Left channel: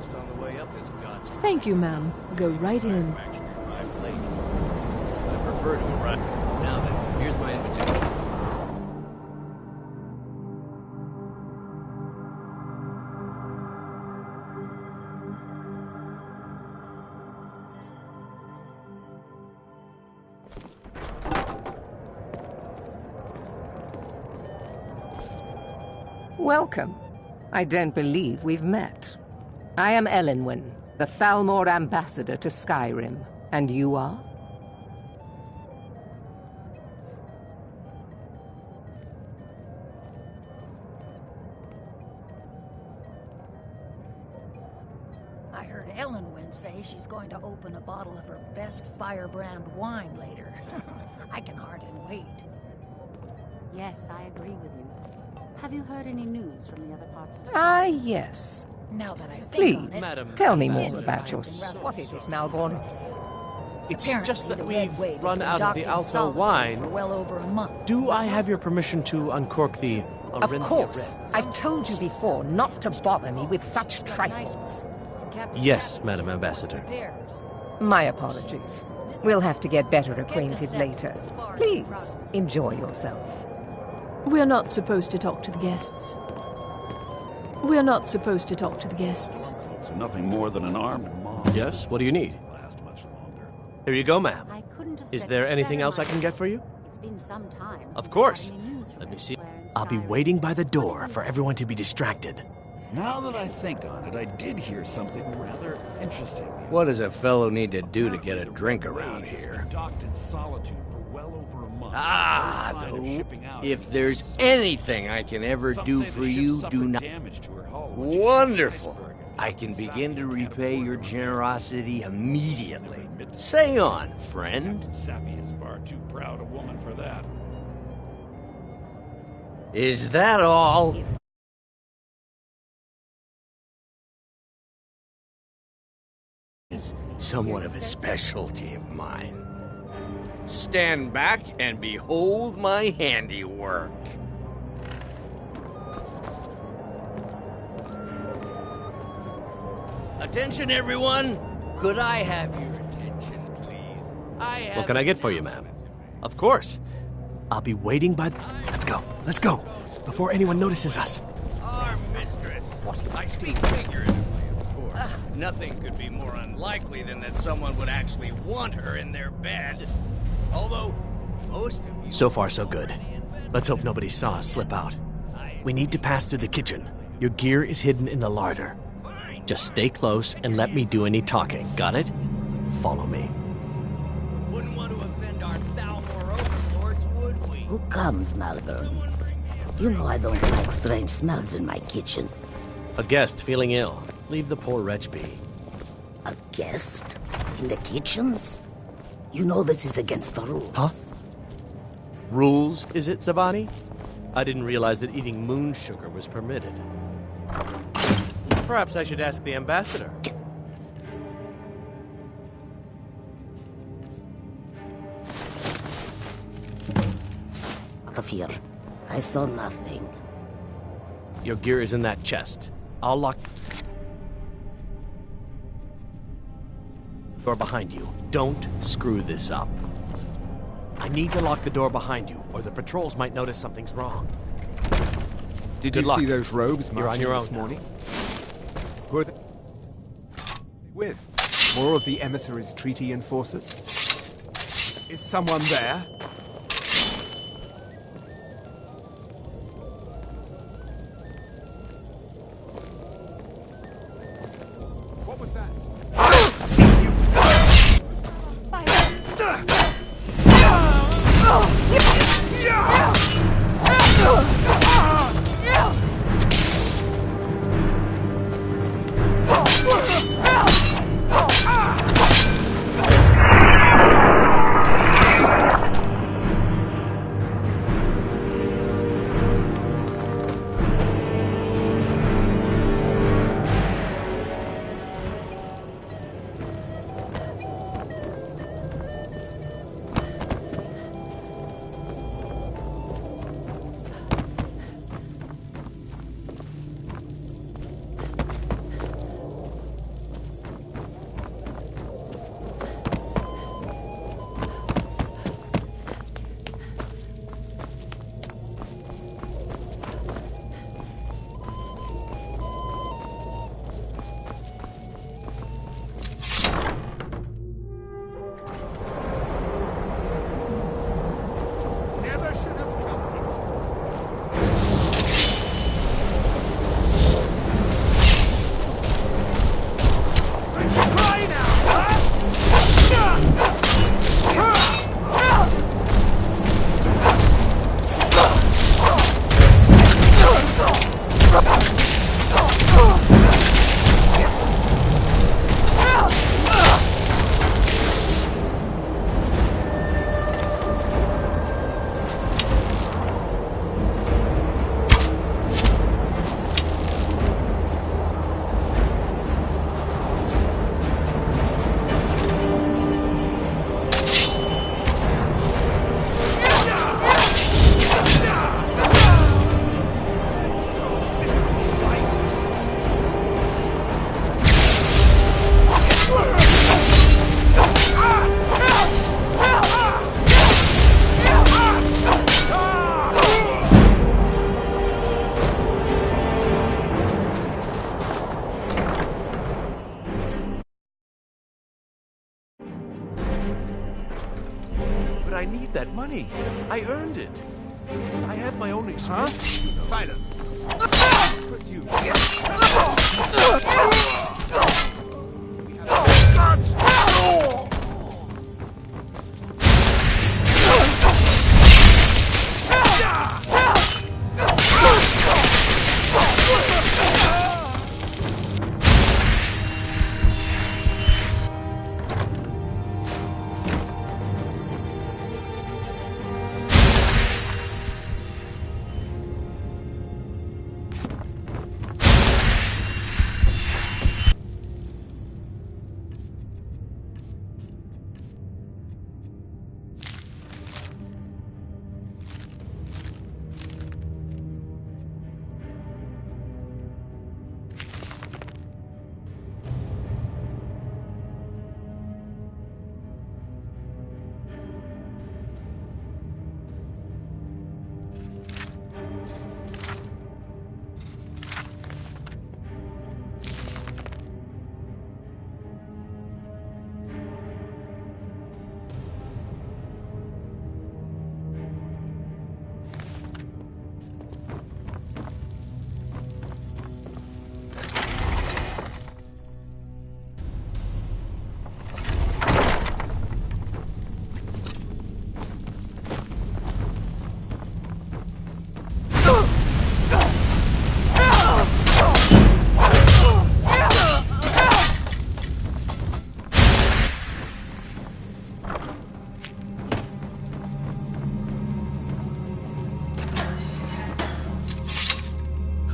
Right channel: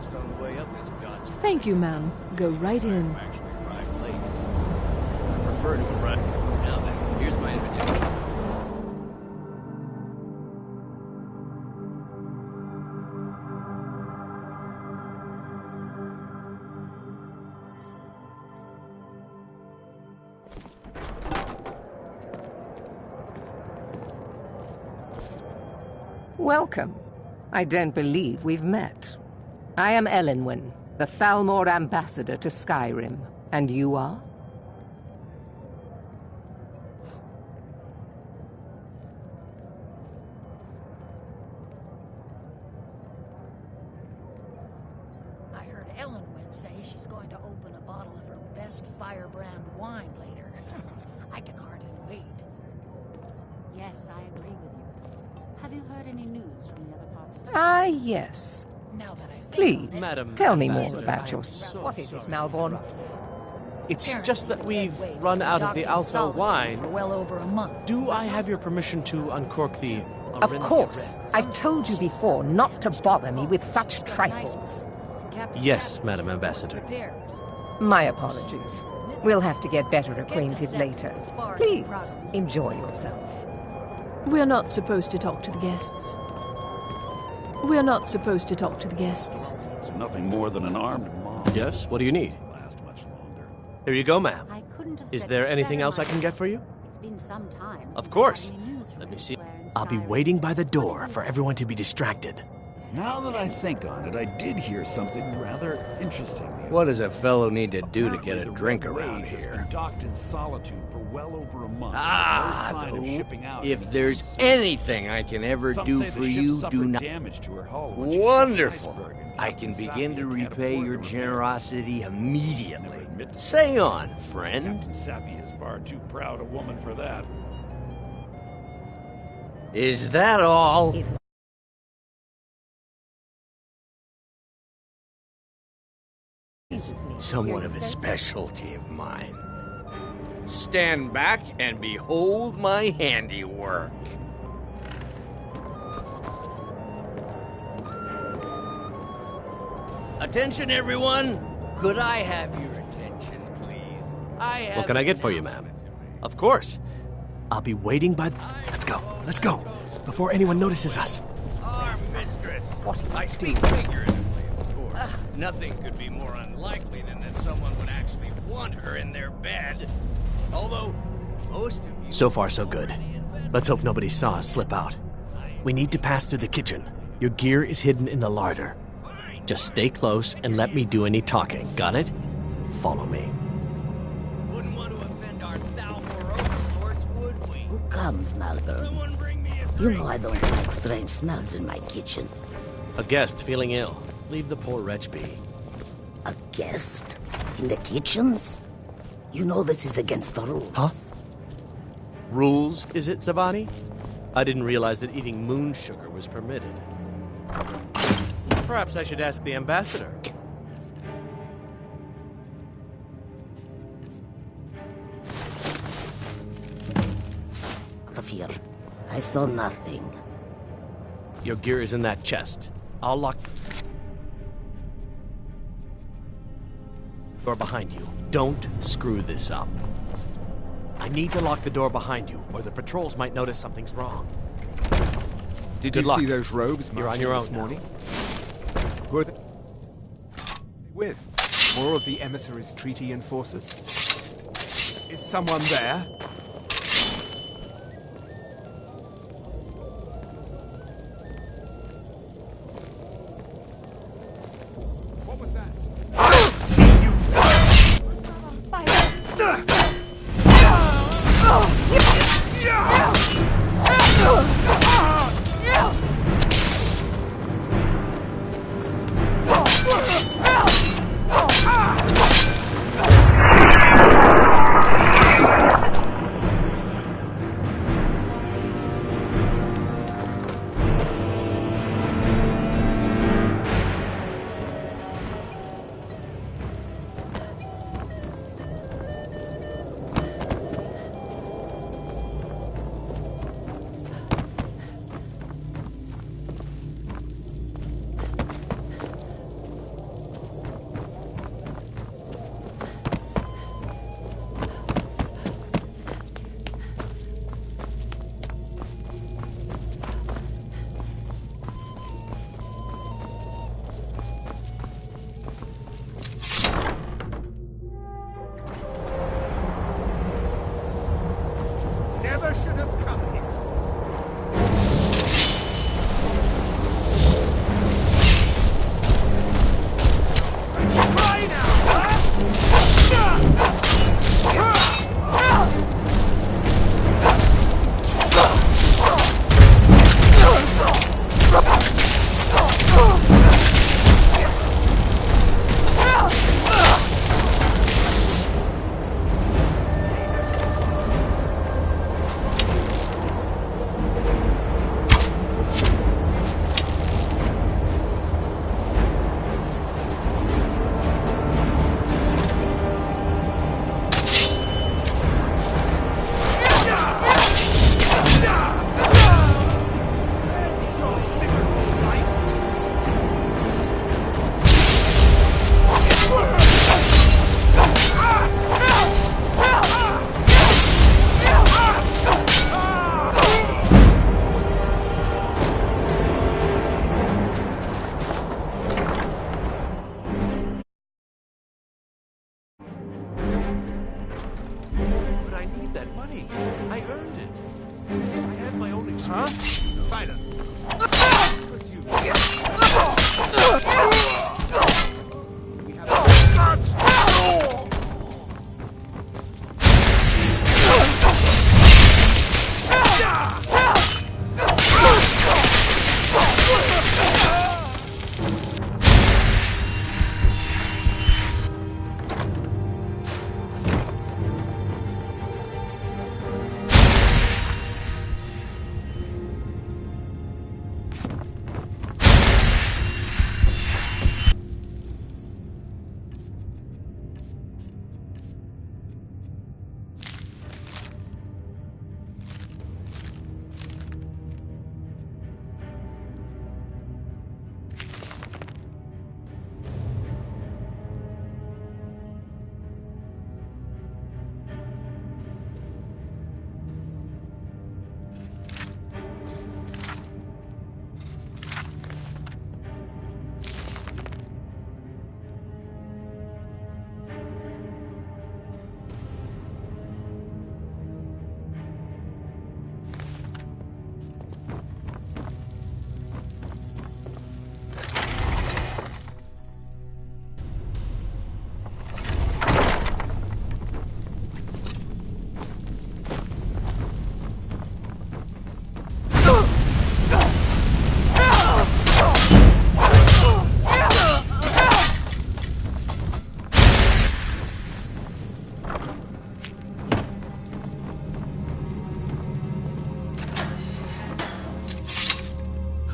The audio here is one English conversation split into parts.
lost on the way up this God's. Thank you, ma'am. Go right in. Actually arrived late. I prefer to arrive. Now then, here's my invitation. Welcome. I don't believe we've met. I am Elenwen, the Thalmor ambassador to Skyrim. And you are? I heard Elenwen say she's going to open a bottle of her best firebrand wine later. I can hardly wait. Yes, I agree with you. Have you heard any news from the other parts of Ah, Skyrim? yes. Now that I think Please, on it, Madam tell me more Ambassador, about I am yourself. so What is it, sorry. Malborn? It's apparently just that the we've Red Wave has run been out of the docked in Alpha solitude wine. for well over a month. Do I have your permission to uncork the Of Arinthia course. Red? I've told you before not to bother me with such trifles. Yes, Madam Ambassador. My apologies. We'll have to get better acquainted later. Please, enjoy yourself. We're not supposed to talk to the guests. We're not supposed to talk to the guests. So nothing more than an armed mob. Yes, what do you need? Last much longer. Here you go, ma'am. I couldn't have Is said there it anything better else I can get for you? It's been some time Of since course. I've had any news from Let me see. elsewhere in I'll be Skyrim. waiting by the door for everyone to be distracted. Now that I think on it, I did hear something rather interesting. the other What does a fellow need to do to get a Apparently, the drink Red around Wave has here? been docked in solitude for well over a month. Ah, No sign of shipping out if anytime there's soon. anything I can ever Some do say the for ship you, suffered do not. damage to her hull when she struck an Wonderful. iceberg and I Captain can begin to Safi can't repay afford your the repair. generosity Never immediately. admit to Say on, friend. Captain Safi is far too proud a woman for that. Is that all? He's Somewhat of a specialty of mine. Stand back and behold my handiwork. Attention, everyone! Could I have your attention, please? What can I get for you, ma'am? Of course. I'll be waiting by. Let's go. Let's go. Before anyone notices us. Our mistress. I speak figuratively, of course. Nothing could be more unlikely than that someone would actually want her in their bed. Although, most of you... So far, so good. Let's hope nobody saw us slip out. We need to pass through the kitchen. Your gear is hidden in the larder. Just stay close and let me do any talking. Got it? Follow me. Wouldn't want to offend our Thalmor overlords, would we? Who comes, Malborn? Someone bring me a You know I don't like strange smells in my kitchen. A guest feeling ill. Leave the poor wretch be. A guest? In the kitchens? You know this is against the rules. Huh? Rules, is it, Zavani? I didn't realize that eating moon sugar was permitted. Perhaps I should ask the ambassador. Out of here. I saw nothing. Your gear is in that chest. I'll lock... door behind you. Don't screw this up. I need to lock the door behind you, or the patrols might notice something's wrong. Did Good you luck. see those robes You're on marching your this own now. morning? Who are they with? More of the emissaries' treaty enforcers? Is someone there? What was that? I'll see you! should have come here. Cry now, huh? But I need that money. I earned it. I have my own experience. You know. Silence. Pursue. We have guards.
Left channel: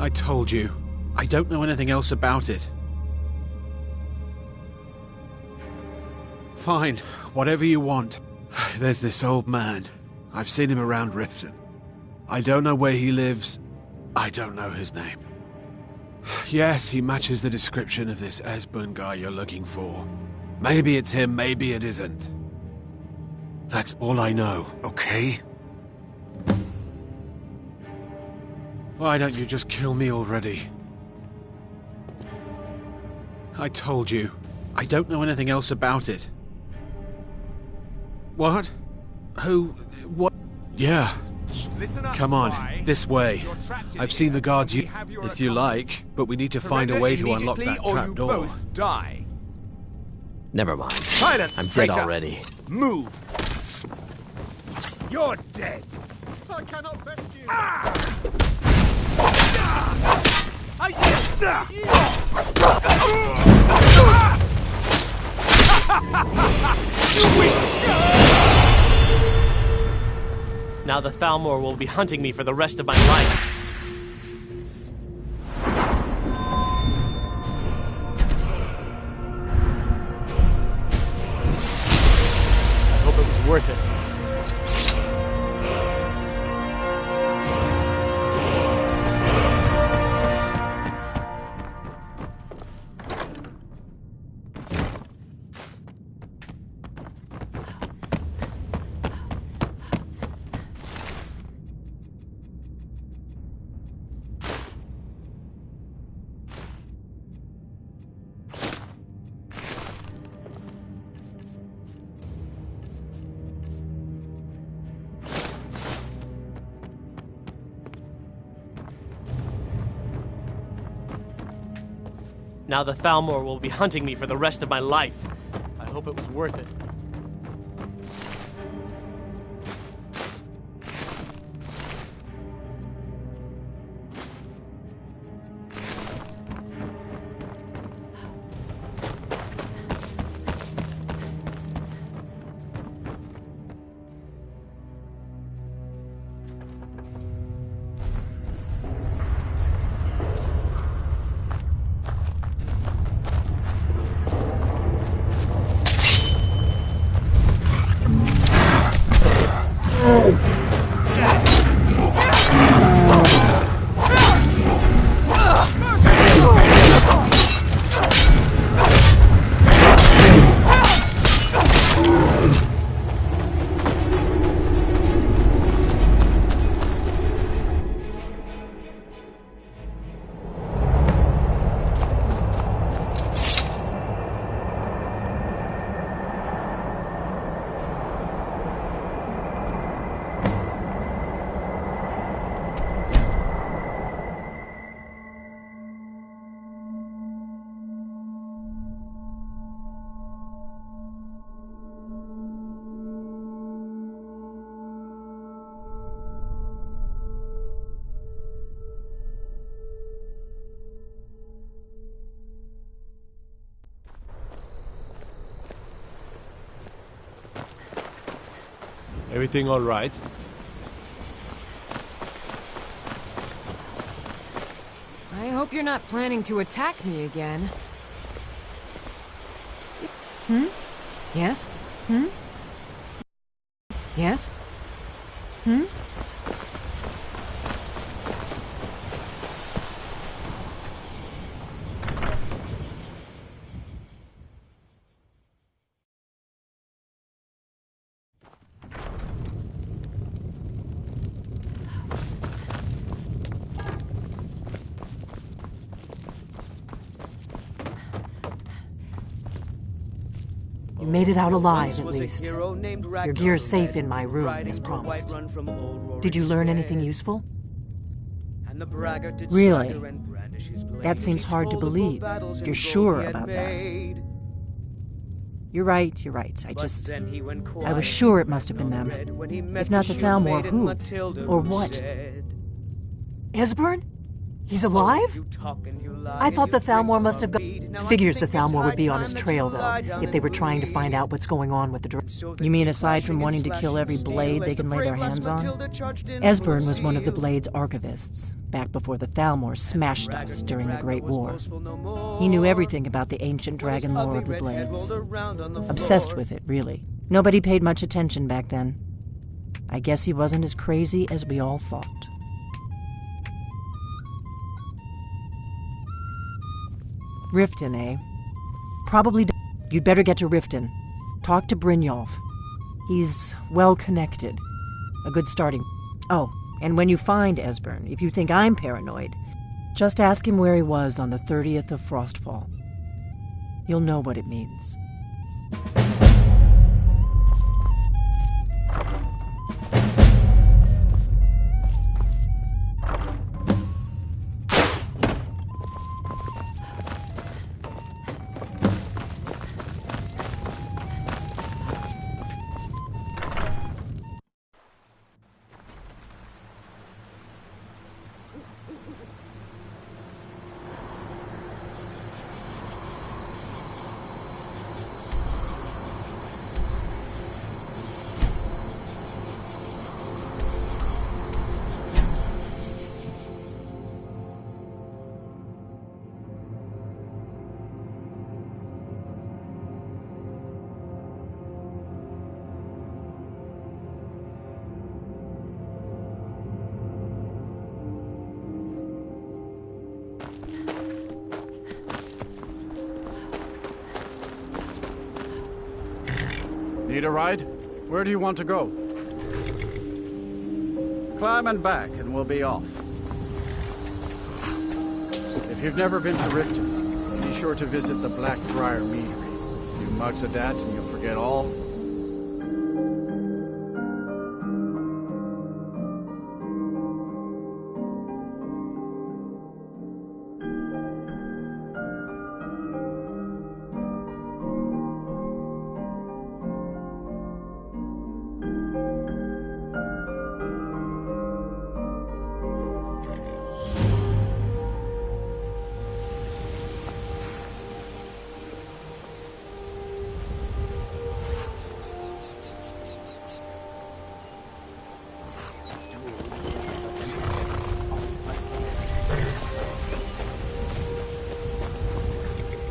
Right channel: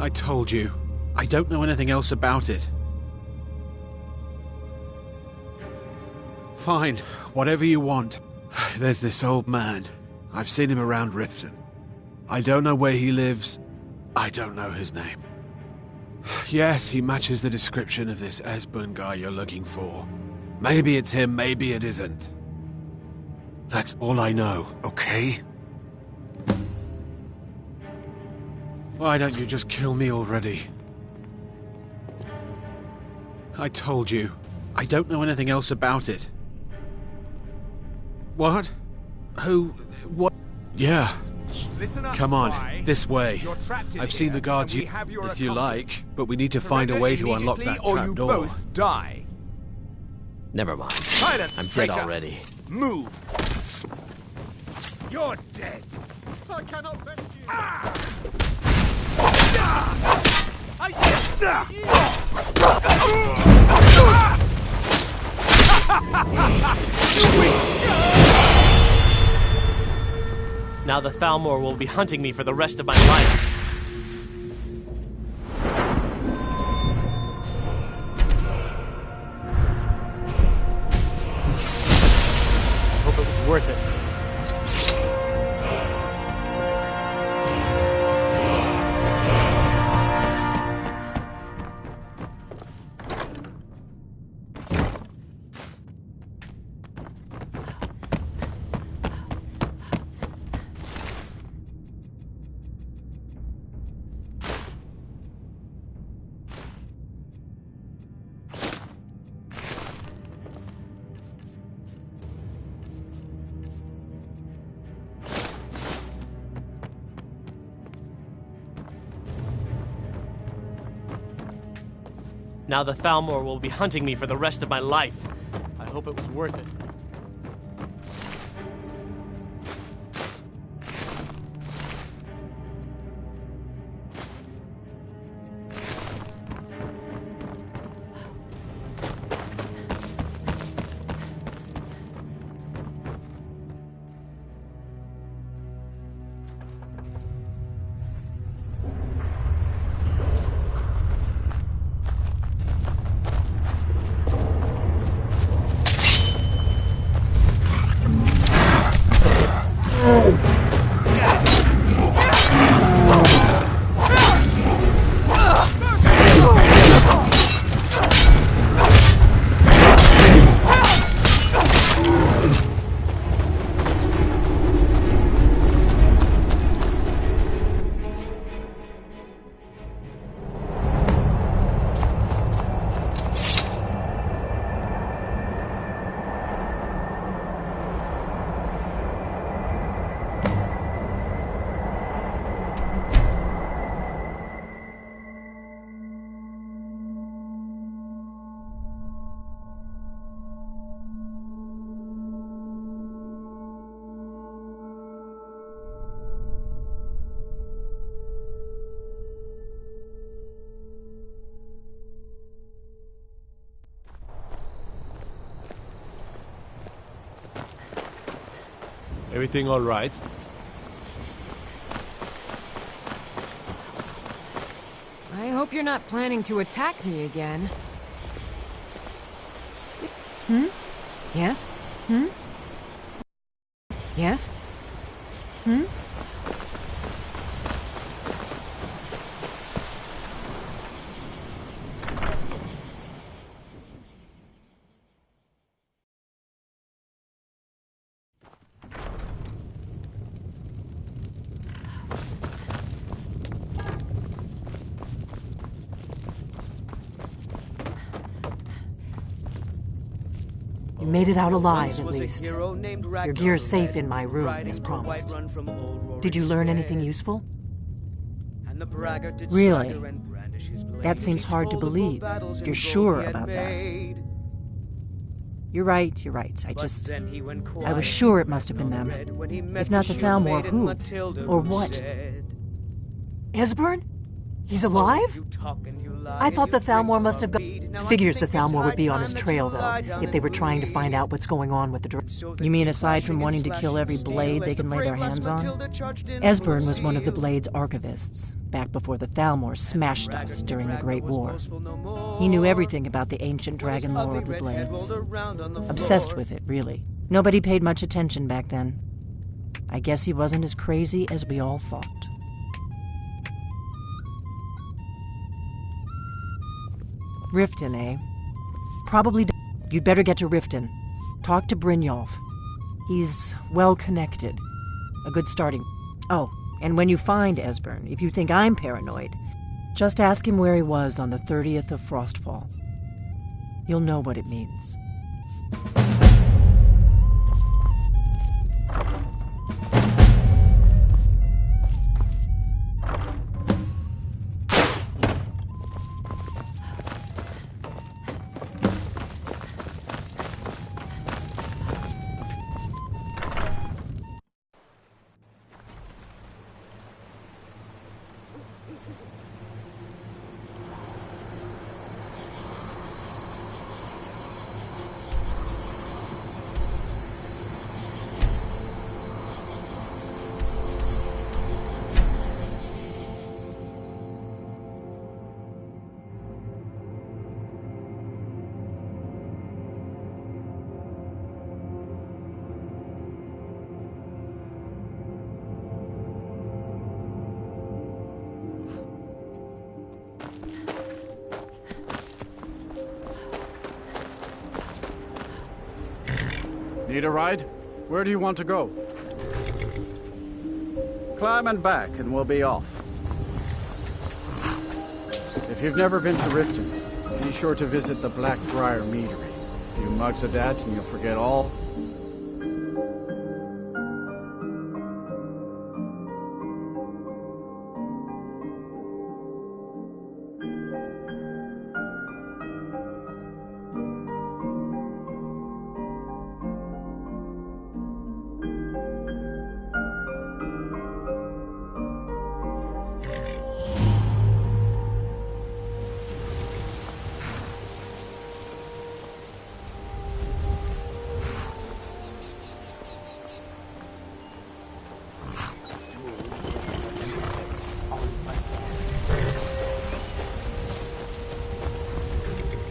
I told you. I don't know anything else about it. Fine, whatever you want. There's this old man. I've seen him around Riften. I don't know where he lives. I don't know his name. Yes, he matches the description of this Esbern guy you're looking for. Maybe it's him, maybe it isn't. That's all I know, okay? Why don't you just kill me already? I told you. I don't know anything else about it. What? Who? What? Yeah. Listen up, Come on, spy. this way. You're trapped in I've seen the here, guards and we have your if you accomplice. like, but we need to find a Surrender way to unlock immediately that or trap you door. both die. Never mind. Silence, I'm dead traitor. already. Move. You're dead. I cannot rescue you. Now the Thalmor will be hunting me for the rest of my life. I hope it was worth it. Now the Thalmor will be hunting me for the rest of my life. I hope it was worth it. Everything all right? I hope you're not planning to attack me again. Hmm? Yes? Hmm? Yes? Hmm? You made it out alive, at least. Your gear's safe in my room, as promised. Did you learn anything useful? Really? That seems hard to believe. You're sure about that? You're right. I was sure it must have been them. If not the Thalmor, who? Or what? Esbern? He's alive? I thought the Thalmor must have gone. Figures the Thalmor would be on his trail, though, if they were trying to find out what's going on with the You mean aside from wanting to kill every blade they can lay their hands on? Esbern was one of the Blade's archivists, back before the Thalmor smashed us during the Great War. He knew everything about the ancient dragon lore of the Blades. Obsessed with it, really. Nobody paid much attention back then. I guess he wasn't as crazy as we all thought. Riften, eh? Probably. You'd better get to Riften. Talk to Brynjolf. He's well connected. A good starting. Oh, and when you find Esbern, if you think I'm paranoid, just ask him where he was on the 30th of Frostfall. You'll know what it means. Need a ride? Where do you want to go? Climb and back, and we'll be off. If you've never been to Riften, be sure to visit the Blackbriar Meadery. A few mugs of that, and you'll forget all.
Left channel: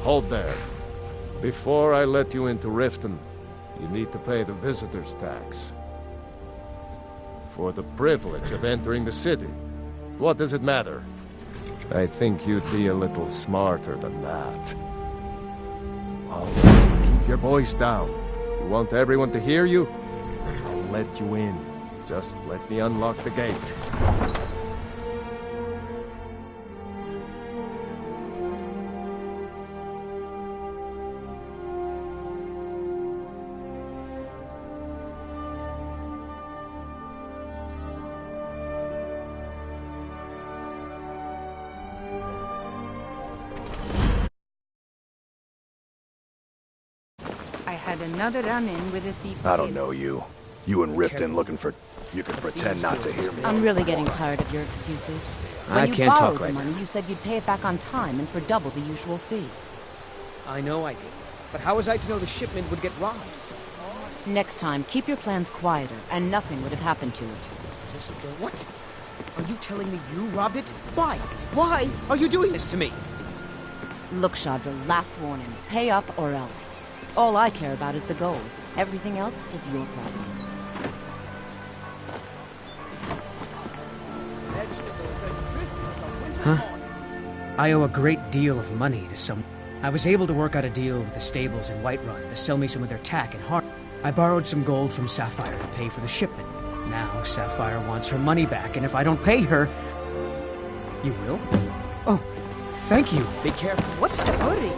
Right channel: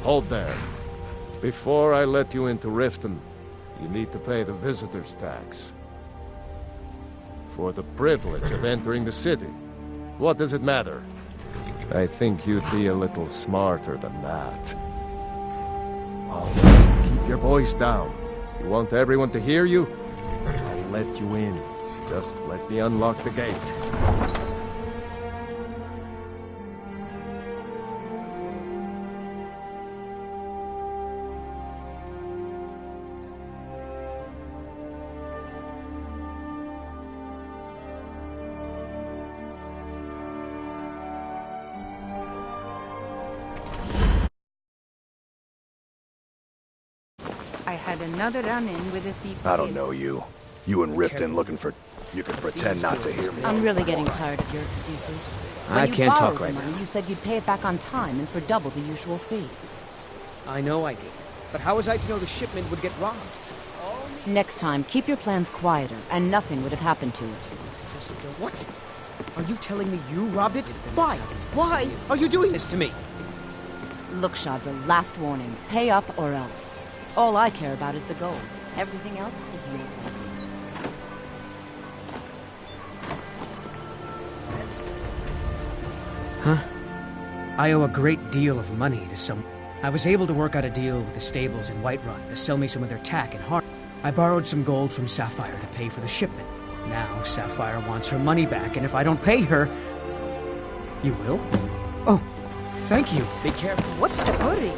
Hold there. Before I let you into Riften, you need to pay the visitor's tax. For the privilege of entering the city. What does it matter? I think you'd be a little smarter than that. All right, keep your voice down. You want everyone to hear you? I'll let you in. Just let me unlock the gate. I had another run-in with a thief's I don't kid. know you. You and Riften looking for... You can pretend not to hear me. I'm really getting tired of your excuses. When I can't talk you borrowed right the money, now. you said you'd pay it back on time and for double the usual fee. I know I did. But how was I to know the shipment would get robbed? Next time, keep your plans quieter, and nothing would have happened to it. Jessica, what? Are you telling me you robbed it? Why? Why are you doing this to me? Look, Shadra, last warning. Pay up or else. All I care about is the gold. Everything else is your problem. Huh? I owe a great deal of money to someone. I was able to work out a deal with the stables in Whiterun to sell me some of their tack and heart. I borrowed some gold from Sapphire to pay for the shipment. Now Sapphire wants her money back, and if I don't pay her... You will? Oh, thank you. Be careful. What's the hurry?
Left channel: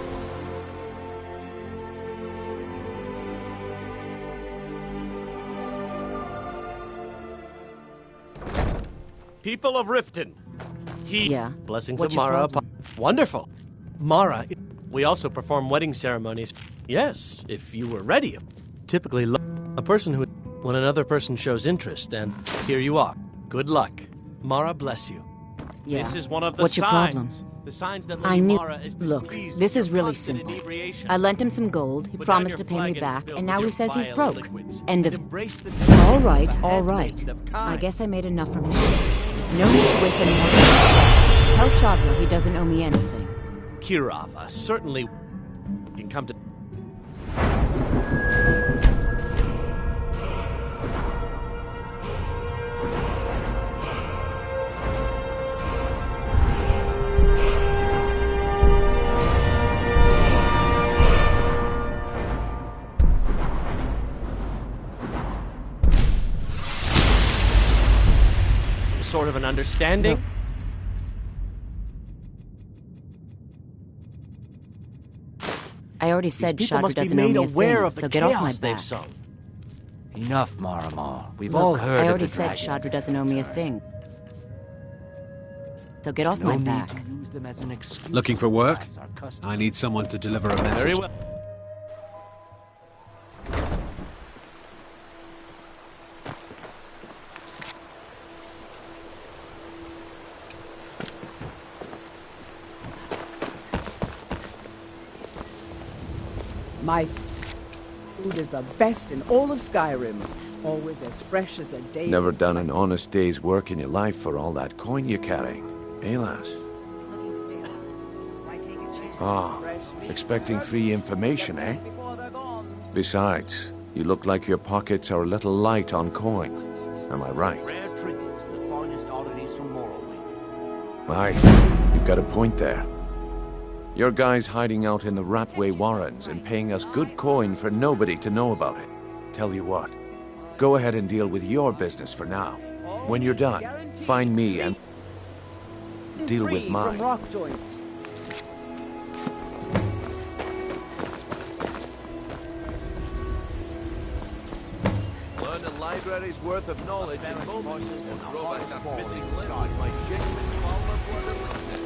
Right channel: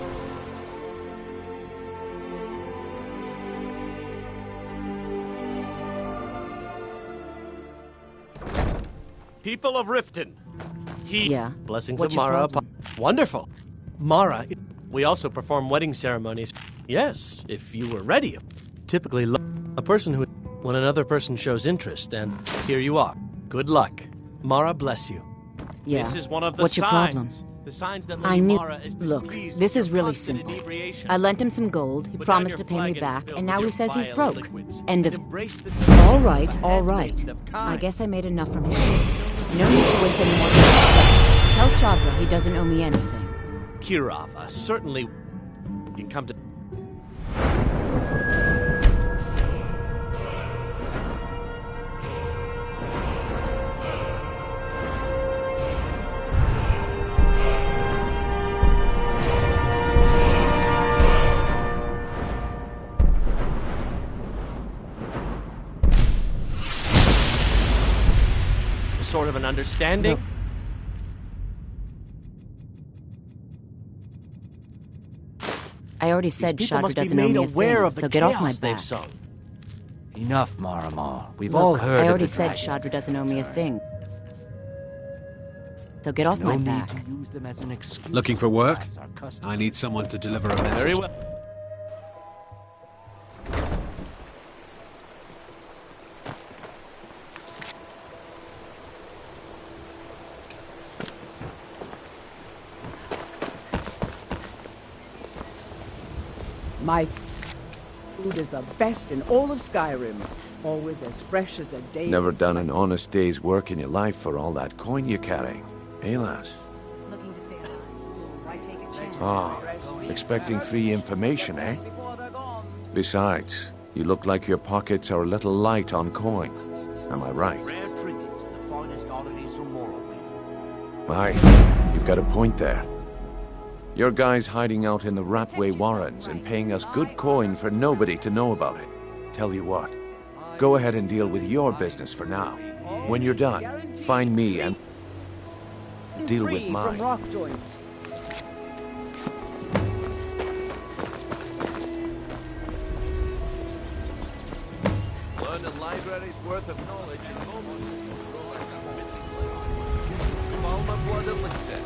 People of Riften. Yeah. Blessings What's of your Mara problem? upon... Wonderful. Mara, we also perform wedding ceremonies. Yes, if you were ready. Typically, a person who... When another person shows interest, and here you are. Good luck. Mara bless you. Yeah. This is one of the What's your signs. problem? The signs that I Lady knew... Mara is Look, displeased this with is your really constant simple. inebriation. I lent him some gold, he Put down promised your to pay me flagon back, filled and with now he your says he's vile broke. liquids, End and of... embrace the All right, teaching of a all right. handmaiden of I kind. guess I made enough from his ship. No need to waste any more time. Tell Shadra he doesn't owe me anything. Kirava certainly can come to... Sort of an understanding? I already said These people Shadra must be doesn't owe made me a aware thing, of the so get off my chaos they've back. sown. Enough, Maramar. We've Look, all heard I of already the said dragon. Shadra doesn't owe me a thing. So get off No my need back. to use them as an excuse. Looking for work? As our custom. I need someone to deliver a message. Very well. My food is the best in all of Skyrim. Always as fresh as the day. Never is done an honest day's work in your life for all that coin you're carrying. Eh, lass? Looking to stay alive. Why take a chance? Ah, expecting free information, eh? Besides, you look like your pockets are a little light on coin. Am I right? Rare trinkets and the finest oddities from Morrowind. Aye, you've got a point there. Your guy's hiding out in the Ratway Warrens and paying us good coin for nobody to know about it. Tell you what, go ahead and deal with your business for now. When you're done, find me and deal with free mine. from rock joints. Learn a library's worth of knowledge in moments and throw back a missing limb with my genuine Palmer blood elixir.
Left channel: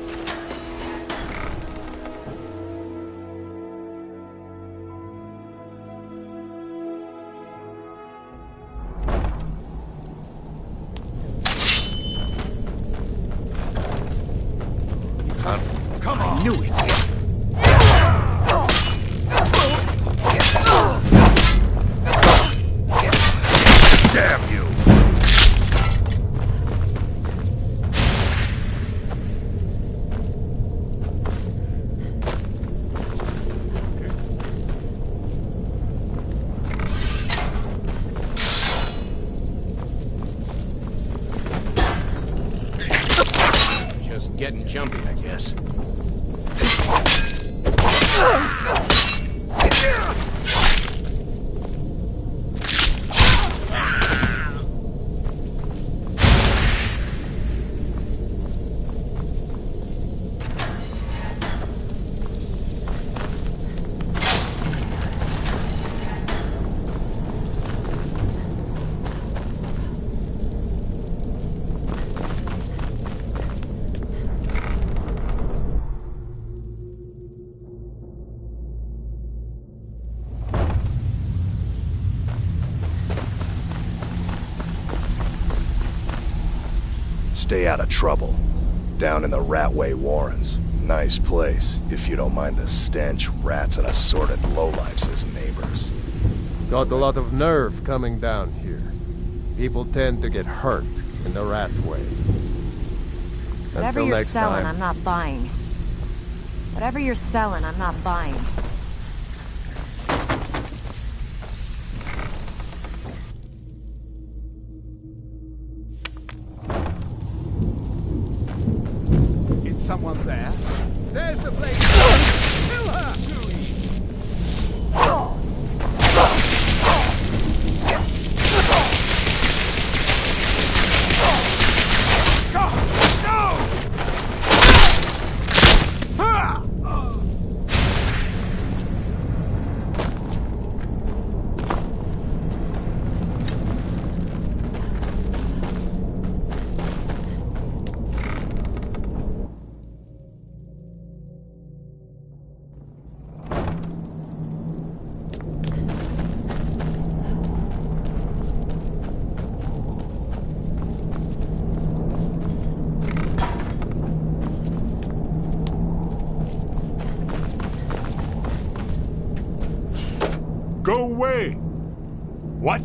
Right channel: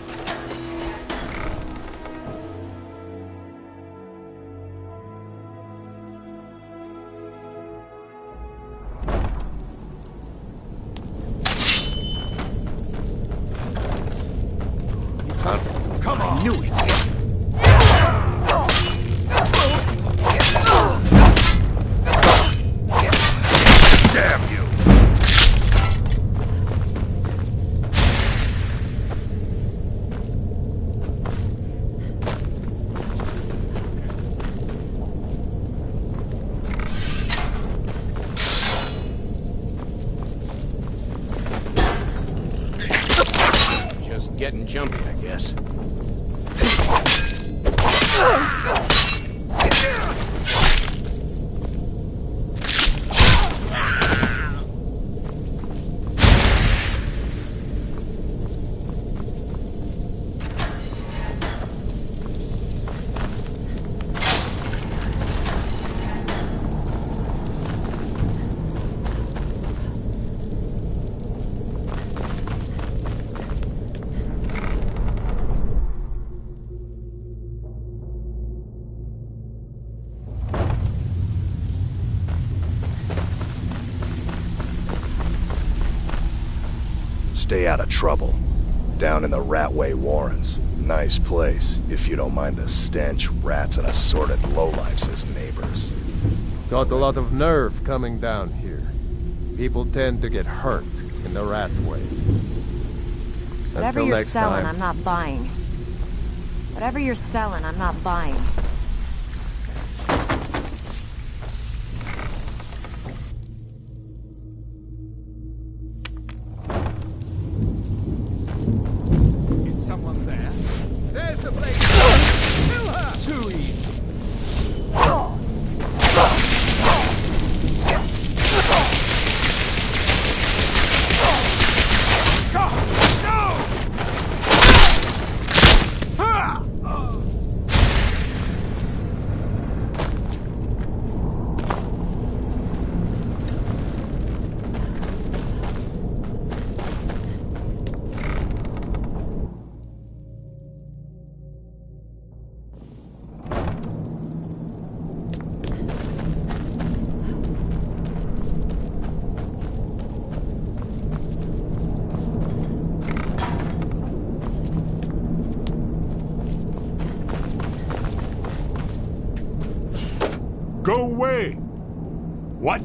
Come on! I knew it! Damn you! jumpy, I guess. Stay out of trouble. Down in the Ratway Warrens. Nice place, if you don't mind the stench, rats, and assorted lowlifes as neighbors. Got a lot of nerve coming down here. People tend to get hurt in the Ratway. Whatever Until you're next selling, time. I'm not buying. Whatever you're selling, I'm not buying. Is someone there? There's the place! Kill her! Too easy. Go away! What?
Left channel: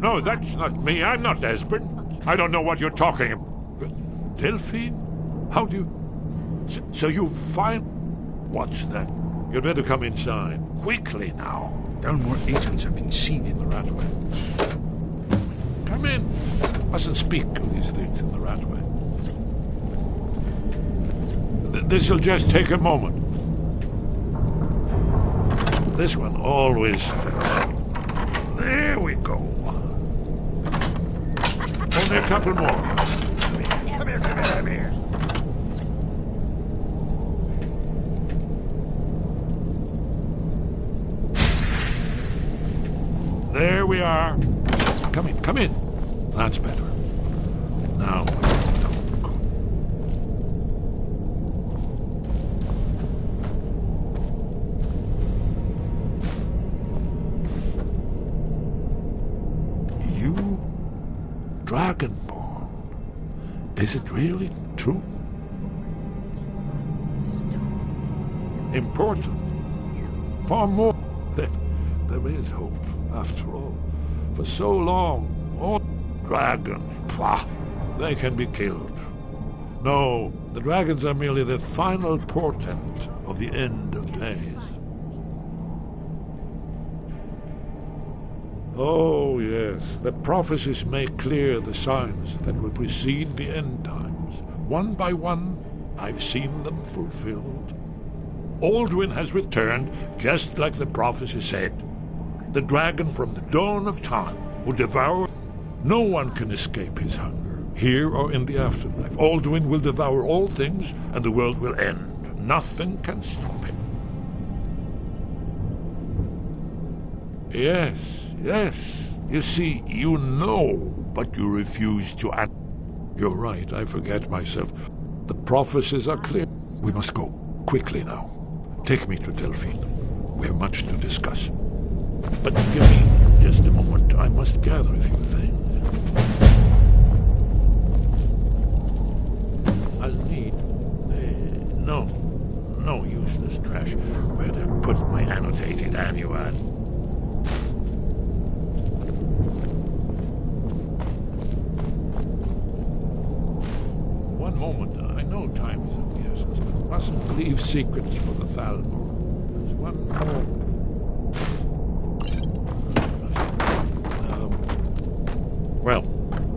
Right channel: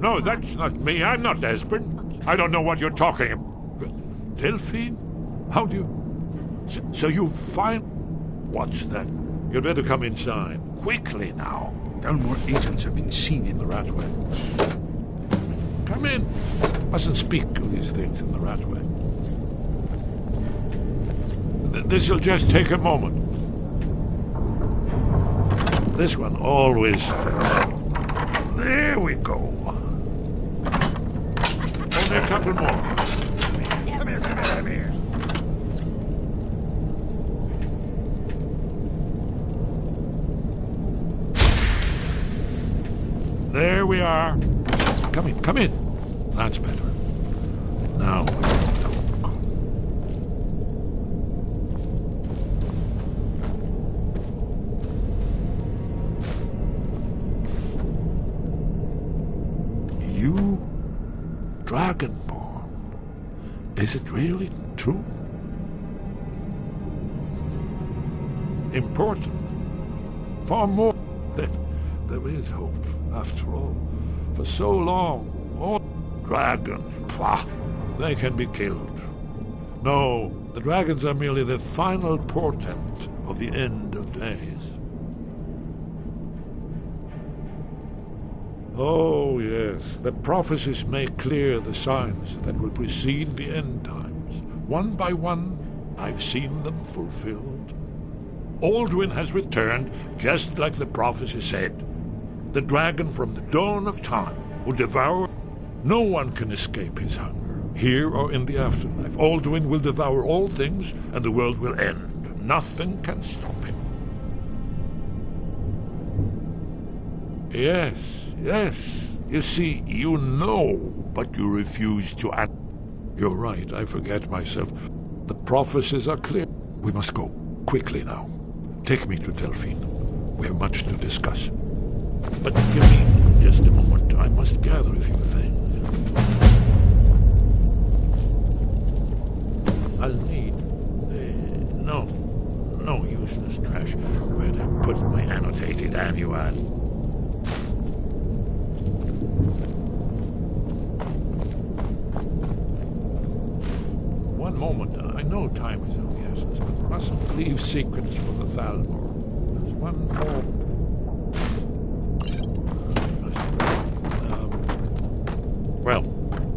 No, that's not me. I'm not Esbern. I don't know what you're talking about. Delphine? How do you... So you find... What's that? You'd better come inside. Quickly now. Dalmore agents have been seen in the Ratway. Come in. Mustn't speak of these things in the Ratway. This'll just take a moment. This one always fits. There we go. Only a couple more. Come here, come here. There we are. Come in, come in. That's better. Now, you, Dragonborn, is it really true? Important. Far more. There is hope, after all. For so long, all dragons, pah, they can be killed. No, the dragons are merely the final portent of the end of days. Oh, yes, the prophecies make clear the signs that will precede the end times. One by one, I've seen them fulfilled. Alduin has returned, just like the prophecy said. The dragon from the dawn of time will devour. No one can escape his hunger, here or in the afterlife. Alduin will devour all things, and the world will end. Nothing can stop him. Yes, yes. You see, you know, but you refuse to act. You're right, I forget myself. The prophecies are clear. We must go, quickly now. Take me to Delphine. We have much to discuss. But give me just a moment. I must gather a few things. I'll need... No useless trash. Where'd I put my annotated annual? One moment. I know time is of the essence, but mustn't leave secrets for the Thalmor. There's one more... Well,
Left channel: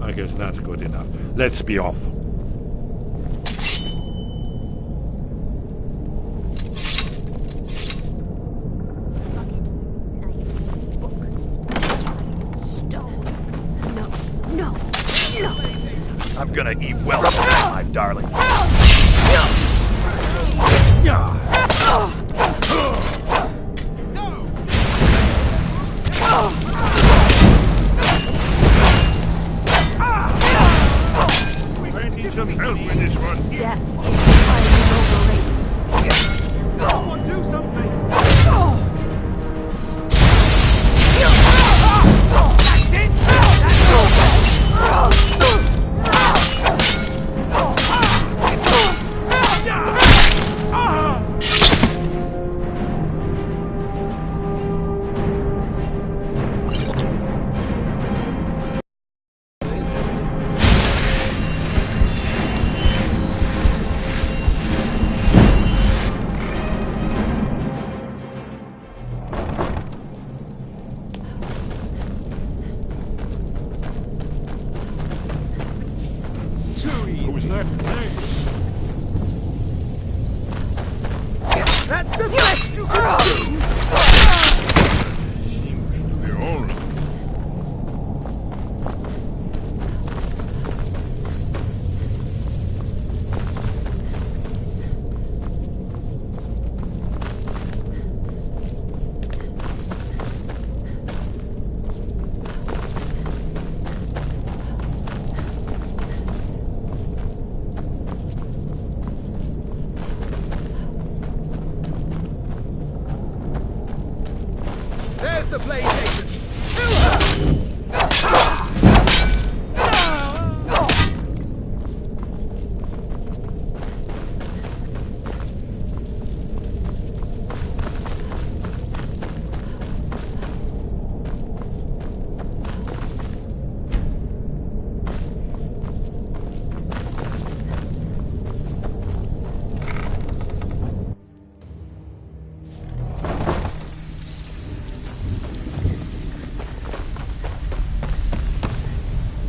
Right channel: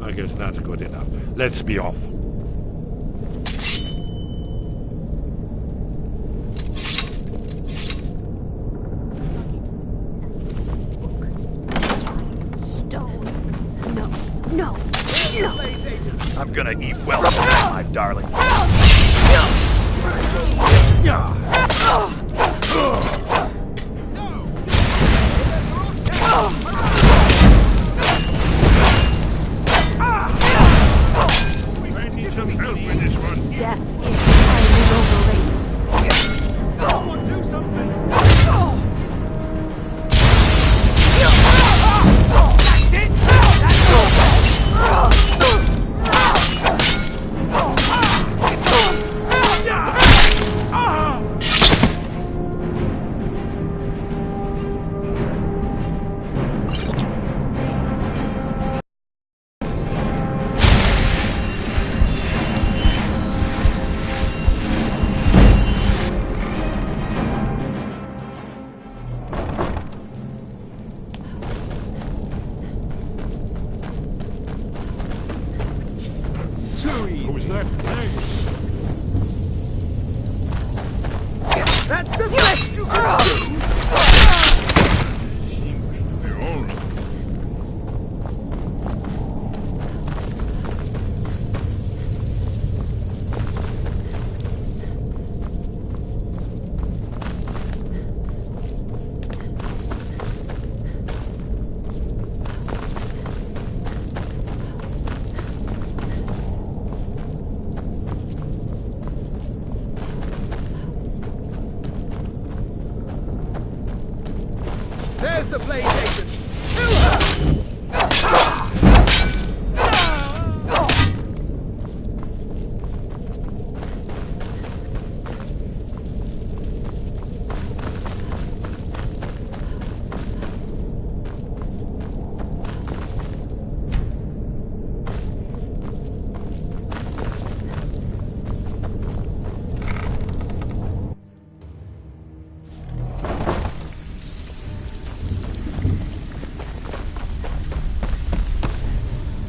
I guess that's good enough. Let's be off. I'm gonna eat well tonight, my darling. I need some help with this one. Death is highly overrated. Someone do something! Who's that? Nice. That's the best you can do! Seems to be all. There's the PlayStation!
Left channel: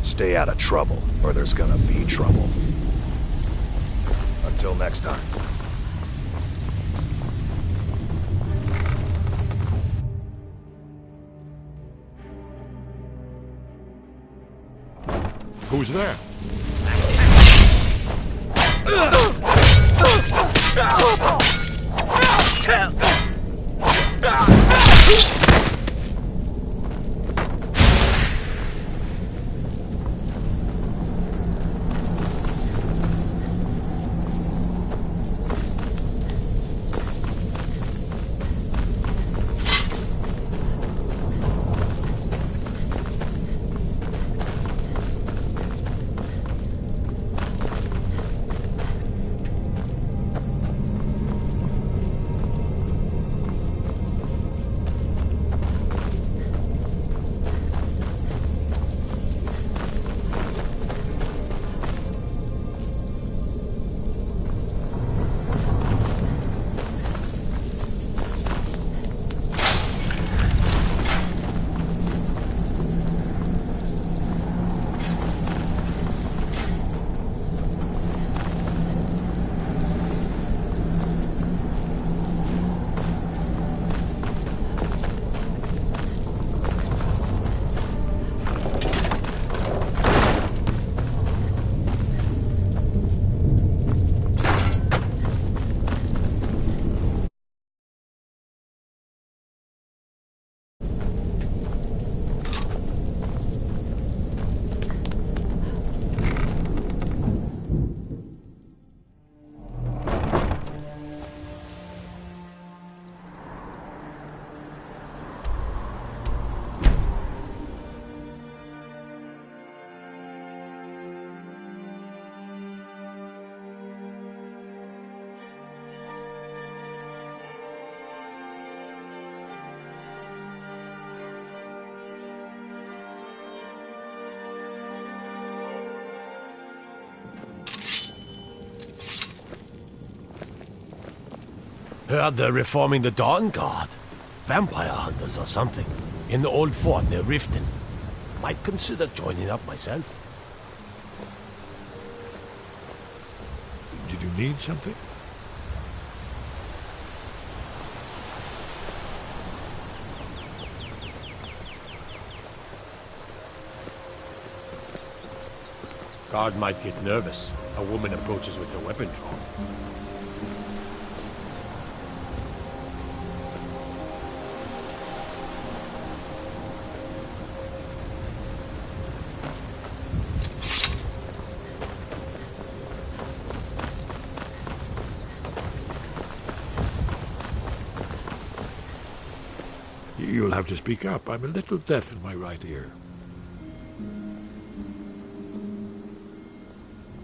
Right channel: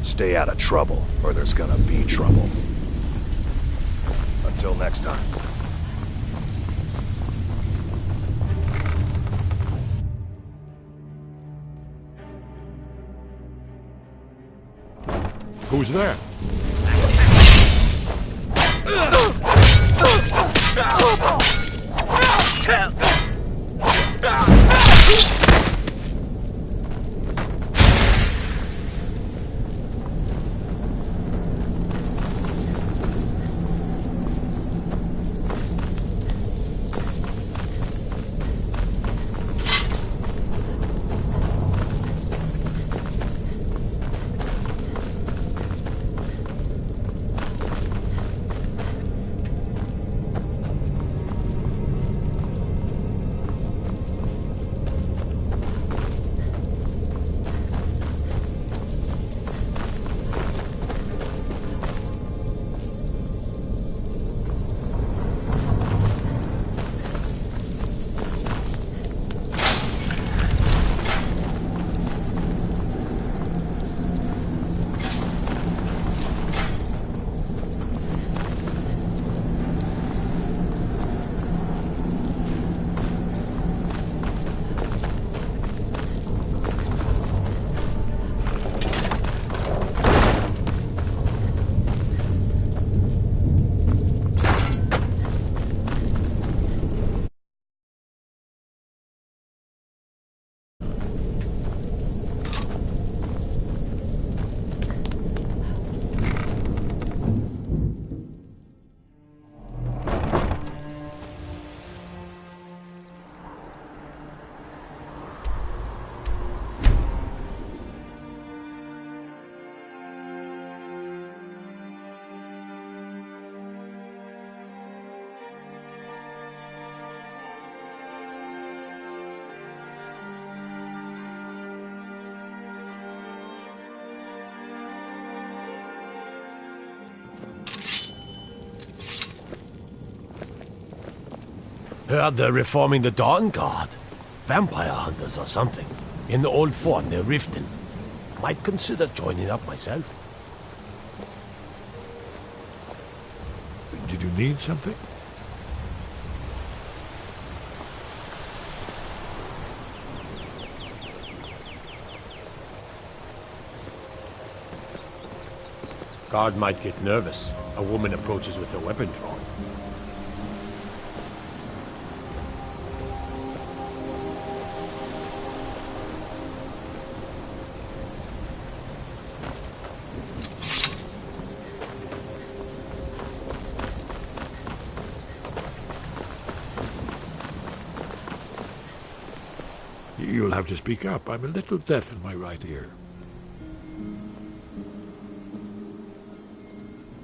Stay out of trouble, or there's gonna be trouble. Until next time. Who's there? Heard they're reforming the Dawn Guard. Vampire hunters or something. In the old fort near Riften. Might consider joining up myself. Did you need something? Guard might get nervous. A woman approaches with her weapon drawn. You'll have to speak up. I'm a little deaf in my right ear.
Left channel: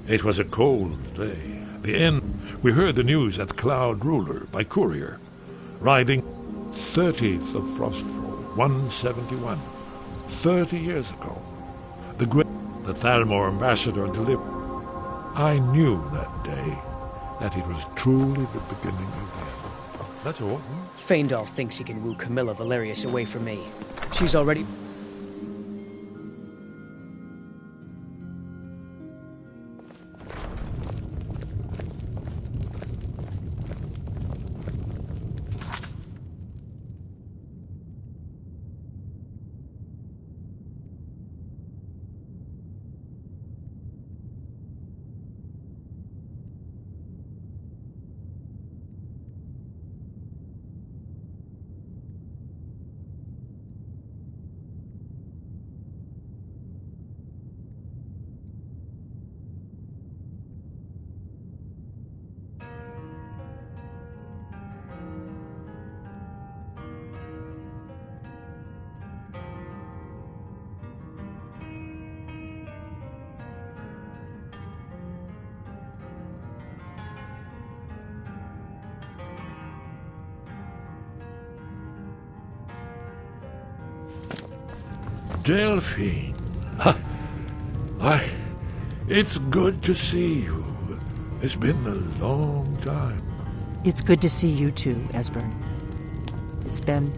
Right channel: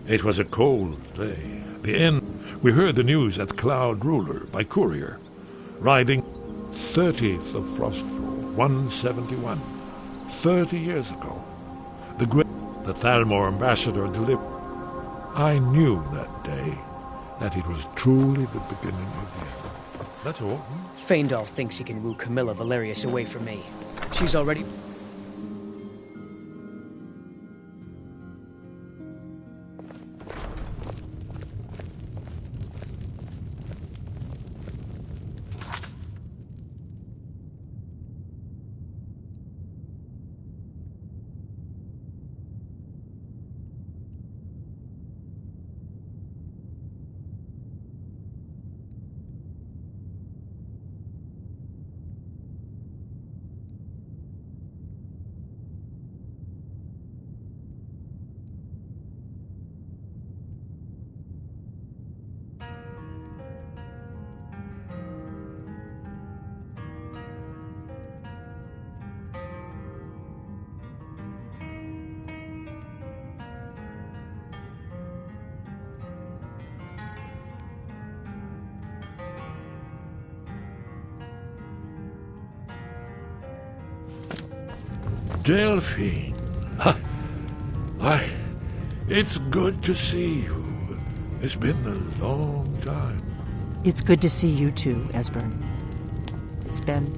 It was a cold day. The end. We heard the news at Cloud Ruler by courier. Riding 30th of Frostfall, 171. 30 years ago. The Thalmor ambassador delivered. I knew that day that it was truly the beginning of the end. That's all. Feindal thinks he can woo Camilla Valerius away from me. She's already... Delphine. It's good to see you. It's been a long time. It's good to see you too, Esbern. It's been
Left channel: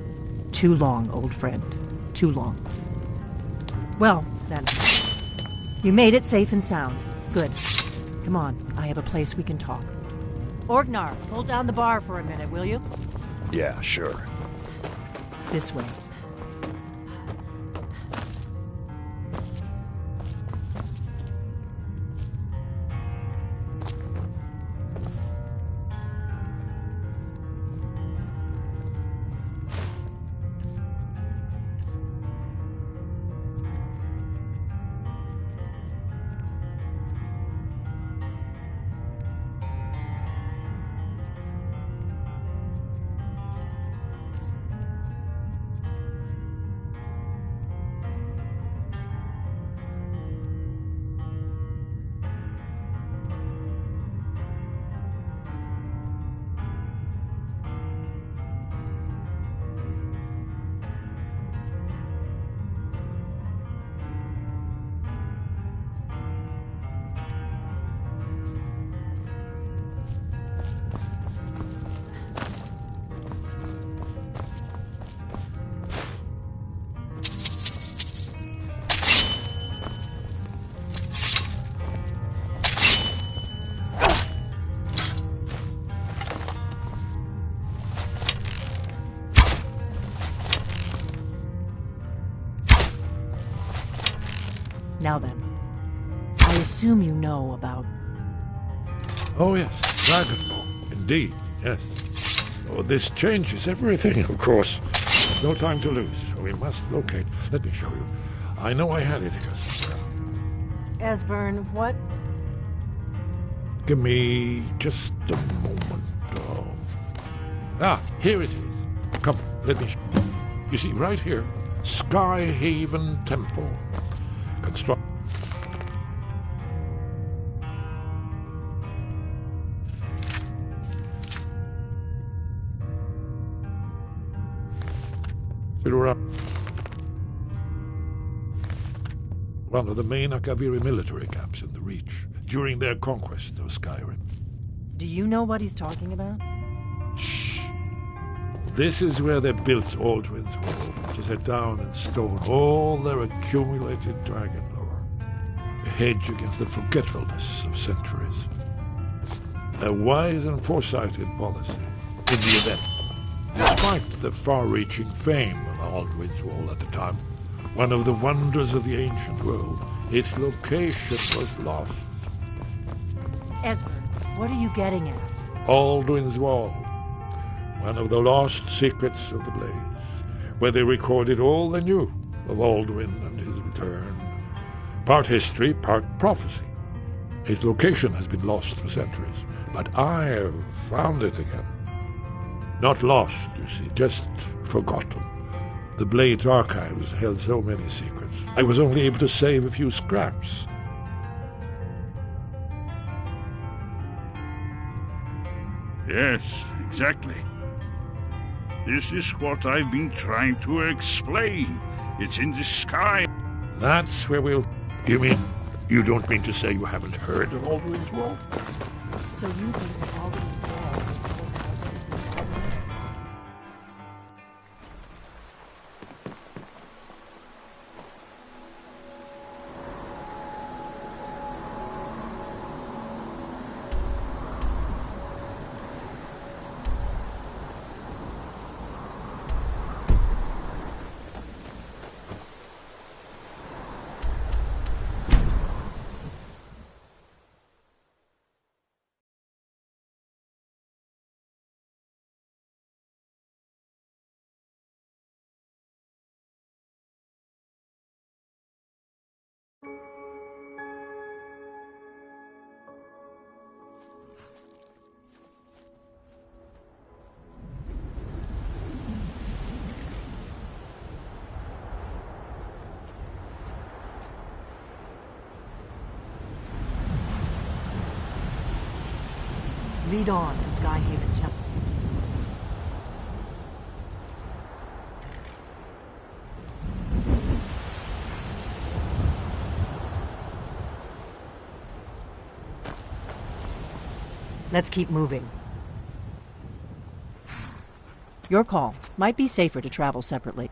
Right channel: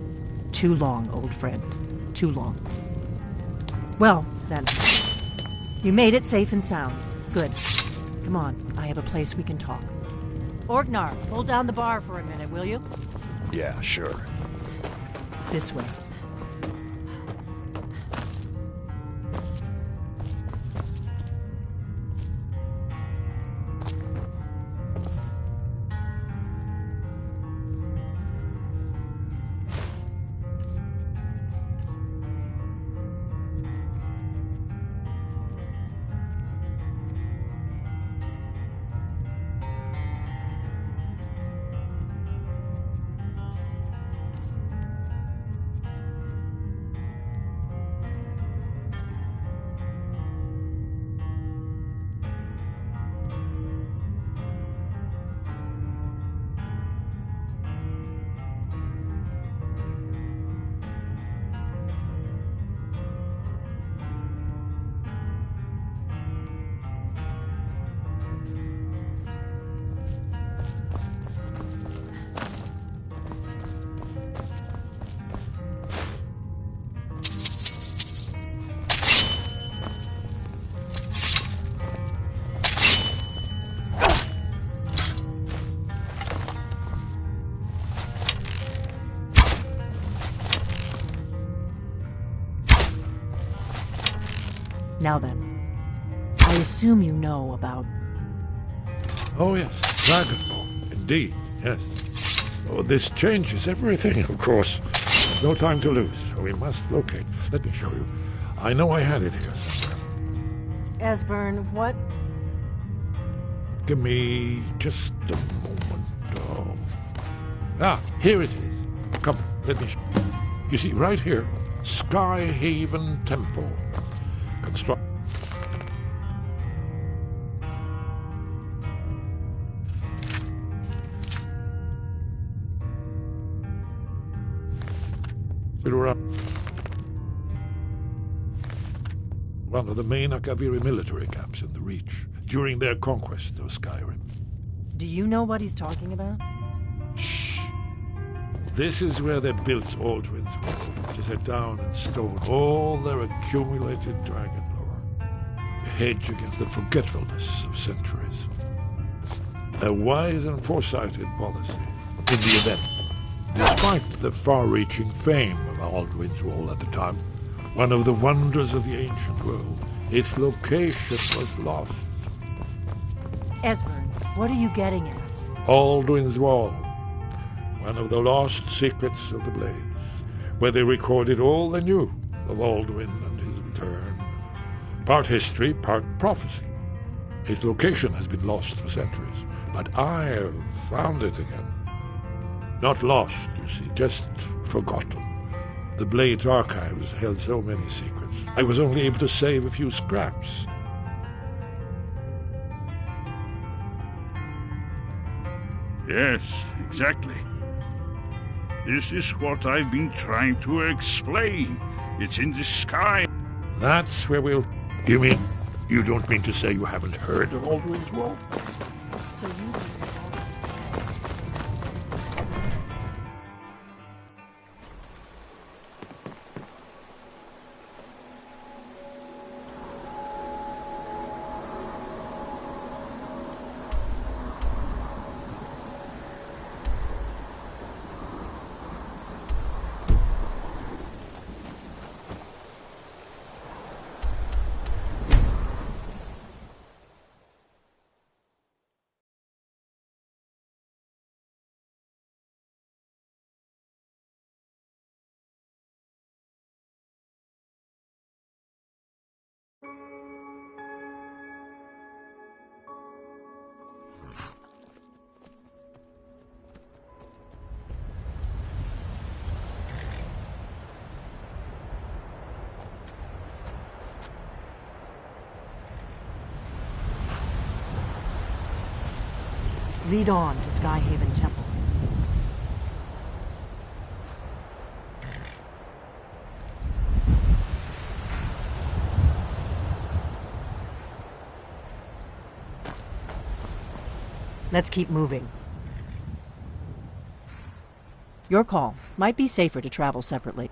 too long, old friend. Too long. Well, then. You made it safe and sound. Good. Come on, I have a place we can talk. Orgnar, hold down the bar for a minute, will you? Yeah, sure. This way. Now then, I assume you know about... Oh yes, Dragonborn. Indeed, yes. Oh, this changes everything, of course. There's no time to lose. We must locate. Let me show you. I know I had it here somewhere. Esbern, what? Give me just a moment. Here it is. Come, let me show you. You see, right here, Skyhaven Temple. Construct. One of the main Akaviri military camps in the Reach during their conquest of Skyrim. Do you know what he's talking about? Shh. This is where they built Aldwin's Wall, to set down in stone all their accumulated dragon lore. A hedge against the forgetfulness of centuries. A wise and foresighted policy in the event. Despite the far-reaching fame of Aldwin's Wall at the time, one of the wonders of the ancient world, Its location was lost. Esbern, what are you getting at? Alduin's Wall, one of the lost secrets of the Blades, where they recorded all they knew of Alduin and his return. Part history, part prophecy. Its location has been lost for centuries, but I've found it again. Not lost, you see, just forgotten. The Blades archives held so many secrets. I was only able to save a few scraps. Yes, exactly. This is what I've been trying to explain. It's in the sky. That's where we'll... You mean, you don't mean to say you haven't heard of Alduin's Wall? So you think that Alduin's lead on to Skyhaven Temple. Let's keep moving. Your call. Might be safer to travel separately.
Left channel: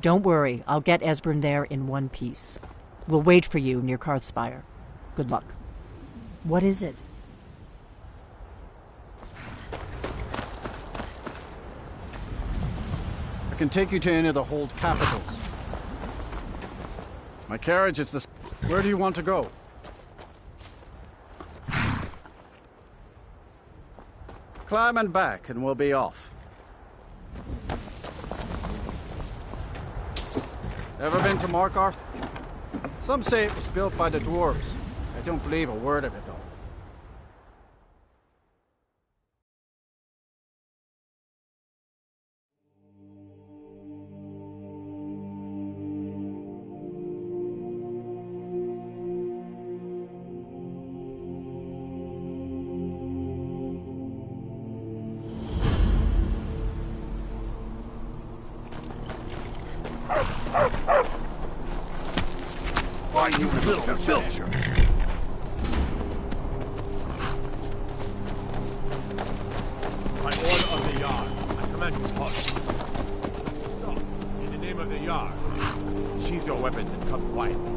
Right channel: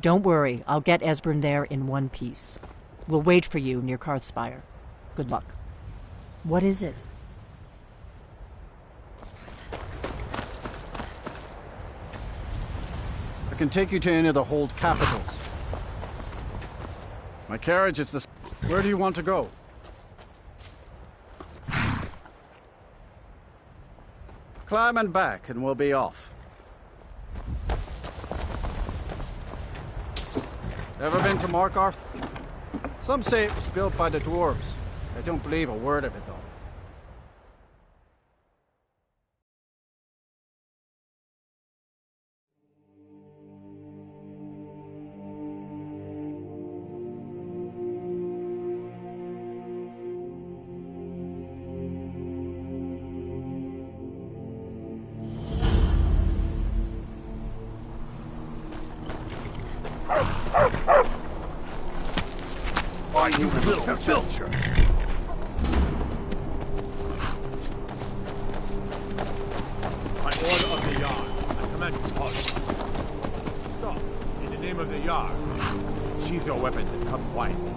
Don't worry, I'll get Esbern there in one piece. We'll wait for you near Karthspire. Good luck. What is it? I can take you to any of the hold capitals. My carriage is the... Where do you want to go? Climb and back, and we'll be off. Ever been to Markarth? Some say it was built by the dwarves. I don't believe a word of it, though. Why, you little filcher! By order of the Yard, I command you to halt. Stop. In the name of the Yard. Sheathe your weapons and come quietly.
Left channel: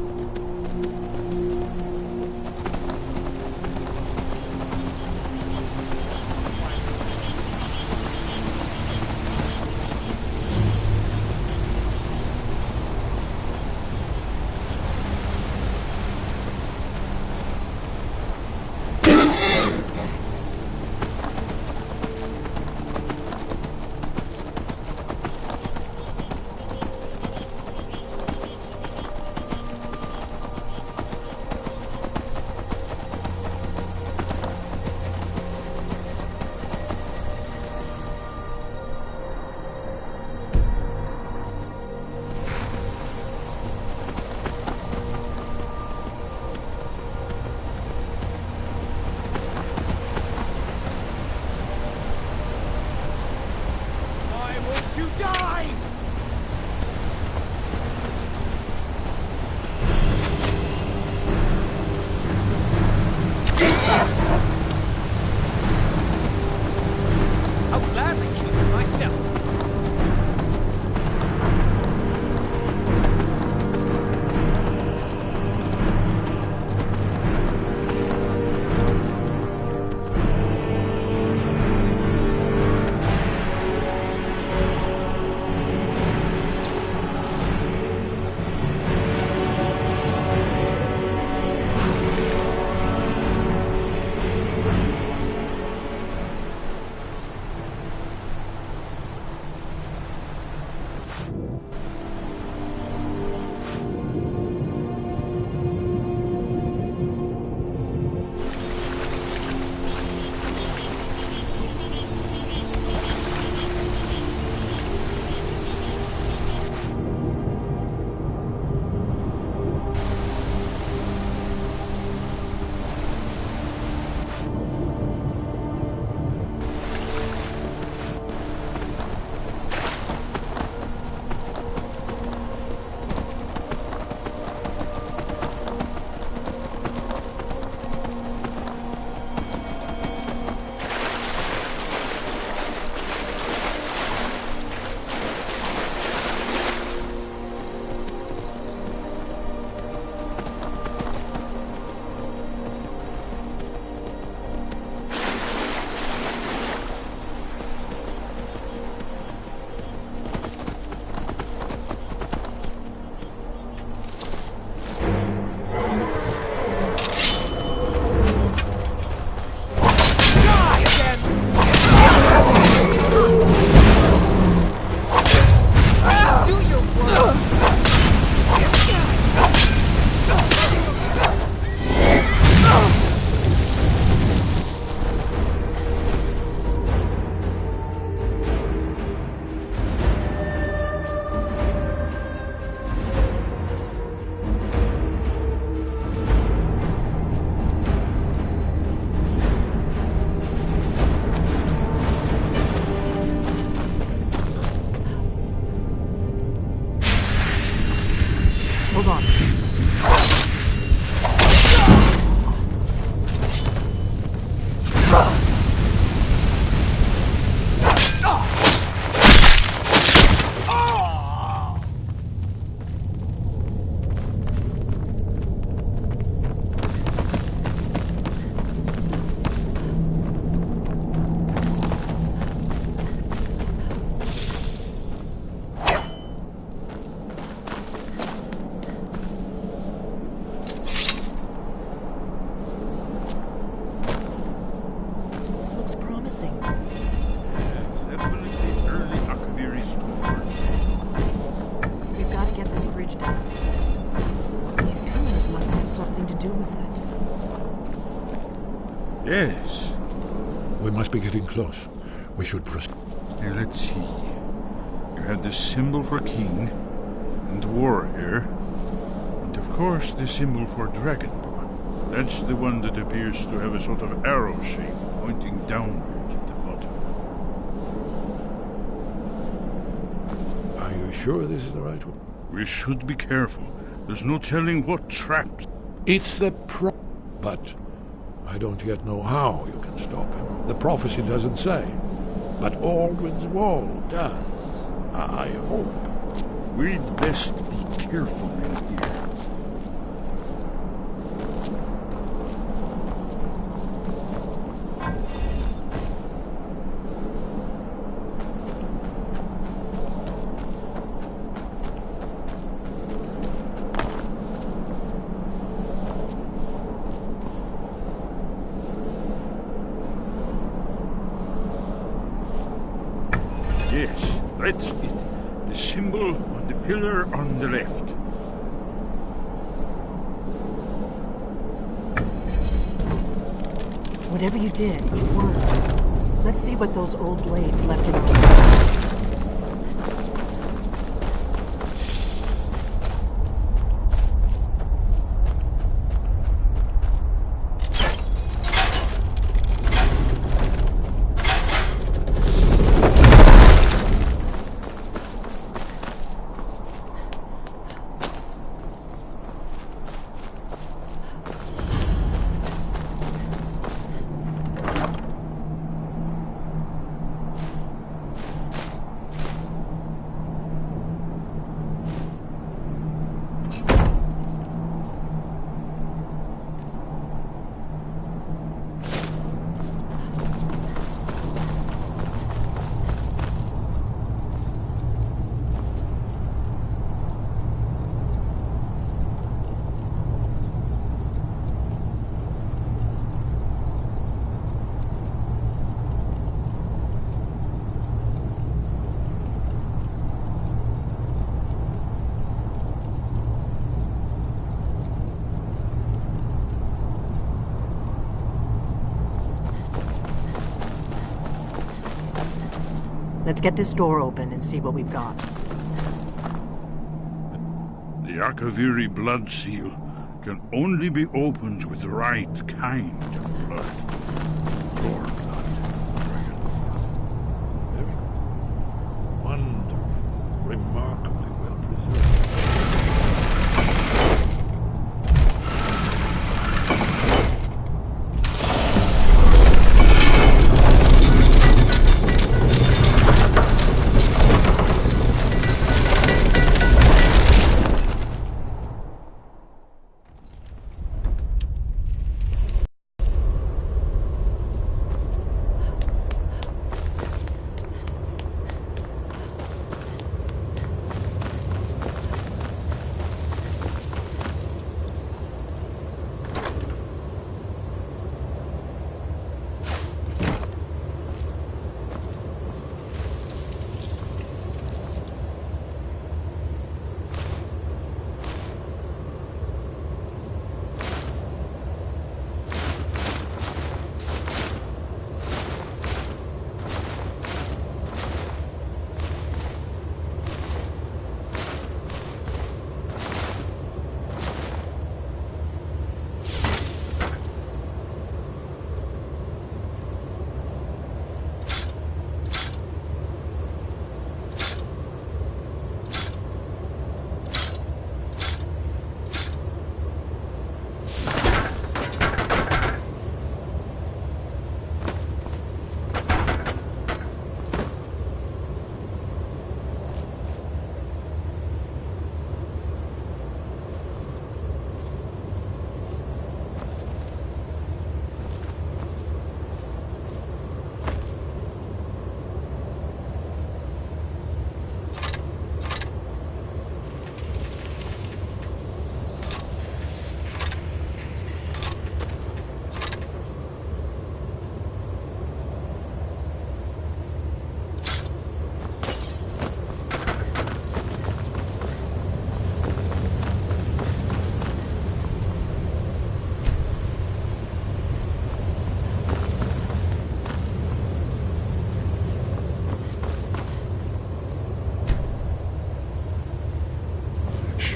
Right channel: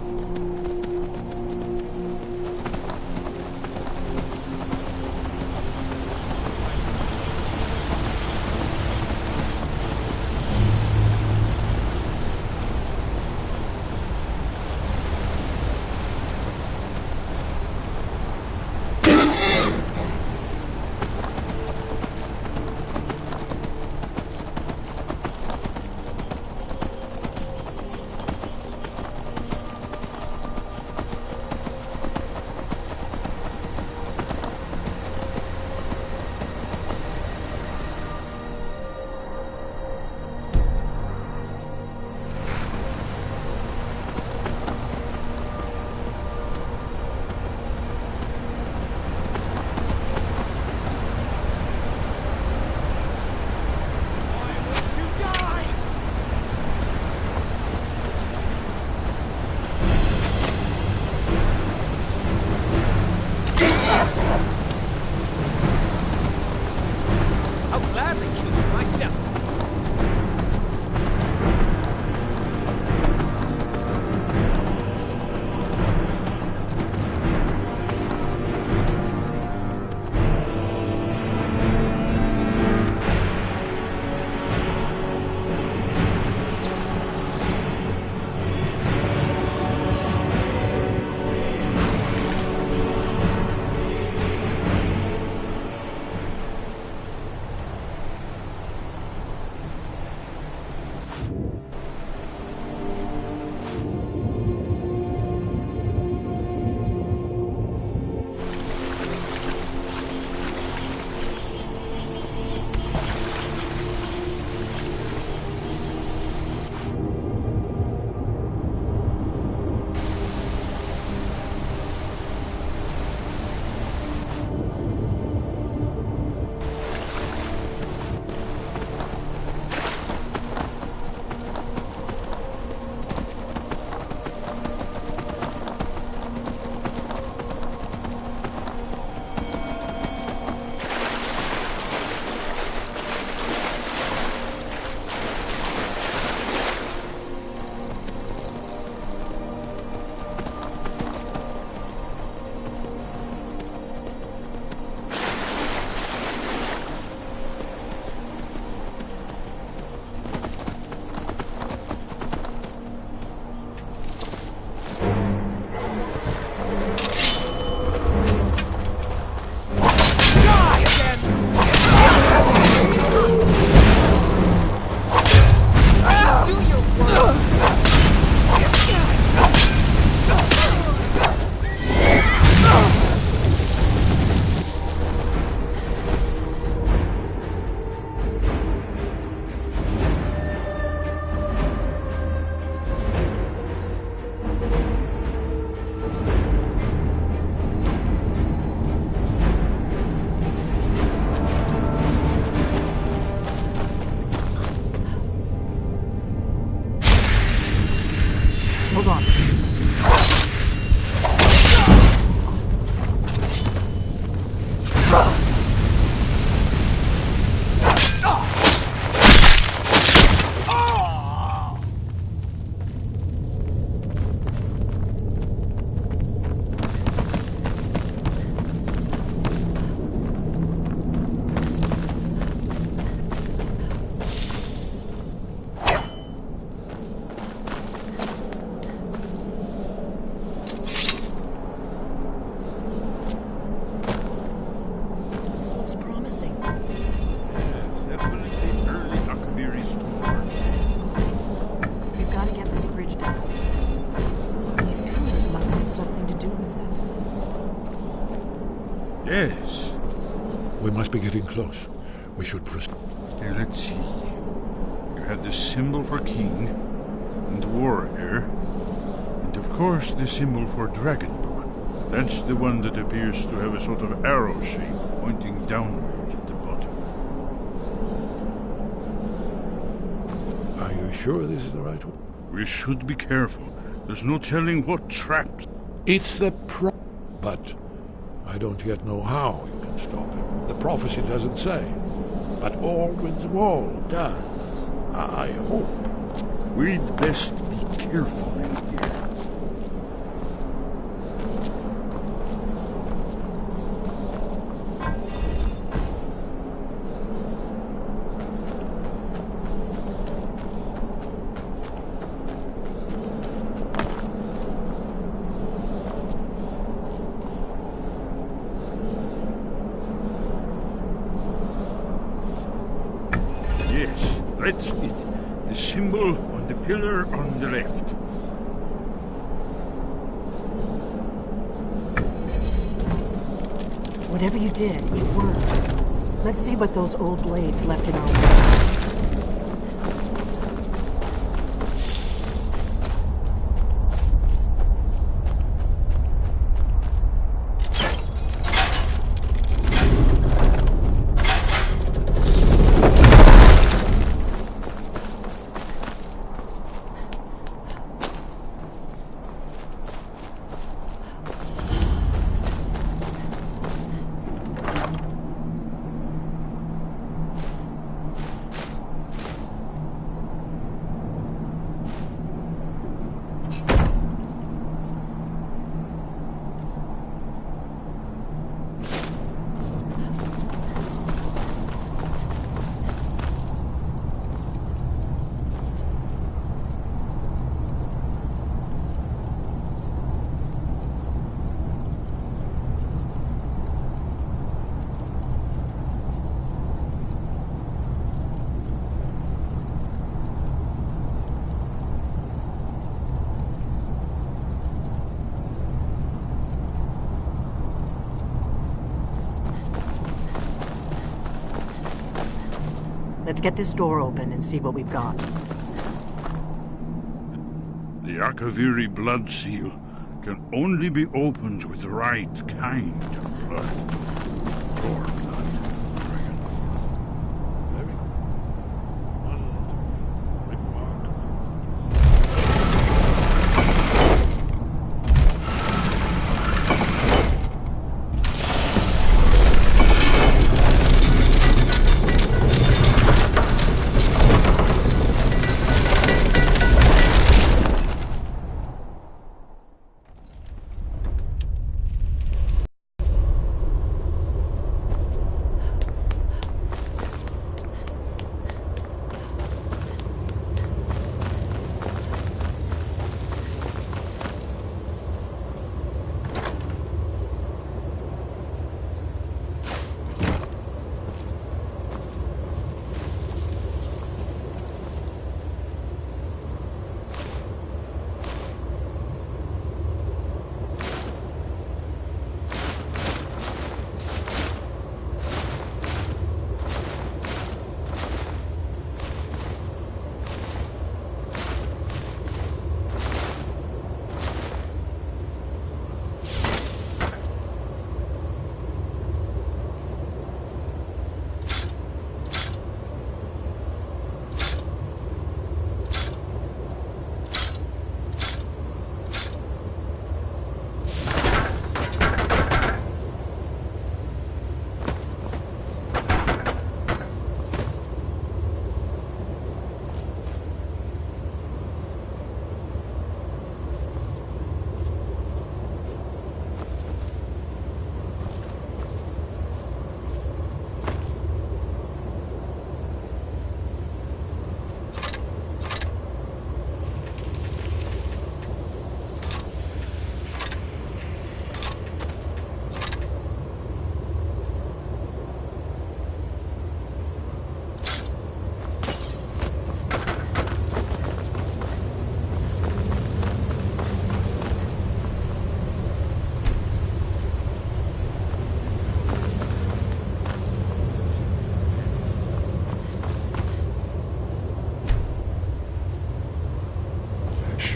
Hold on. This looks promising. Yes, definitely early Akaviri store. We've got to get this bridge down. These pillars must have something to do with it. Yes. We must be getting close. We should proceed. Here, let's see. You have the symbol for king, and warrior, and of course the symbol for dragonborn. That's the one that appears to have a sort of arrow shape pointing downward at the bottom. Are you sure this is the right one? We should be careful. There's no telling what traps. It's the but I don't yet know how you can stop him. The prophecy doesn't say. But Aldwin's wall does. I hope. We'd best be careful in here. Yes, that's it. The symbol on the pillar on the left. Whatever you did, it worked. Let's see what those old blades left in our way. Let's get this door open and see what we've got. The Akaviri blood seal can only be opened with the right kind of blood. Your blood, Dragonborn. Very wonderful, remarkably well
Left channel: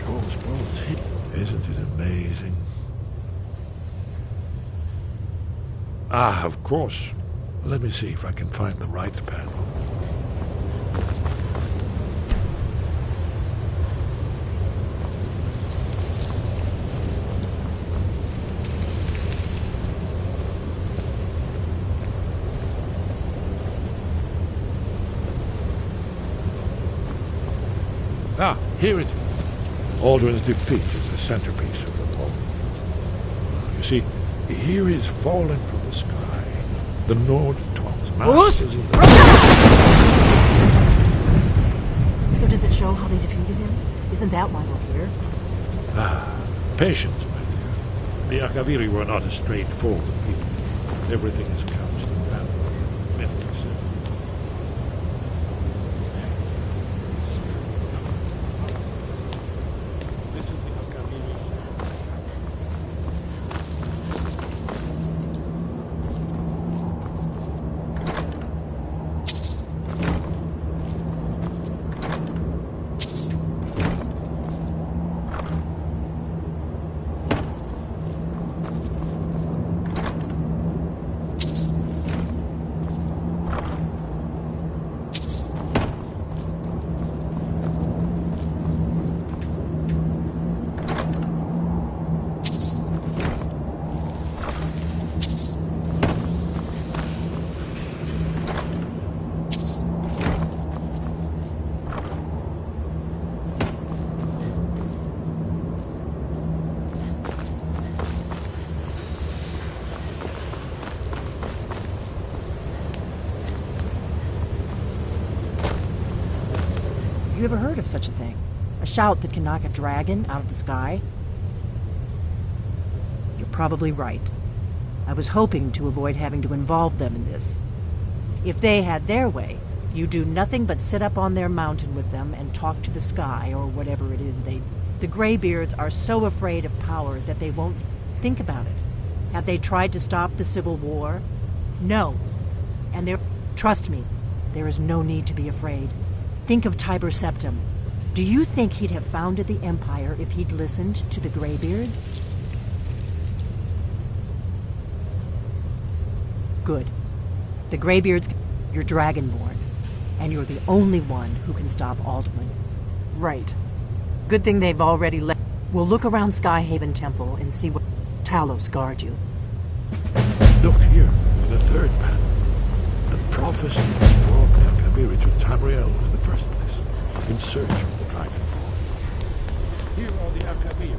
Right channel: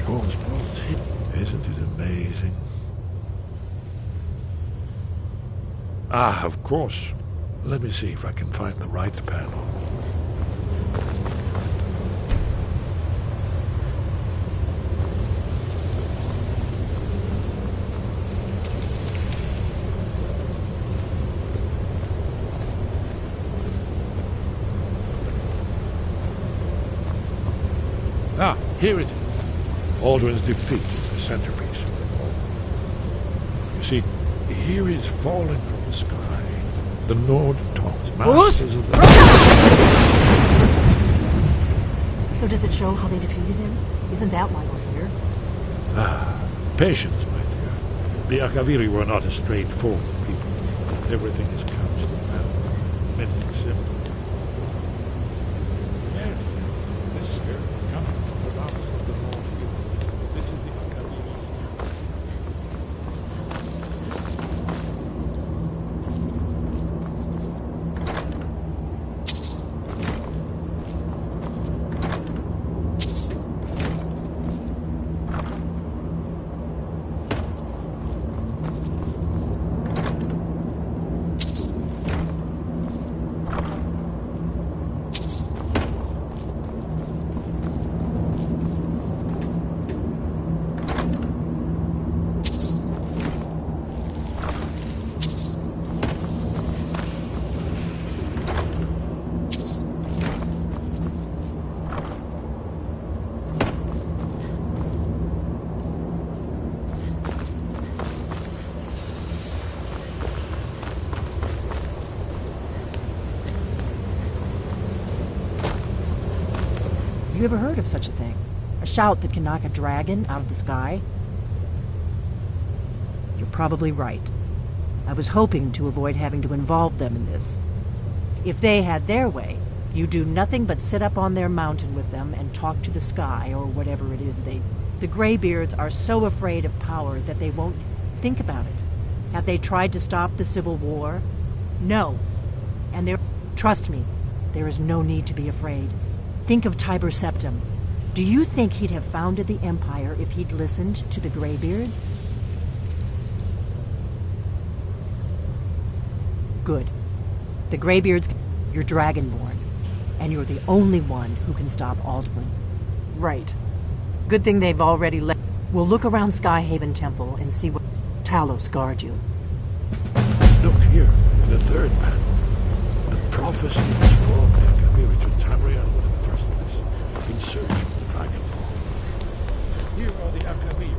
those bones hit. Isn't it amazing? Ah, of course. Let me see if I can find the right panel. Ah, here it is. Aldrin's defeat is the centerpiece of the poem. You see, here is falling from the sky the Nord Tongs, masters of the... So does it show how they defeated him? Isn't that why we're here? Ah, patience, my dear. The Akaviri were not a straightforward people. Everything is couched in math, mythic symbol. There, this spirit coming from the mouth of the North. This is the Akaviri. Have you ever heard of such a thing? A shout that can knock a dragon out of the sky? You're probably right. I was hoping to avoid having to involve them in this. If they had their way, you do nothing but sit up on their mountain with them and talk to the sky or whatever it is they... The Greybeards are so afraid of power that they won't think about it. Have they tried to stop the Civil War? No. And they're... Trust me, there is no need to be afraid. Think of Tiber Septim. Do you think he'd have founded the Empire if he'd listened to the Greybeards? Good. The Greybeards, you're Dragonborn, and you're the only one who can stop Alduin. Right. Good thing they've already left. We'll look around Skyhaven Temple and see what Talos guard you. Look here, in the third panel. The prophecy was brought the Akaviri to Tamriel in the first place, in search of the Dragon Ball. Here are the Akaviri.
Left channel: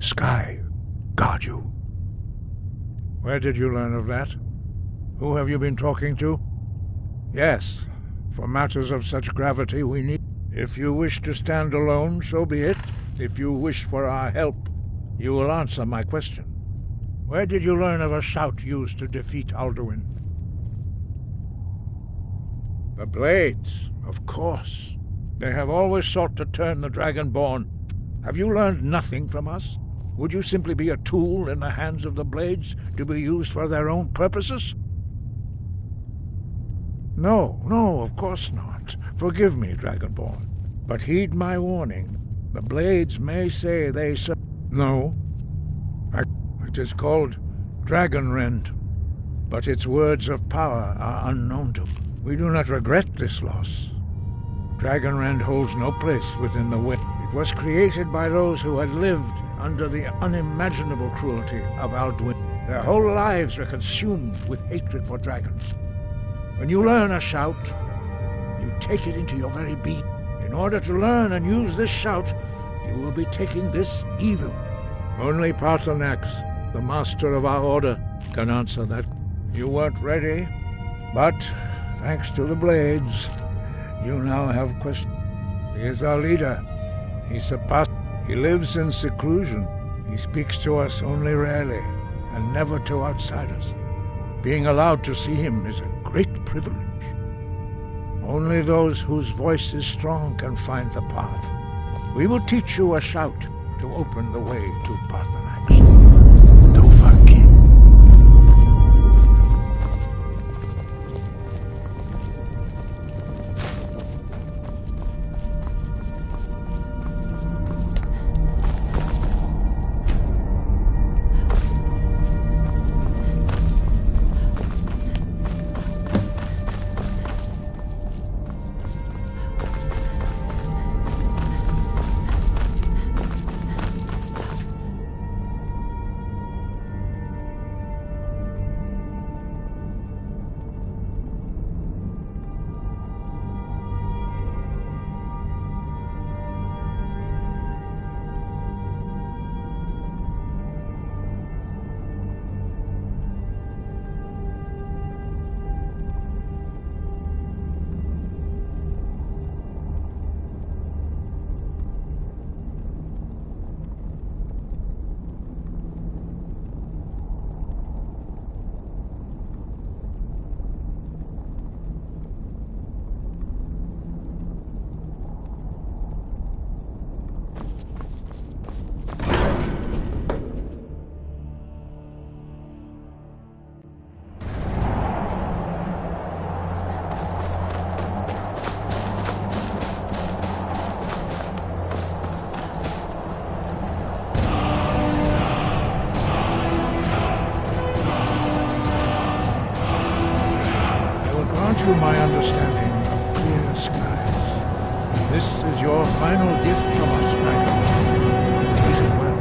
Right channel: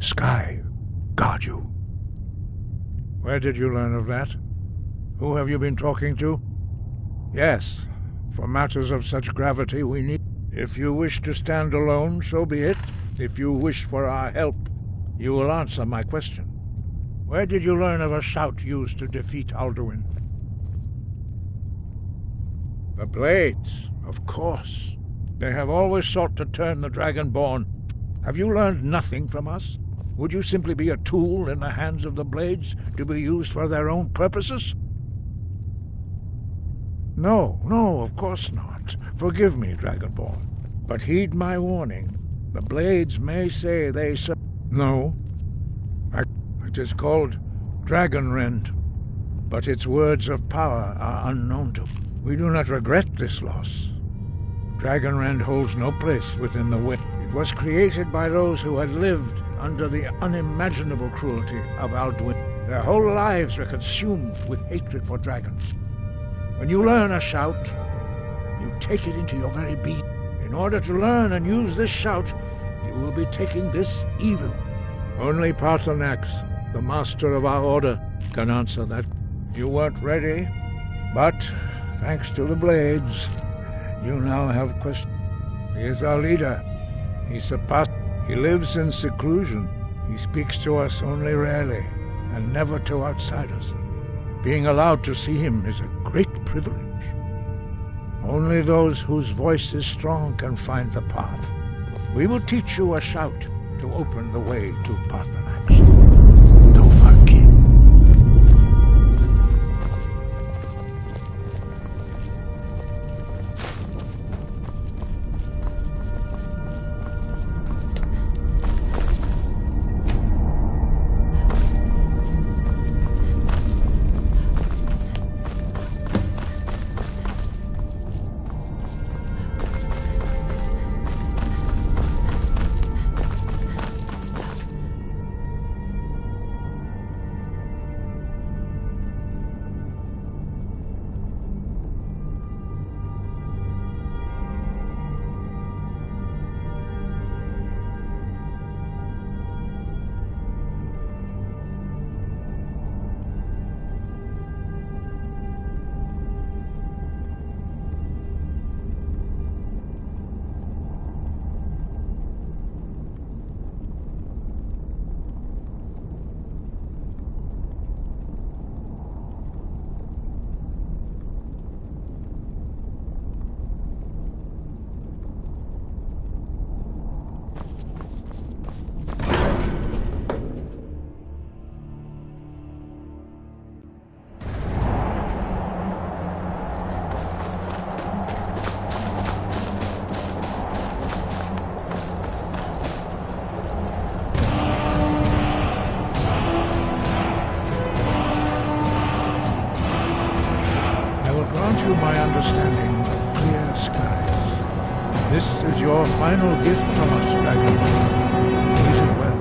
Sky, guard you. Where did you learn of that? Who have you been talking to? Yes, for matters of such gravity we need... If you wish to stand alone, so be it. If you wish for our help, you will answer my question. Where did you learn of a shout used to defeat Alduin? The Blades, of course. They have always sought to turn the Dragonborn. Have you learned nothing from us? Would you simply be a tool in the hands of the Blades to be used for their own purposes? No, of course not. Forgive me, Dragonborn. But heed my warning. The Blades may say they No. It is called Dragonrend, but its words of power are unknown to. We do not regret this loss. Dragonrend holds no place within the wind. It was created by those who had lived under the unimaginable cruelty of Alduin. Their whole lives were consumed with hatred for dragons. When you learn a shout, you take it into your very being. In order to learn and use this shout, you will be taking this evil. Only Paarthurnax, the master of our order, can answer that. You weren't ready, but thanks to the Blades, you now have questions. He is our leader. He lives in seclusion. He speaks to us only rarely, and never to outsiders. Being allowed to see him is a great privilege. Only those whose voice is strong can find the path. We will teach you a shout to open the way to Paarthurnax. Grant you my understanding of clear skies. This is your final gift from us, Dragonborn. Use it well.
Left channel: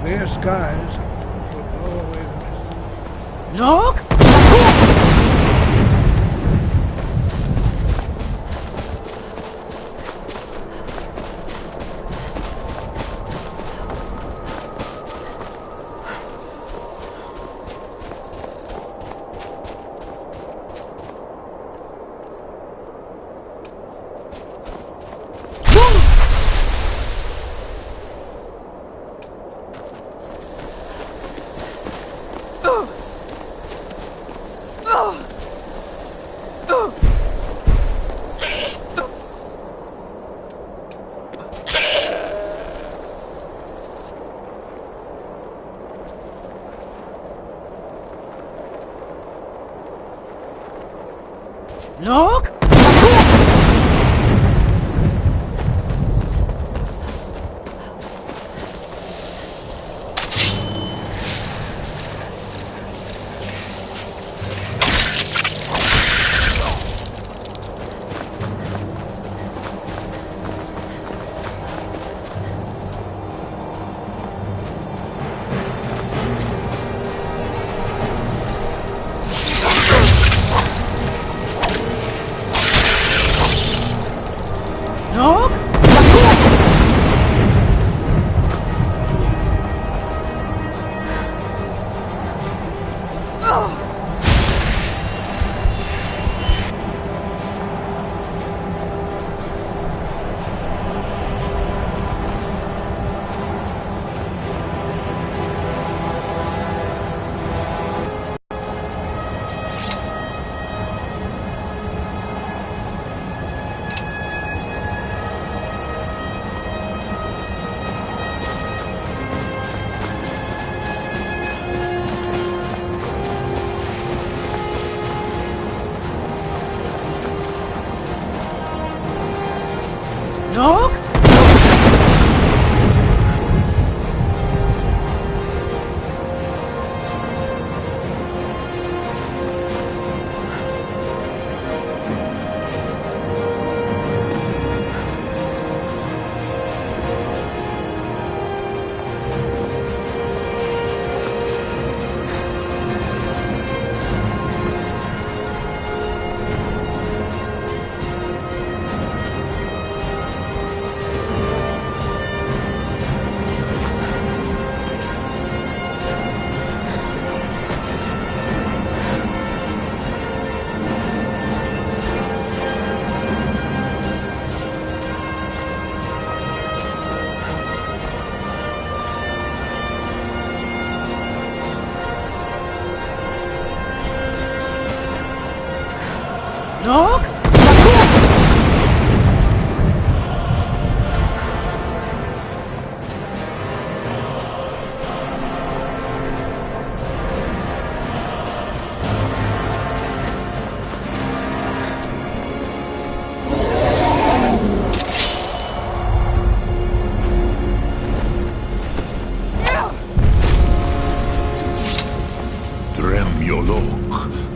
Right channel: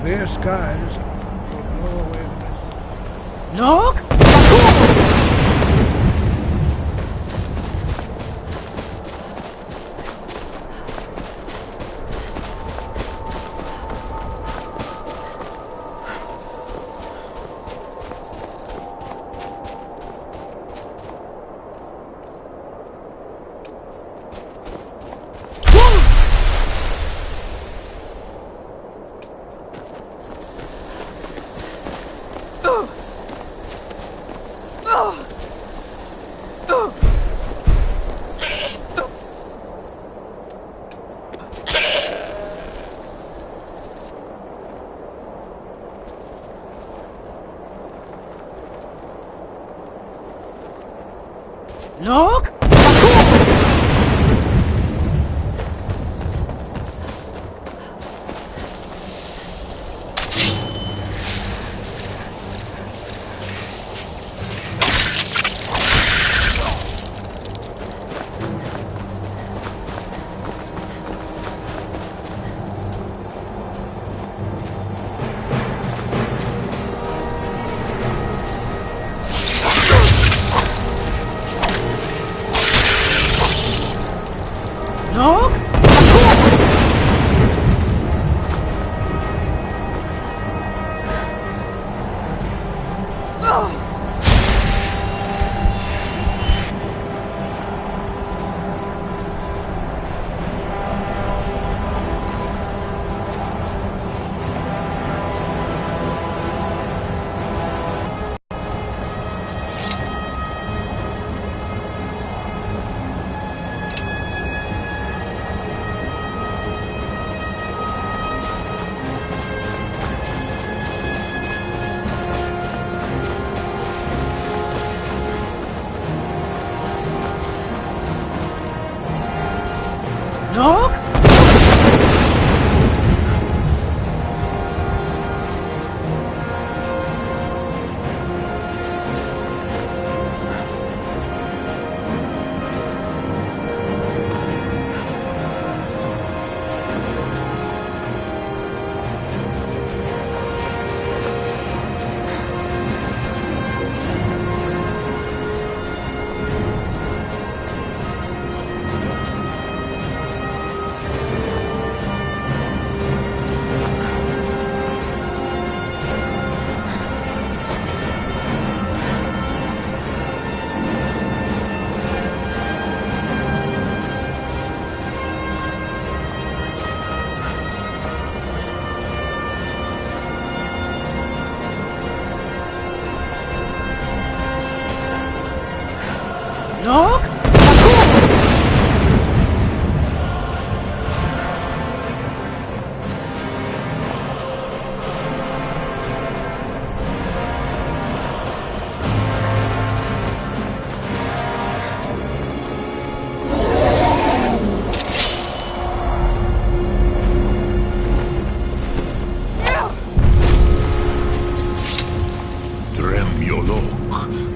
Clear skies will blow away the mist. Look! Look! Look!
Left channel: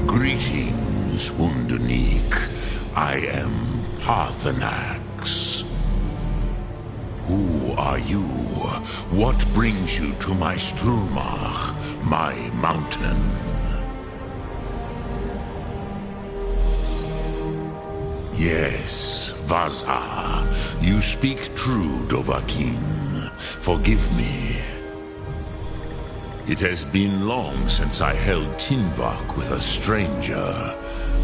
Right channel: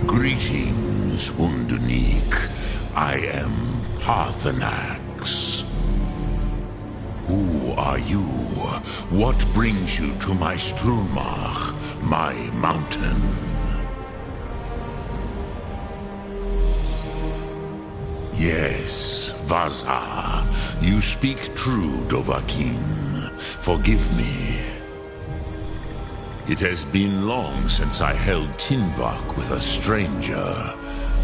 Greetings, Wunderneek. I am Parthenax. Who are you? What brings you to my Strulmach, my mountain? Yes, Vaza. You speak true, Dovahkiin. Forgive me. It has been long since I held Tinvak with a stranger.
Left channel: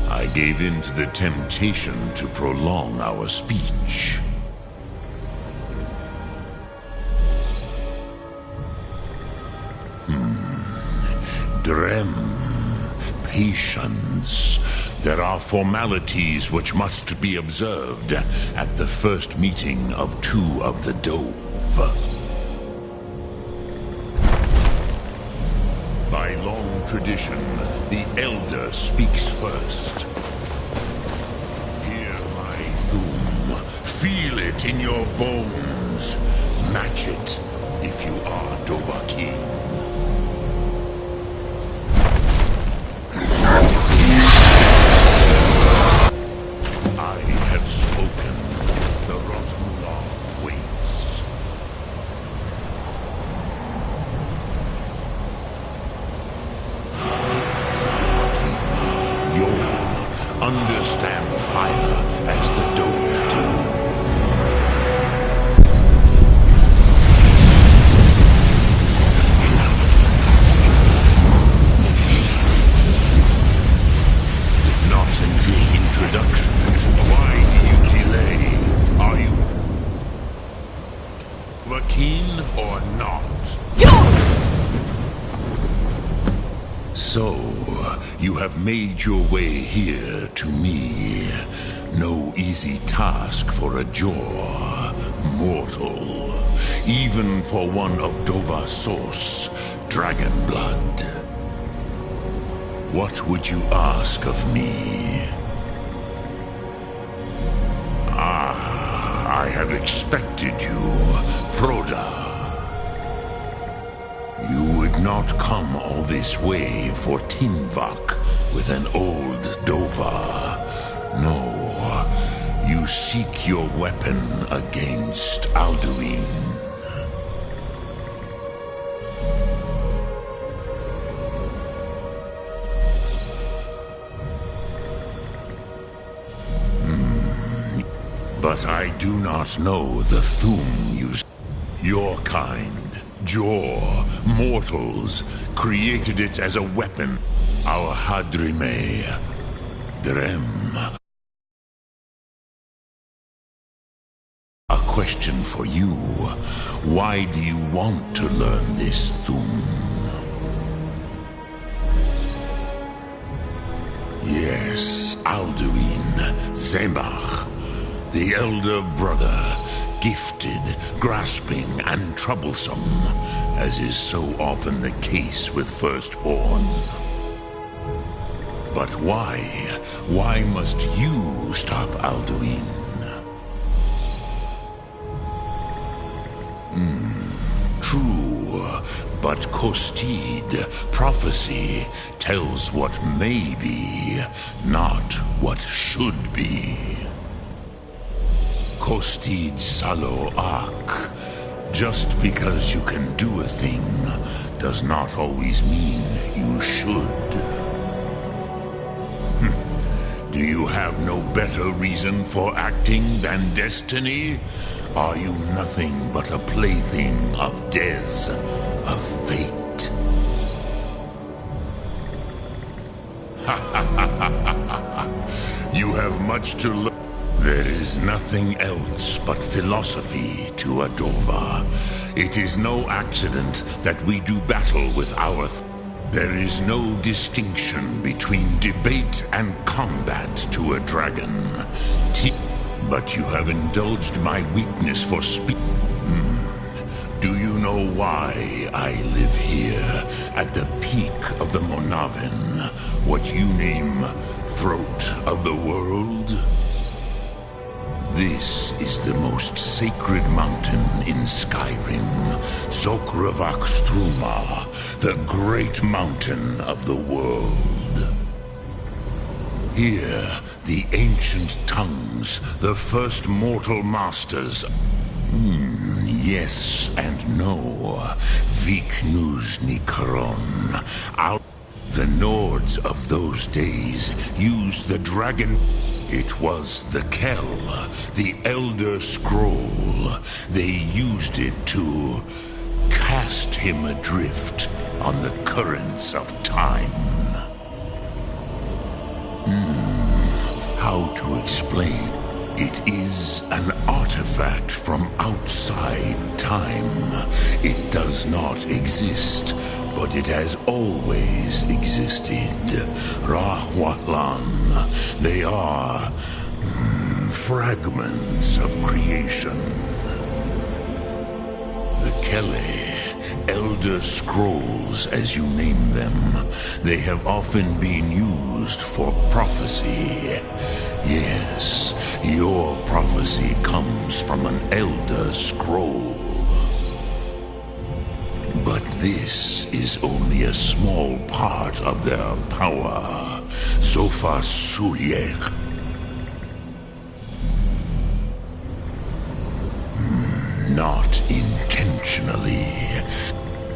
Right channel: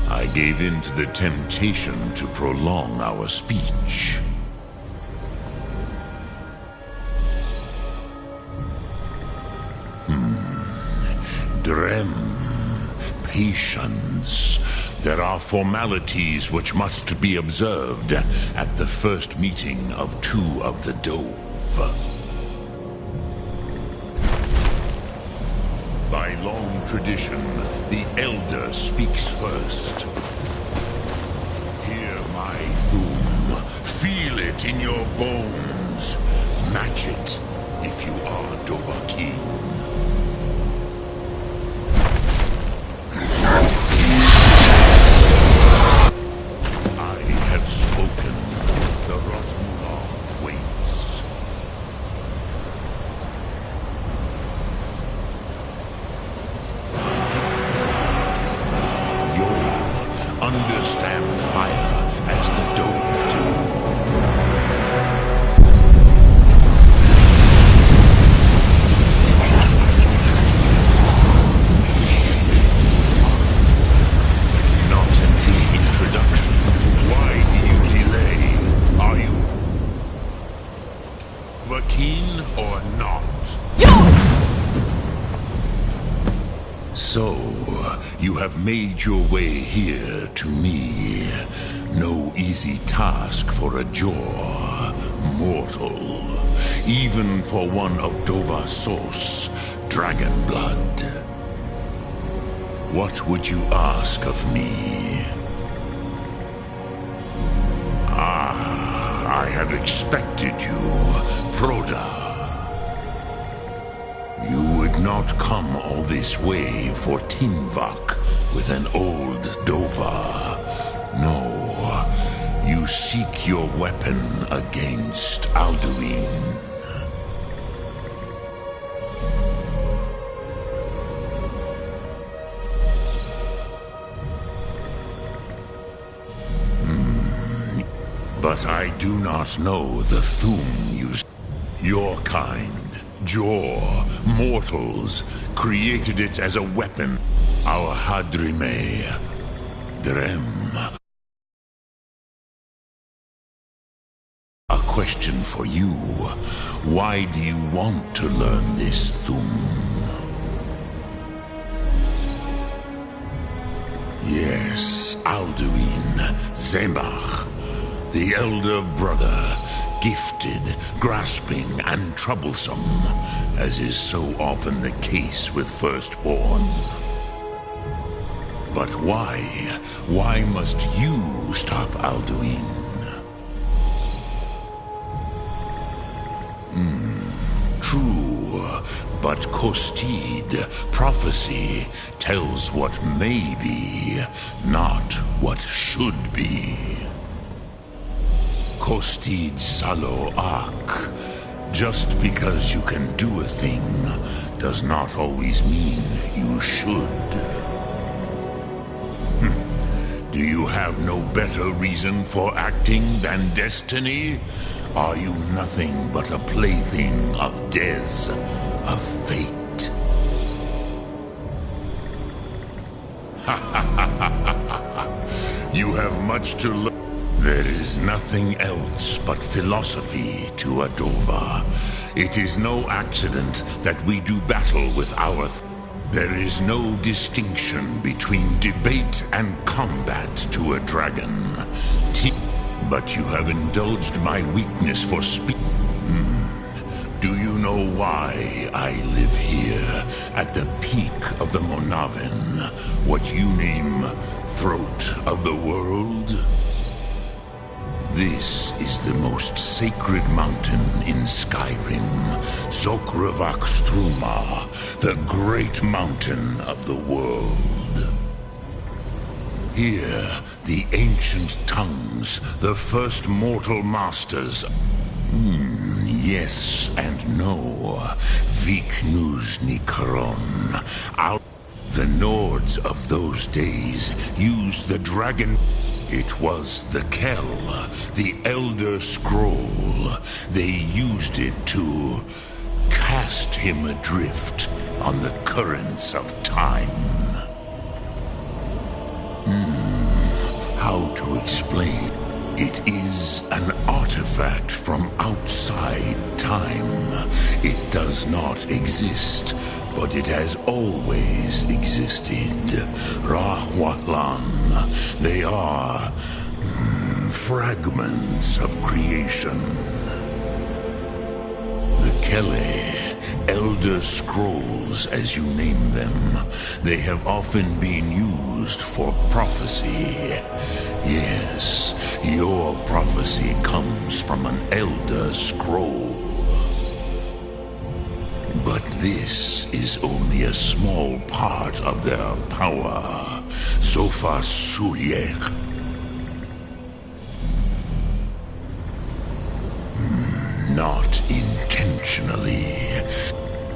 I gave in to the temptation to prolong our speech. Drem. Patience. There are formalities which must be observed at the first meeting of two of the Dove. By long tradition, the Elder speaks first. Hear my Thum. Feel it in your bones. Match it if you are Dovahkiin. I have spoken. The Rosmular waits. You'll understand fire as the Dove do. Not until introduction. Why do you delay? Are you Dovahkiin or not? So, you have made your way here to me. No easy task for a Jor, mortal. Even for one of Dova Source, dragon blood. What would you ask of me? Ah, I have expected you, Proda. You would not come all this way for Tinvak with an old Dova. No, you seek your weapon against Alduin. But I do not know the Thum you... Your kind, Jor, mortals, created it as a weapon. Our Hadrime, Drem. A question for you. Why do you want to learn this Thum? Yes, Alduin, Zemach, the elder brother, gifted, grasping, and troublesome, as is so often the case with firstborn. But why? Why must you stop Alduin? True, but Kostid, prophecy, tells what may be, not what should be. Kostid Salo Ak. Just because you can do a thing does not always mean you should. Do you have no better reason for acting than destiny? Are you nothing but a plaything of Dez, of fate? You have much to learn. There is nothing else but philosophy to Adova. It is no accident that we do battle with our... There is no distinction between debate and combat to a dragon. But you have indulged my weakness for speech. Do you know why I live here, at the peak of the Monavin, what you name Throat of the World? This is the most sacred mountain in Skyrim, Zokravak Struma, the great mountain of the world. Here, the ancient tongues, the first mortal masters. Yes and no. Viknus Nikaron. The Nords of those days used the dragon. It was the Kell, the Elder Scroll. They used it to cast him adrift on the currents of time. How to explain? It is an artifact from outside time. It does not exist, but it has always existed. Rahwalan. They are fragments of creation. The Kele, Elder Scrolls as you name them, they have often been used for prophecy. Yes, your prophecy comes from an Elder Scroll. But this is only a small part of their power. Sofa Suryek. Not intentionally.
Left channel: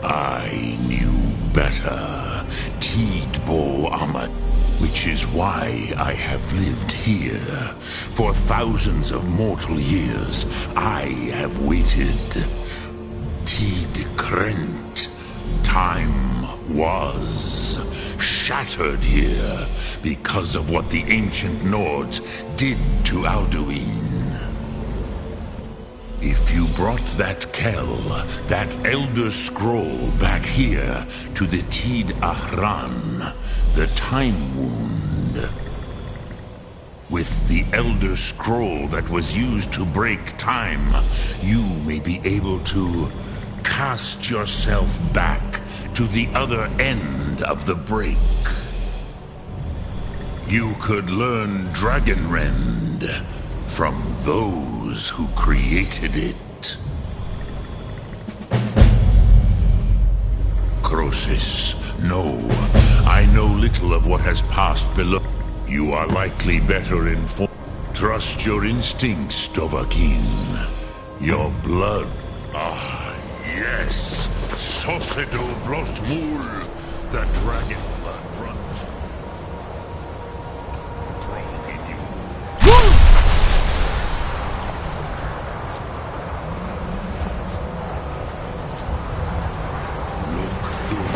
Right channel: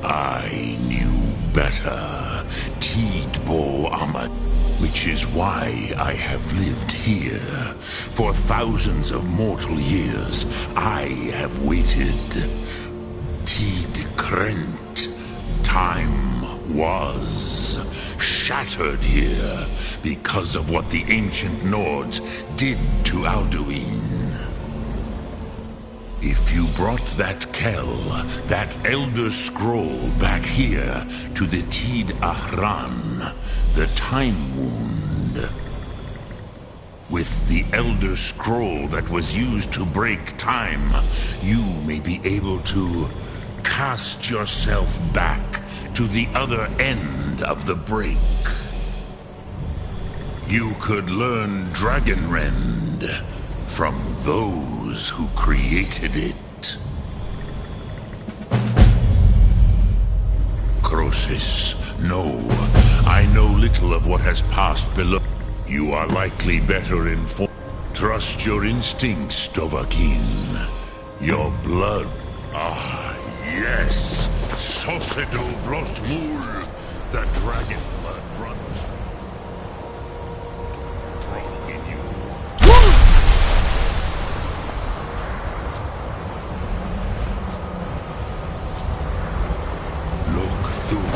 I knew better. Tidbo Ahmad. Which is why I have lived here. For thousands of mortal years, I have waited. Tid Krent. Time was shattered here because of what the ancient Nords did to Alduin. If you brought that Kell, that Elder Scroll back here to the Tid Ahran, the Time Wound, with the Elder Scroll that was used to break time, you may be able to cast yourself back to the other end of the break. You could learn Dragonrend from those who created it. Crosis, no. I know little of what has passed below. You are likely better informed. Trust your instincts, Dovahkiin. Your blood. Ah, yes. Sosedo Vlostmul. The dragon blood runs strong in you. Look through.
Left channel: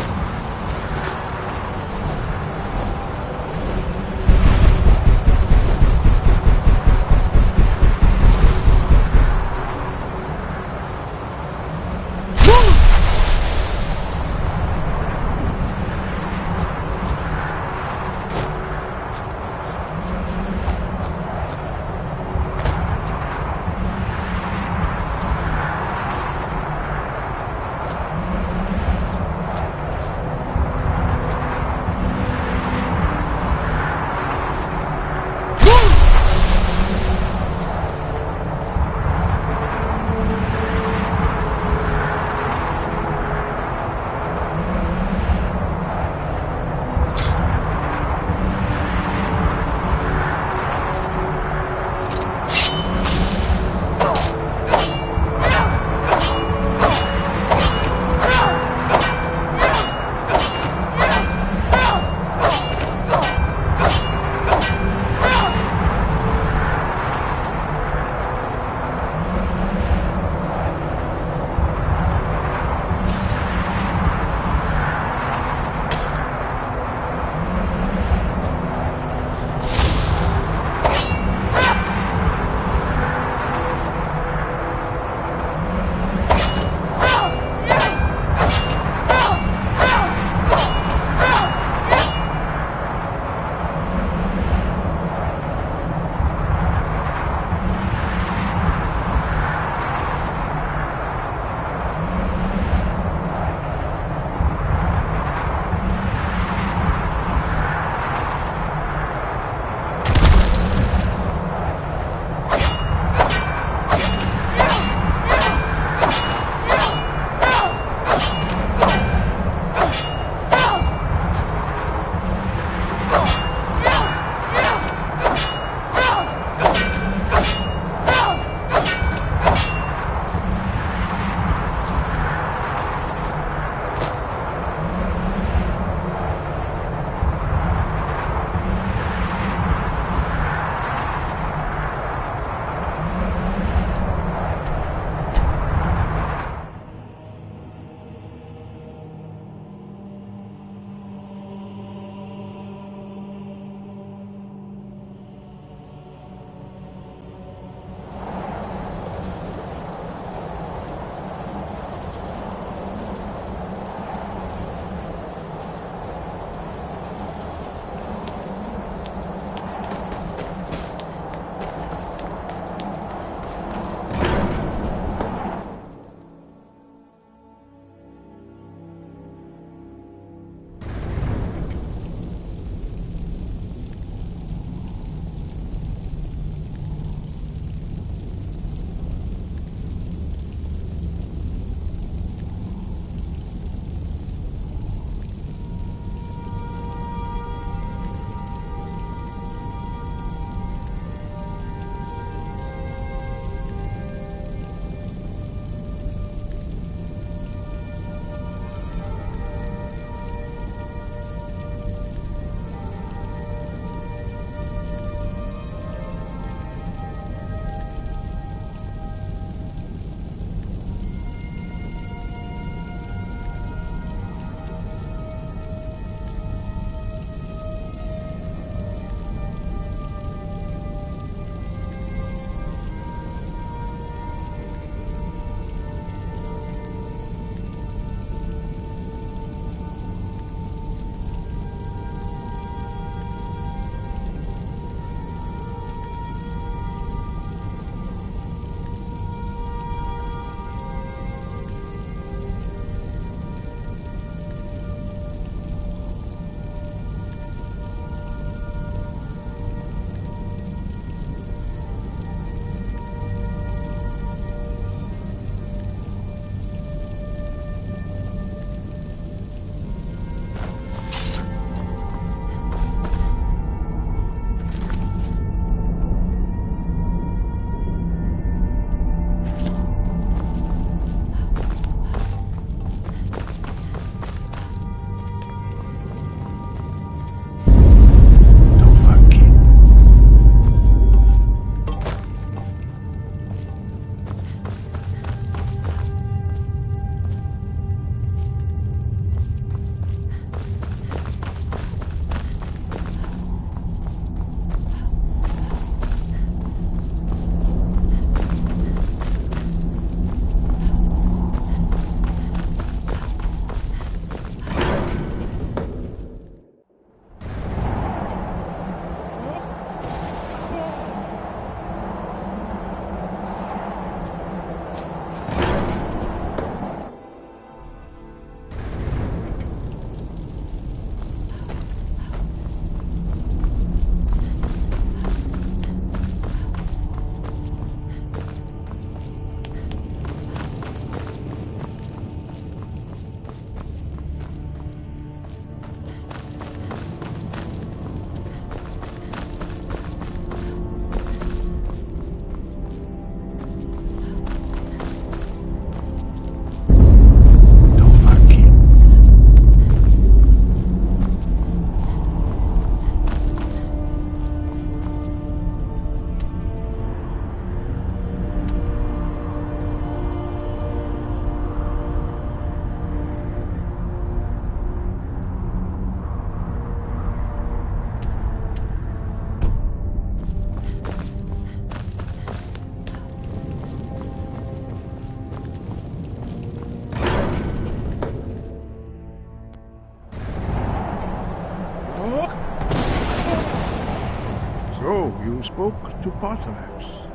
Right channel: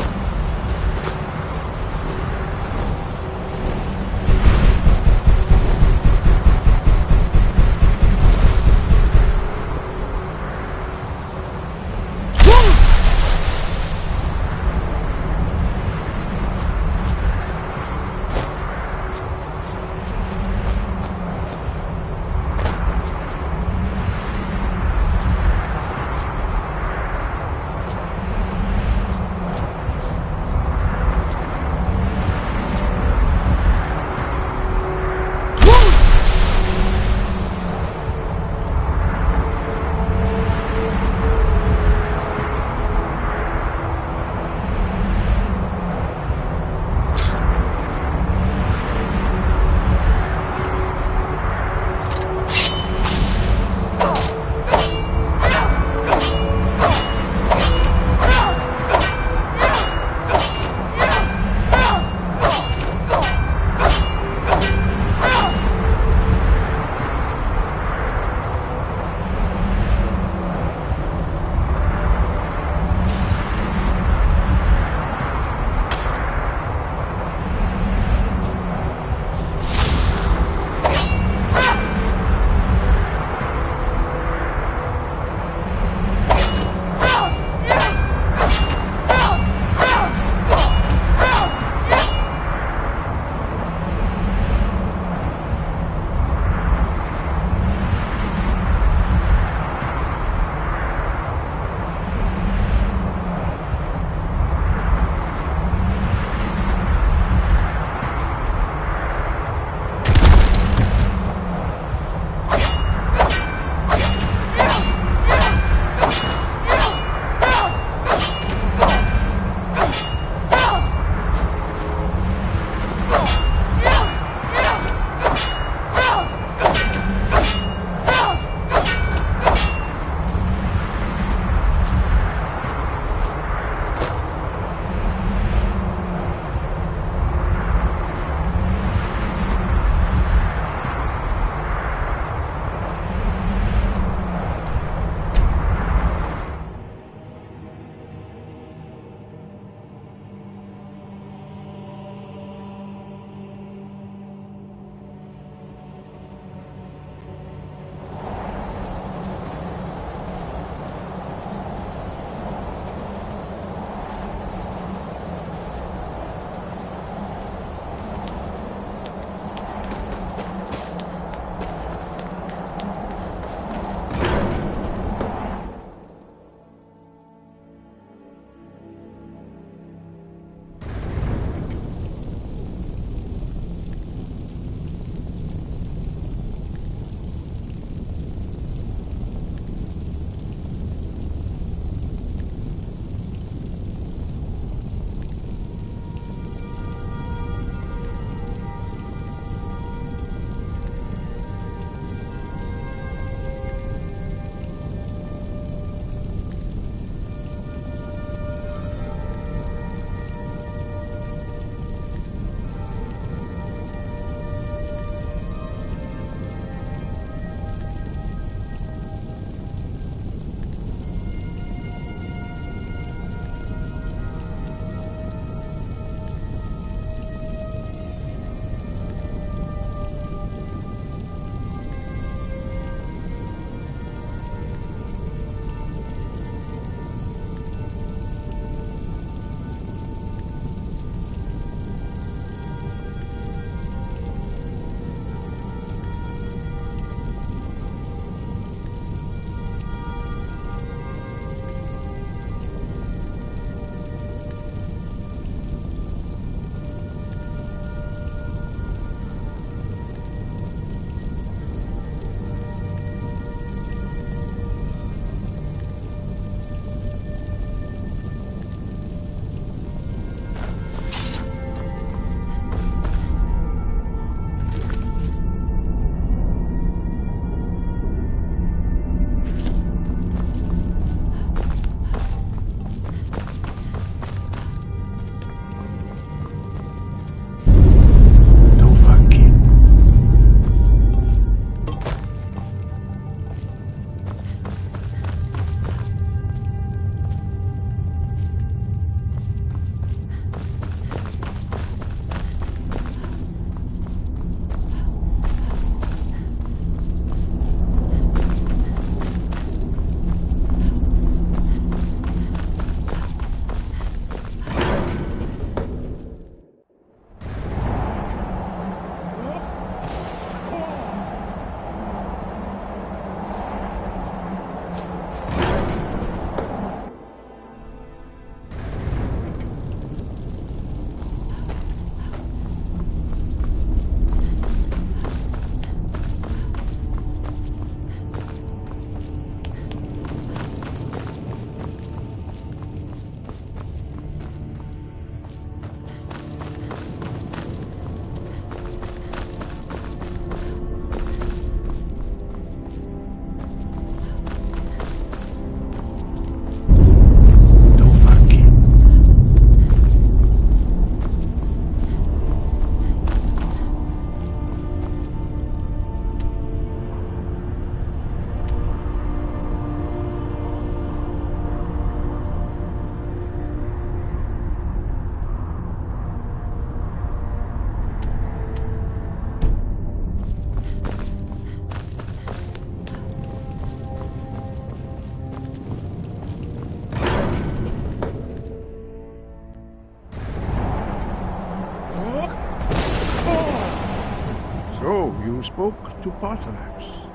You spoke to Parthanax.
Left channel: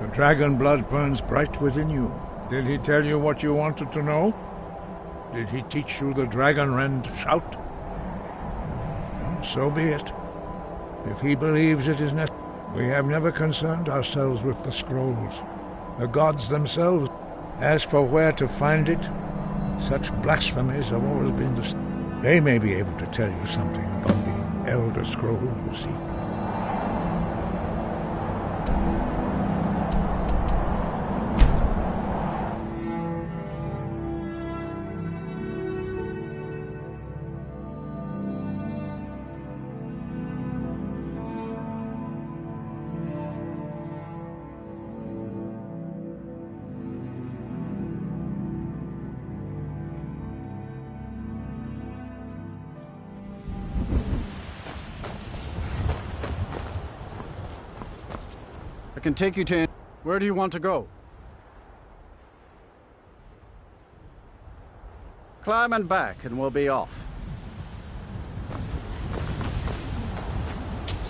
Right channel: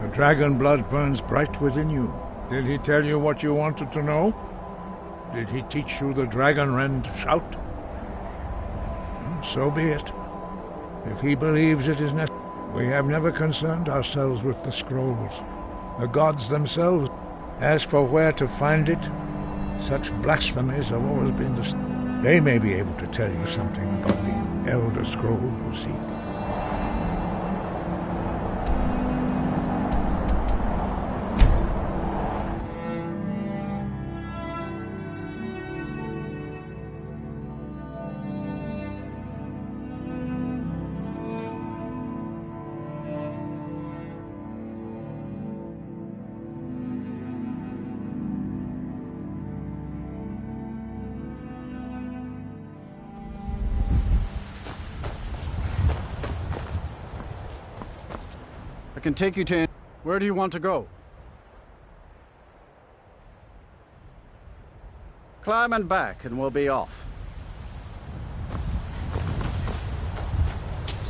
The dragon blood burns bright within you. Did he tell you what you wanted to know? Did he teach you the dragon rend shout? Well, so be it. If he believes it is necessary. We have never concerned ourselves with the scrolls. The gods themselves. As for where to find it, such blasphemies have always been the... They may be able to tell you something about the Elder Scroll you seek. I can take you to... Where do you want to go? Climb and back, and we'll be off.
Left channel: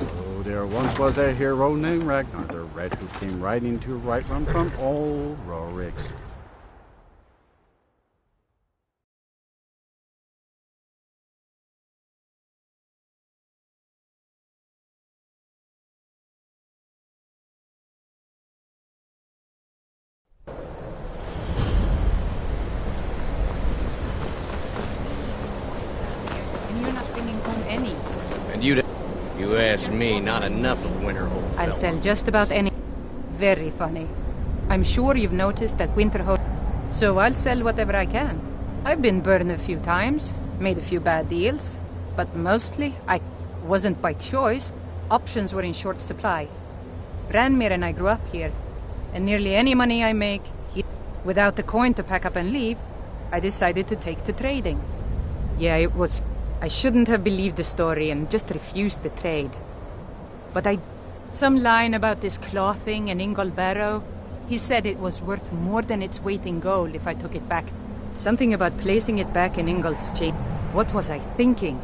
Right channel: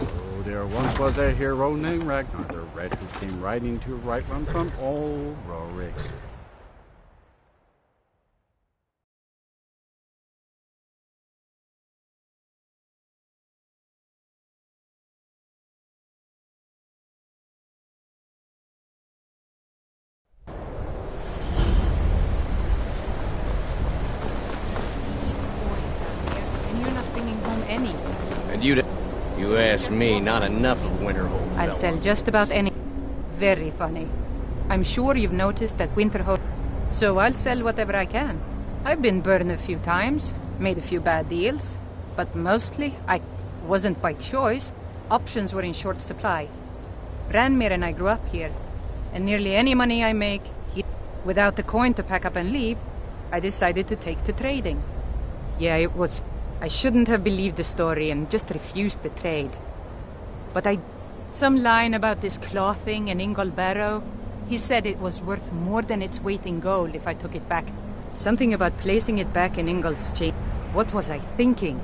Oh, there once was a hero named Ragnar the Red who came riding to Whiterun from old Rorik's. And you ask me, not enough of Winterhold. I'll sell just about any. Very funny. I'm sure you've noticed that Winterhold. So I'll sell whatever I can. I've been burned a few times, made a few bad deals, but mostly I wasn't by choice. Options were in short supply. Ranmir and I grew up here, and nearly any money I make here, without the coin to pack up and leave, I decided to take to trading. Yeah, it was... I shouldn't have believed the story and just refused the trade. But some line about this clothing in Ingol Barrow, he said it was worth more than its weight in gold if I took it back. Something about placing it back in Ingol's chain. What was I thinking?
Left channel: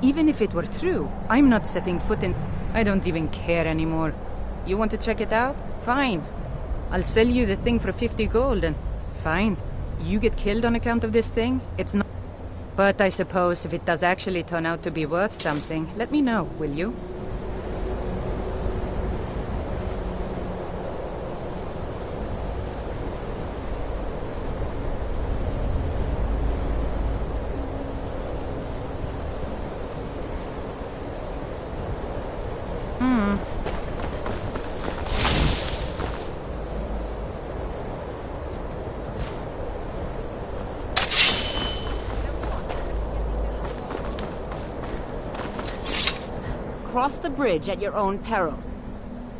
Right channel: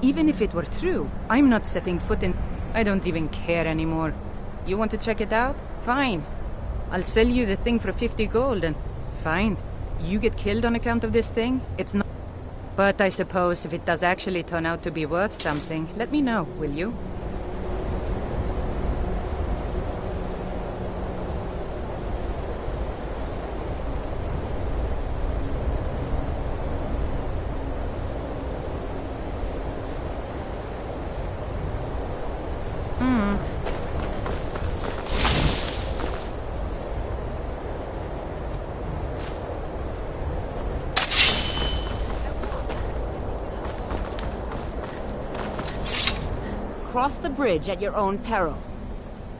Even if it were true, I'm not setting foot in... I don't even care anymore. You want to check it out? Fine. I'll sell you the thing for 50 gold and... Fine. You get killed on account of this thing? It's not... But I suppose if it does actually turn out to be worth something, let me know, will you? Cross the bridge at your own peril.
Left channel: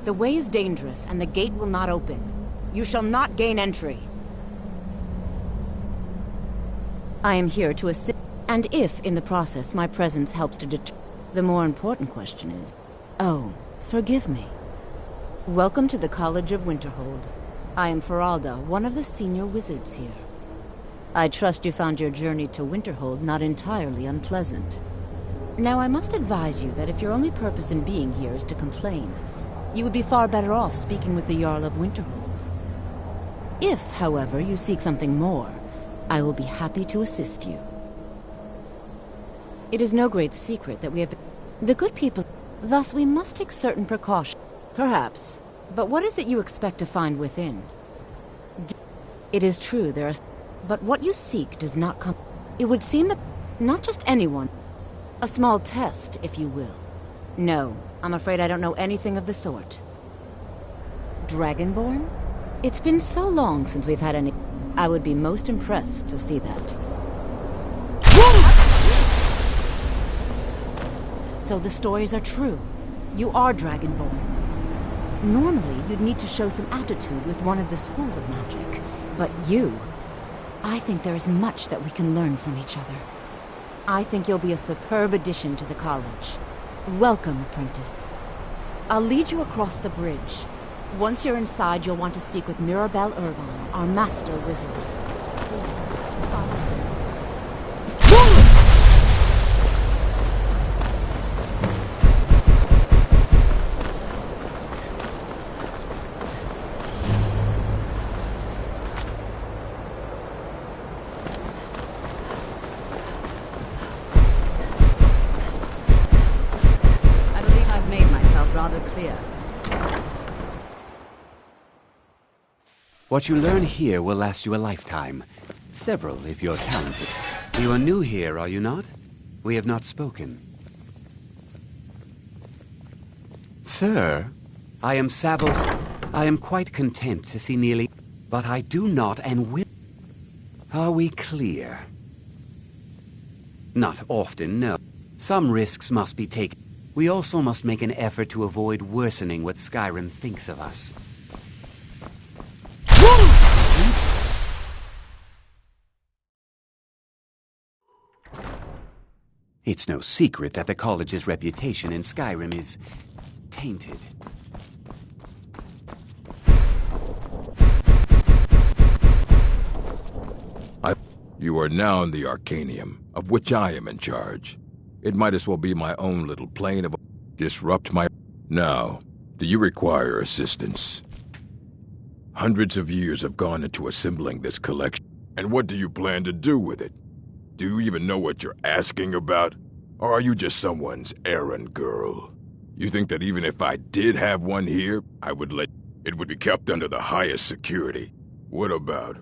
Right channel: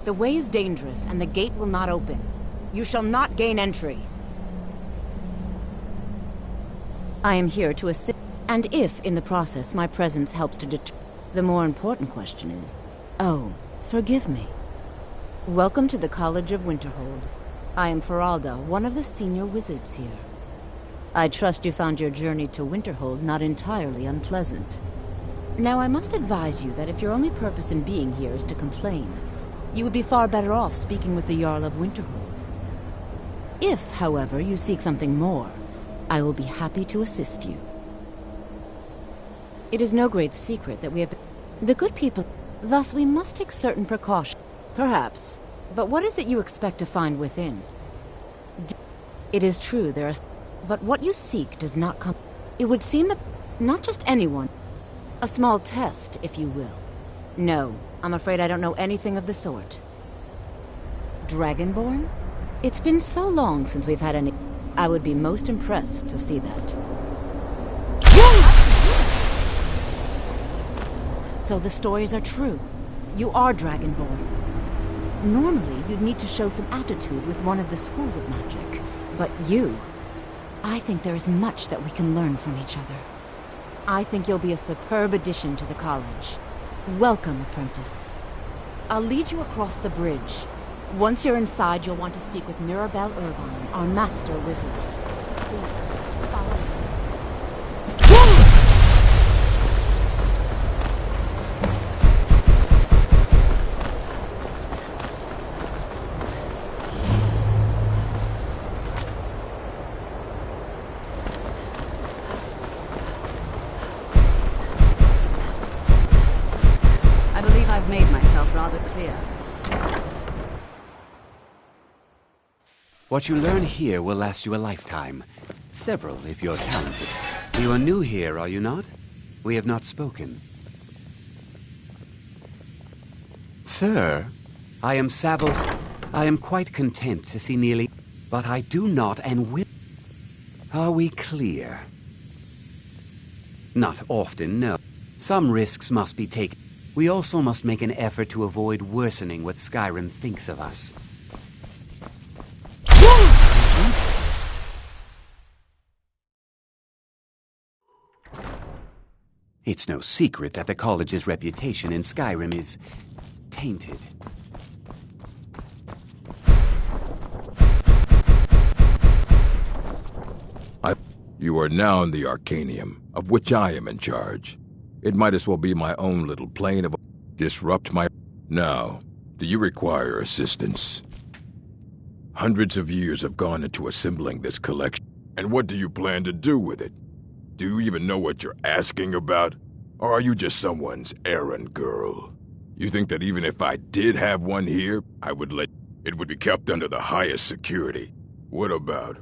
The way is dangerous, and the gate will not open. You shall not gain entry. I am here to assist, and if, in the process, my presence helps to deter... The more important question is... Oh, forgive me. Welcome to the College of Winterhold. I am Feralda, one of the senior wizards here. I trust you found your journey to Winterhold not entirely unpleasant. Now, I must advise you that if your only purpose in being here is to complain, you would be far better off speaking with the Jarl of Winterhold. If, however, you seek something more, I will be happy to assist you. It is no great secret that we have been... The good people... Thus, we must take certain precautions. Perhaps. But what is it you expect to find within? It is true, there are... But what you seek does not come... It would seem that... Not just anyone... A small test, if you will. No, I'm afraid I don't know anything of the sort. Dragonborn? It's been so long since we've had any... I would be most impressed to see that. So the stories are true. You are Dragonborn. Normally, you'd need to show some aptitude with one of the schools of magic. But you... I think there is much that we can learn from each other. I think you'll be a superb addition to the college. Welcome, apprentice. I'll lead you across the bridge. Once you're inside, you'll want to speak with Mirabelle Irvine, our master wizard. Please, follow me. rather clear. What you learn here will last you a lifetime. Several, if you're talented. You are new here, are you not? We have not spoken. Sir, I am Savos. I am quite content to see nearly... But I do not and will... Are we clear? Not often, no. Some risks must be taken. We also must make an effort to avoid worsening what Skyrim thinks of us. It's no secret that the college's reputation in Skyrim is tainted. You are now in the Arcanium, of which I am in charge. It might as well be my own little plane of... Disrupt my... Now, do you require assistance? Hundreds of years have gone into assembling this collection. And what do you plan to do with it? Do you even know what you're asking about? Or are you just someone's errand girl? You think that even if I did have one here, I would let... It would be kept under the highest security. What about...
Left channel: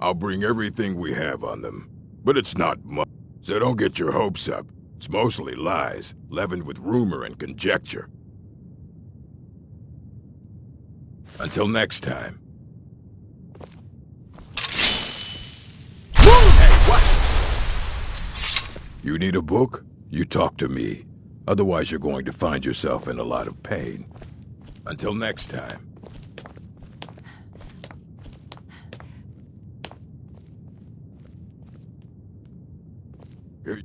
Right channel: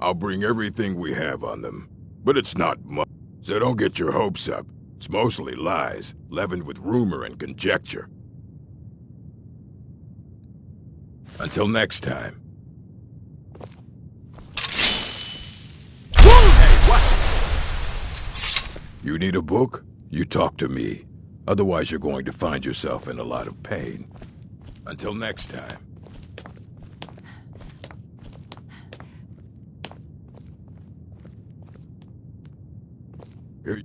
I'll bring everything we have on them. But it's not much, so don't get your hopes up. It's mostly lies, leavened with rumor and conjecture. Until next time. Hey, what? You need a book? You talk to me. Otherwise you're going to find yourself in a lot of pain. Until next time. Here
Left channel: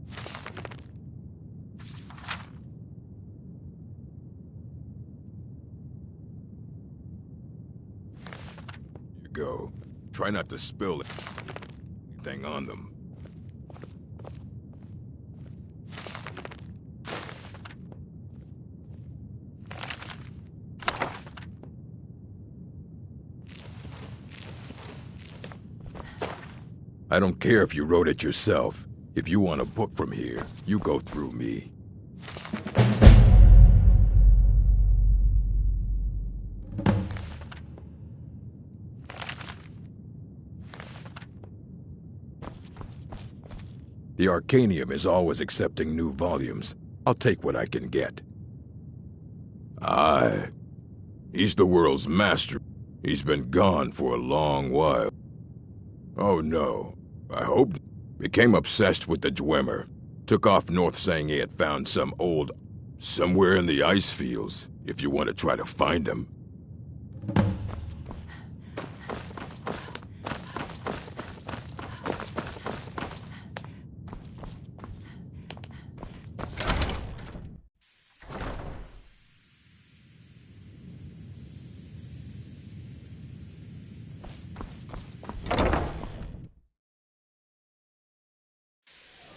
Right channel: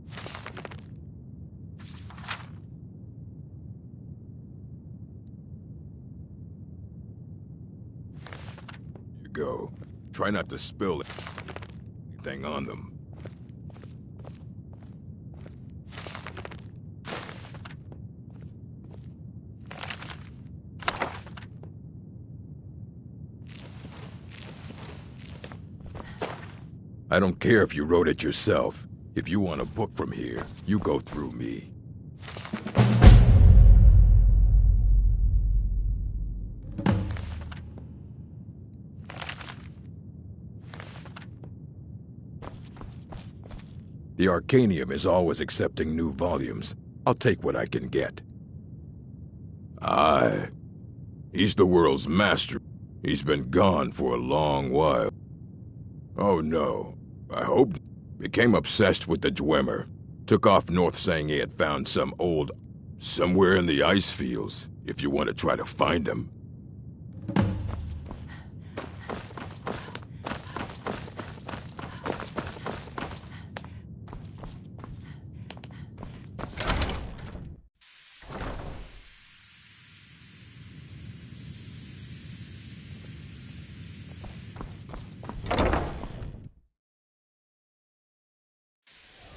you go. Try not to spill anything on them. I don't care if you wrote it yourself. If you want a book from here, you go through me. The Arcanium is always accepting new volumes. I'll take what I can get. Aye. He's the world's master. He's been gone for a long while. Oh no. I hope... Became obsessed with the Dwemer. Took off north saying he had found some old... somewhere in the ice fields, if you want to try to find him.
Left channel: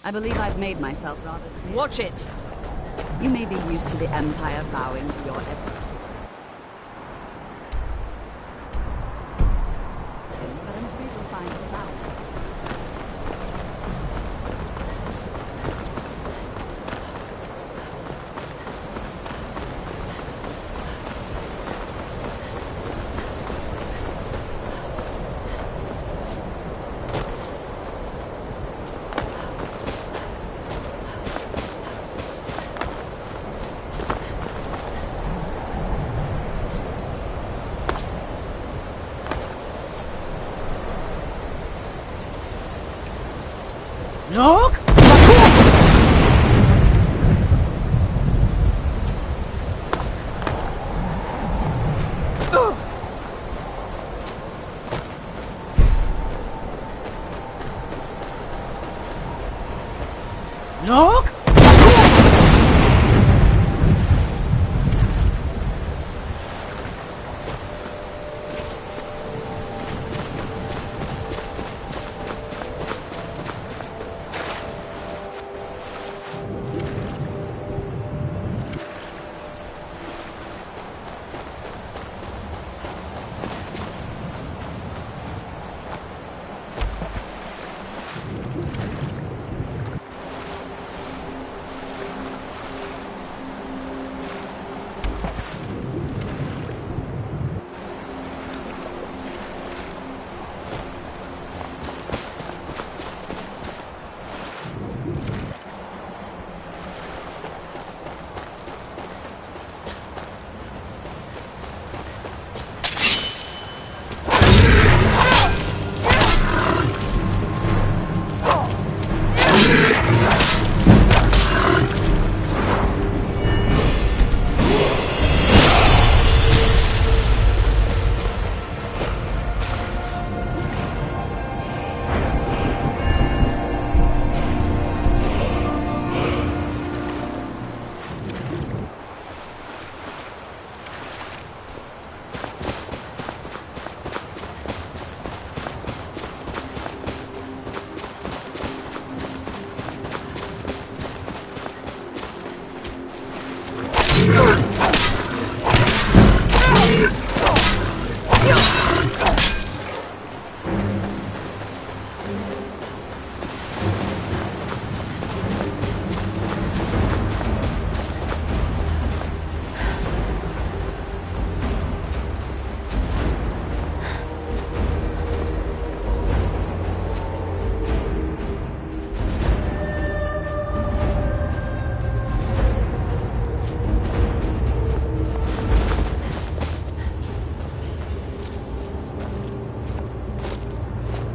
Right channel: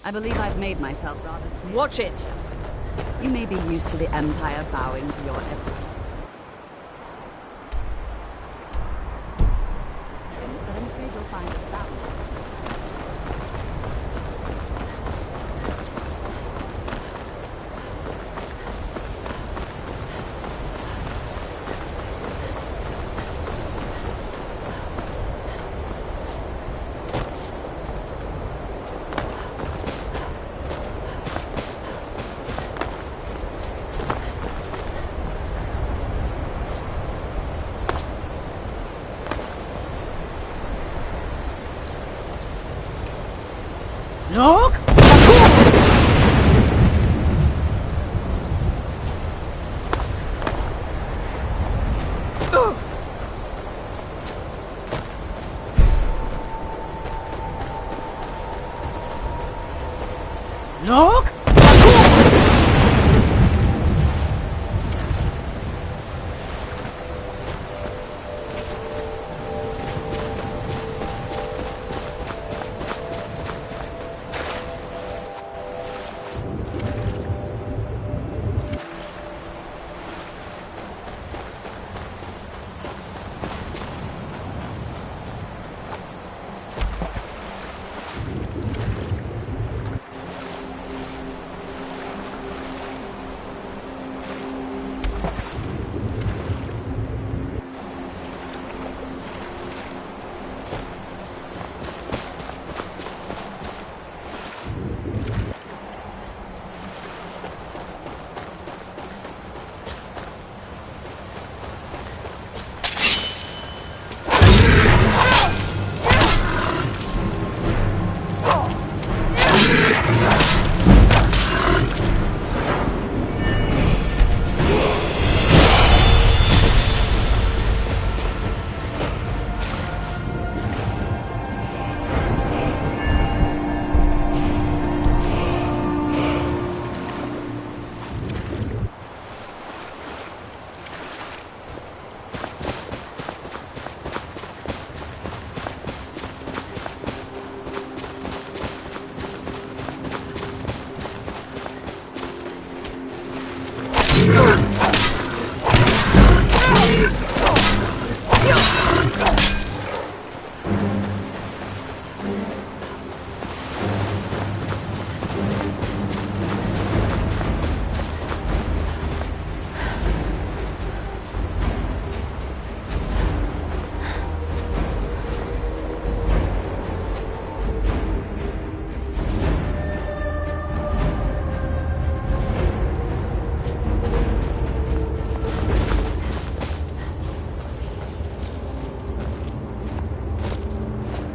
I believe I've made myself rather clear. Watch it! You may be used to the Empire bowing to your every... But I'm afraid you'll find us bound. Look! Look!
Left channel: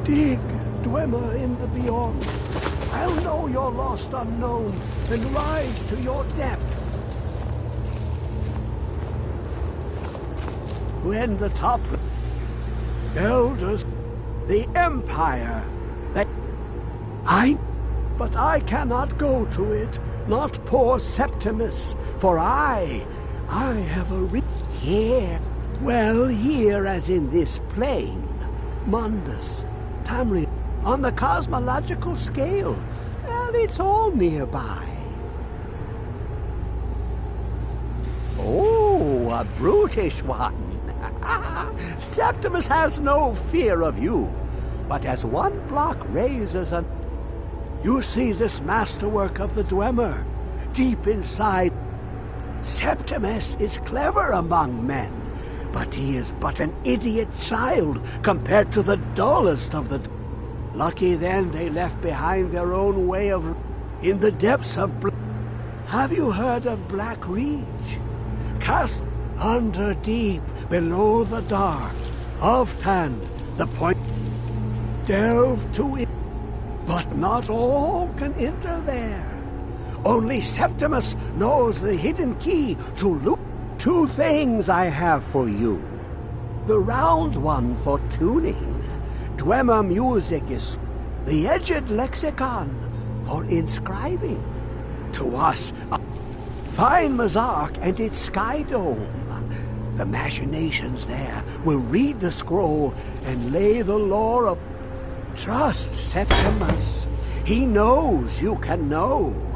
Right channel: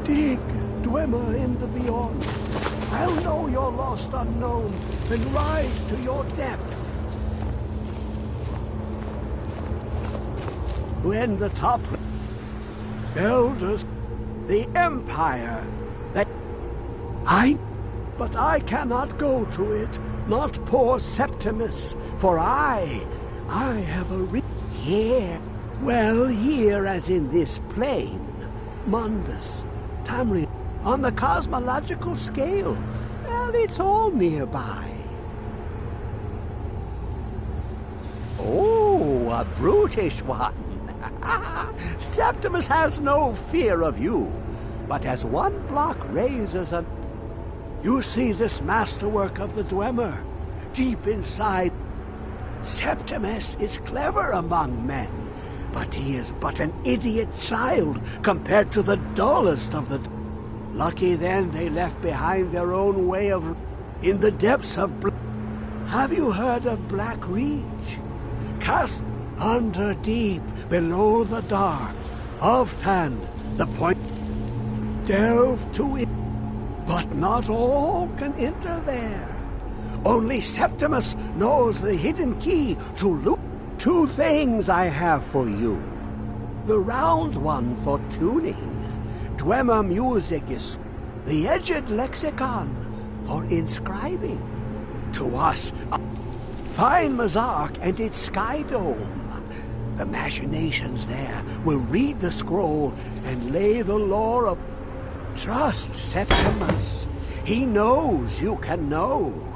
Dig, Dwemer in the beyond. I'll know your lost unknown and rise to your depths. When the top elders, the Empire, but I cannot go to it, not poor Septimus, for I have a here. Well, here as in this plane, Mundus, Tamriel, on the cosmological scale, well, it's all nearby. Oh, a brutish one. Septimus has no fear of you, but as one block raises an... You see this masterwork of the Dwemer, deep inside. Septimus is clever among men, but he is but an idiot child compared to the dullest of the... Lucky then they left behind their own way of... In the depths of... Have you heard of Black Reach? Cast under deep, below the dark, of Tand, the point... Delve to it. But not all can enter there. Only Septimus knows the hidden key to loot. 2 things I have for you. The round one for tuning. Dwemer music is the edged lexicon for inscribing. To us, fine Mazark and its sky dome. The machinations there will read the scroll and lay the lore of... Trust Septimus. He knows you can know.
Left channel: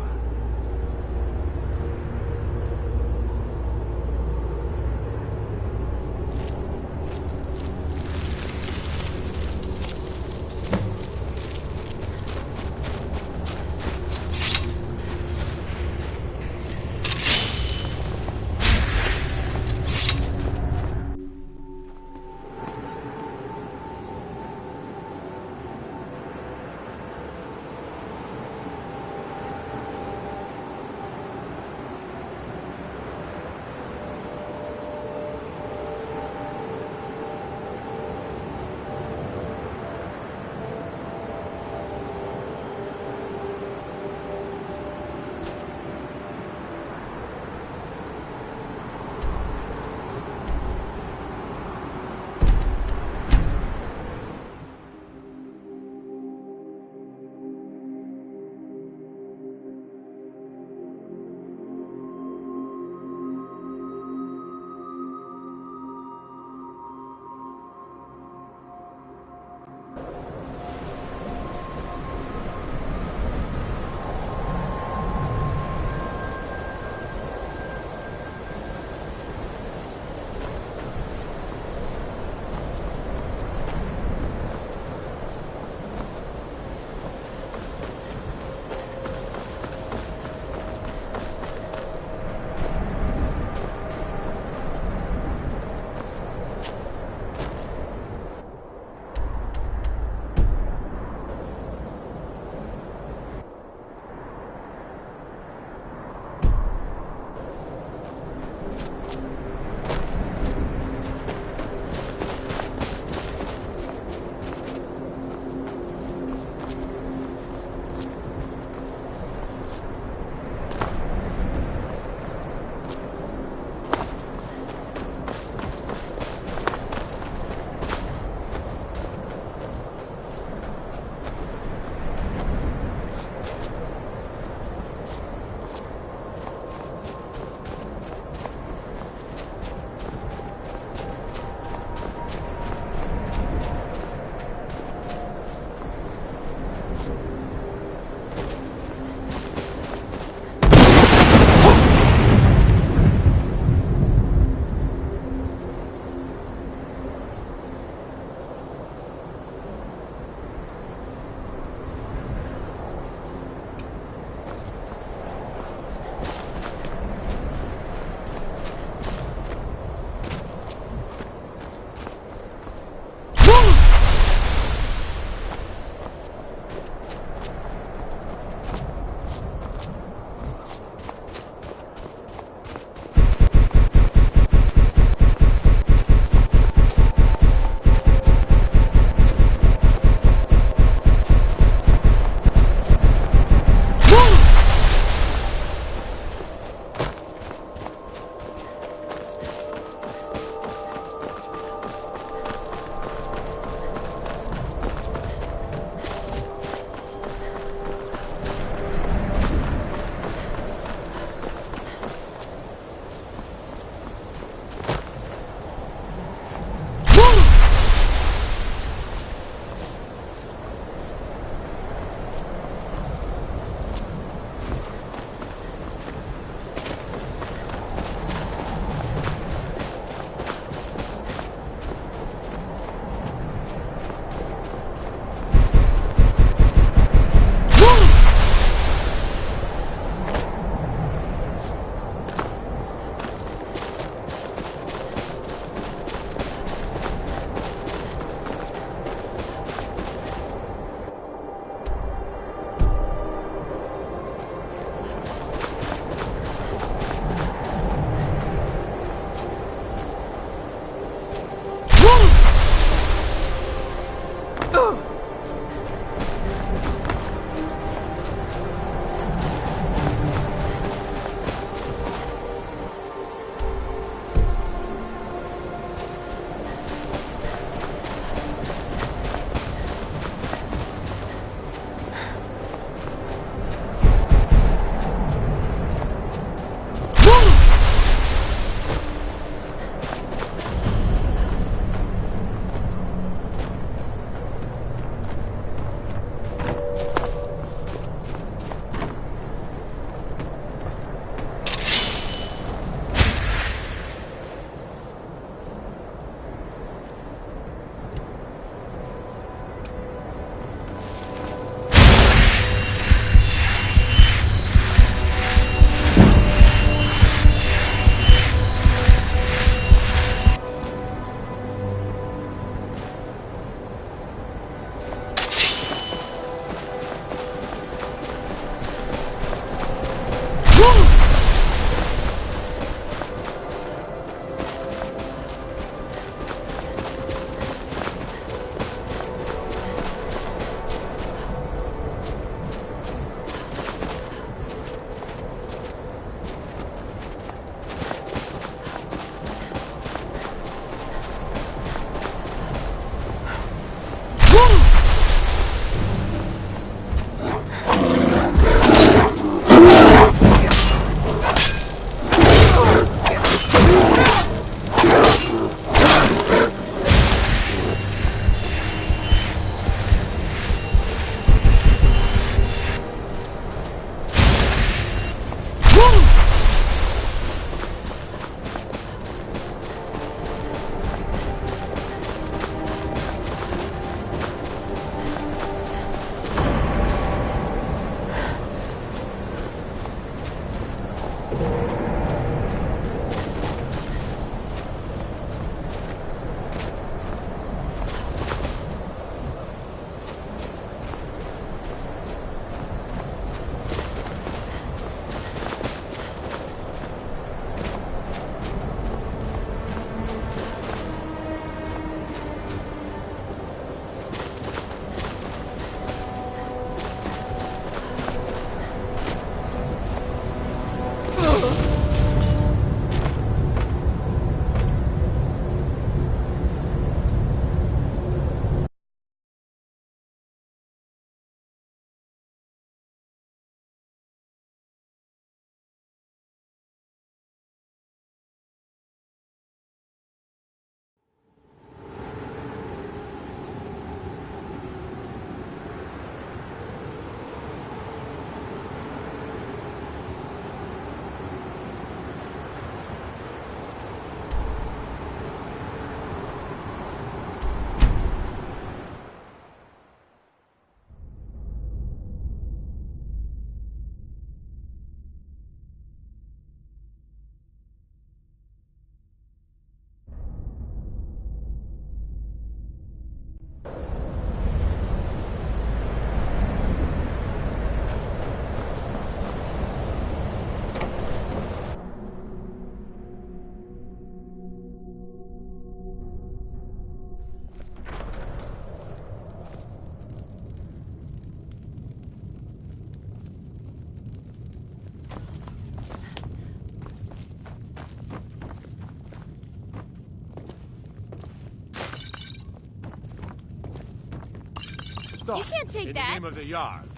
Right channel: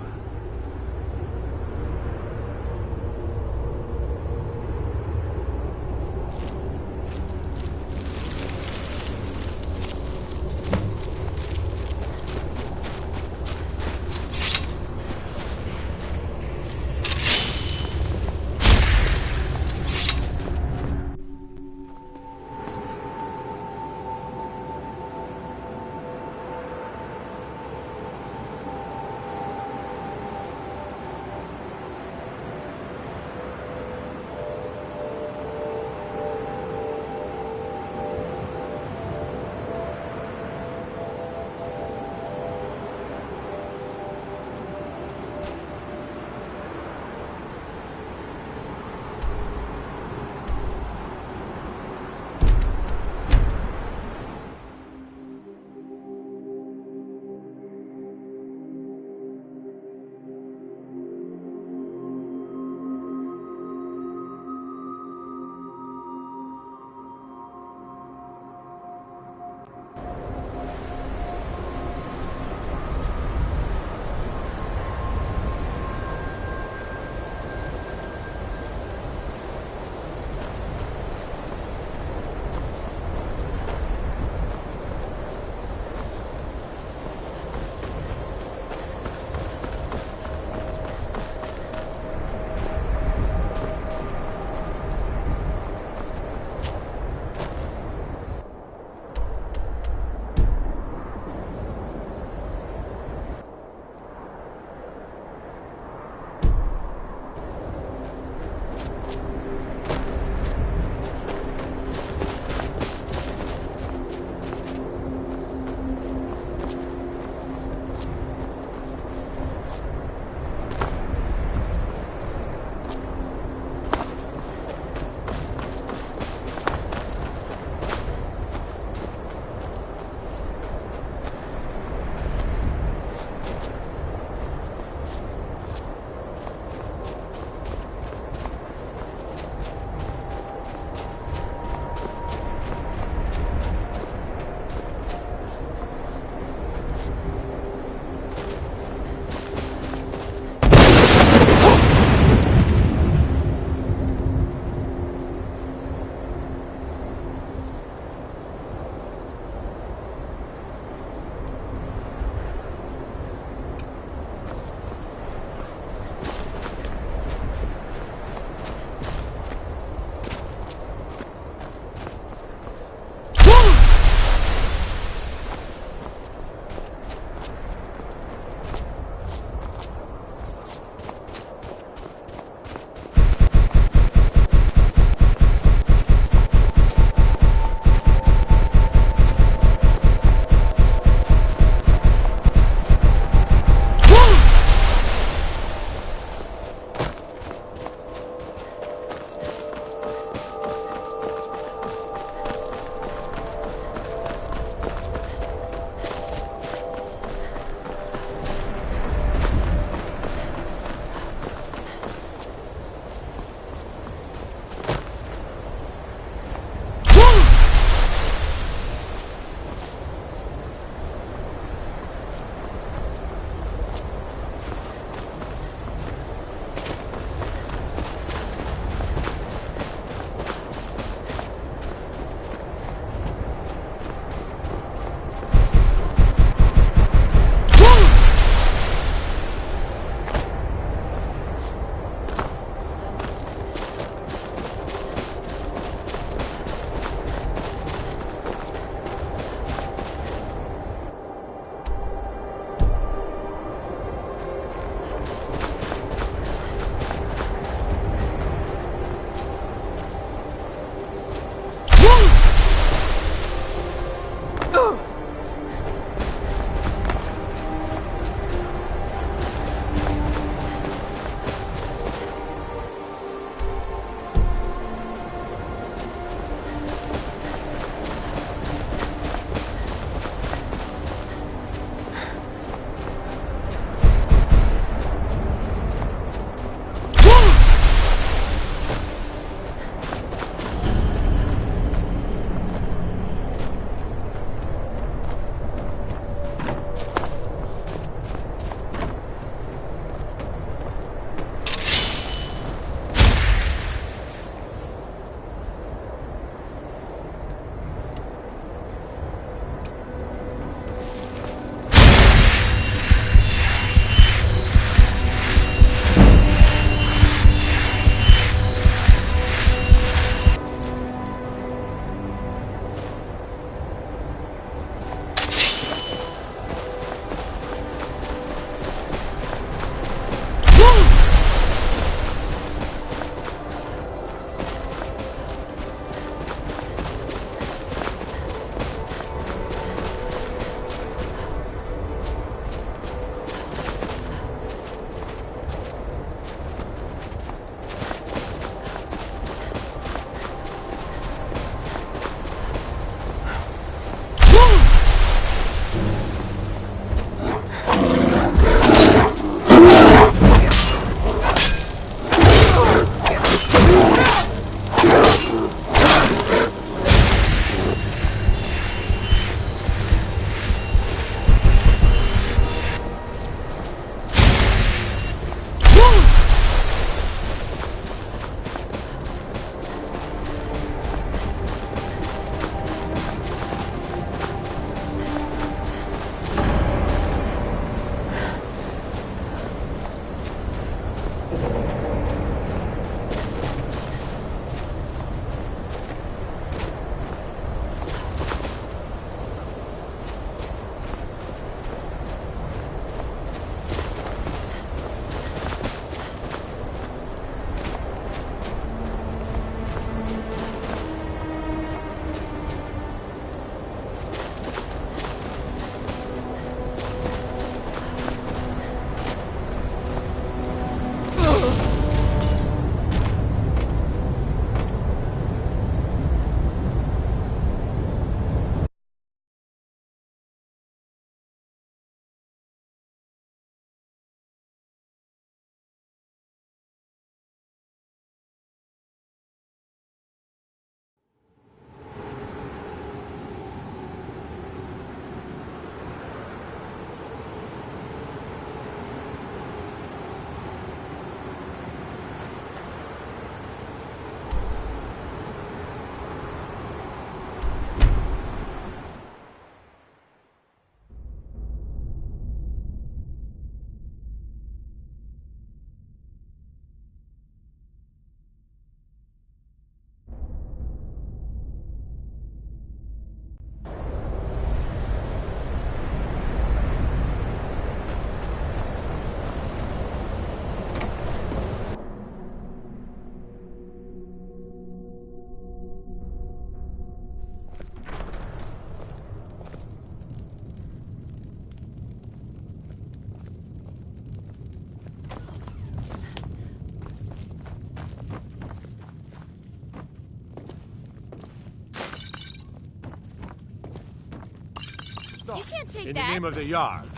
Stop. You can't take In that. the name of the Yard.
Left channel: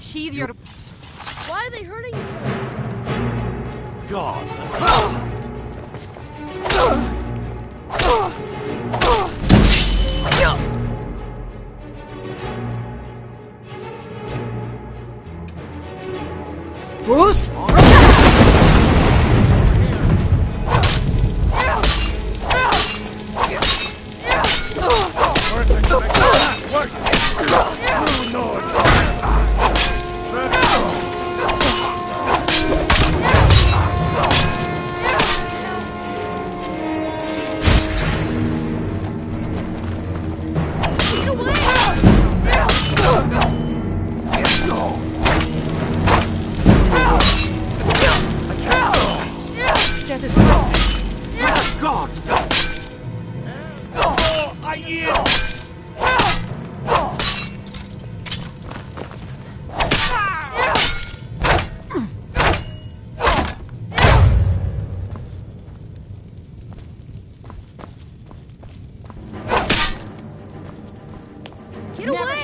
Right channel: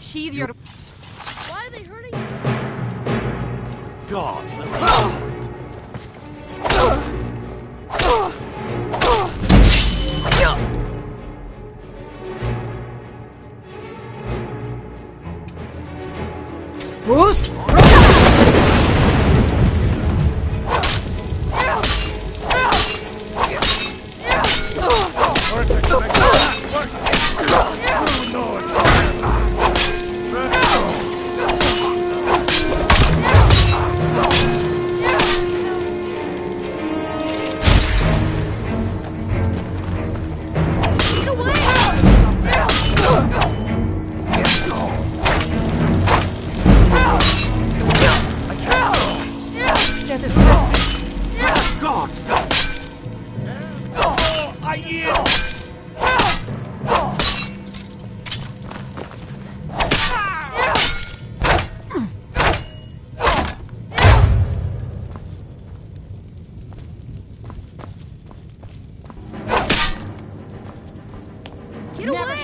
Sheathe your... Why are they hurting you? God. Bruce! Get away!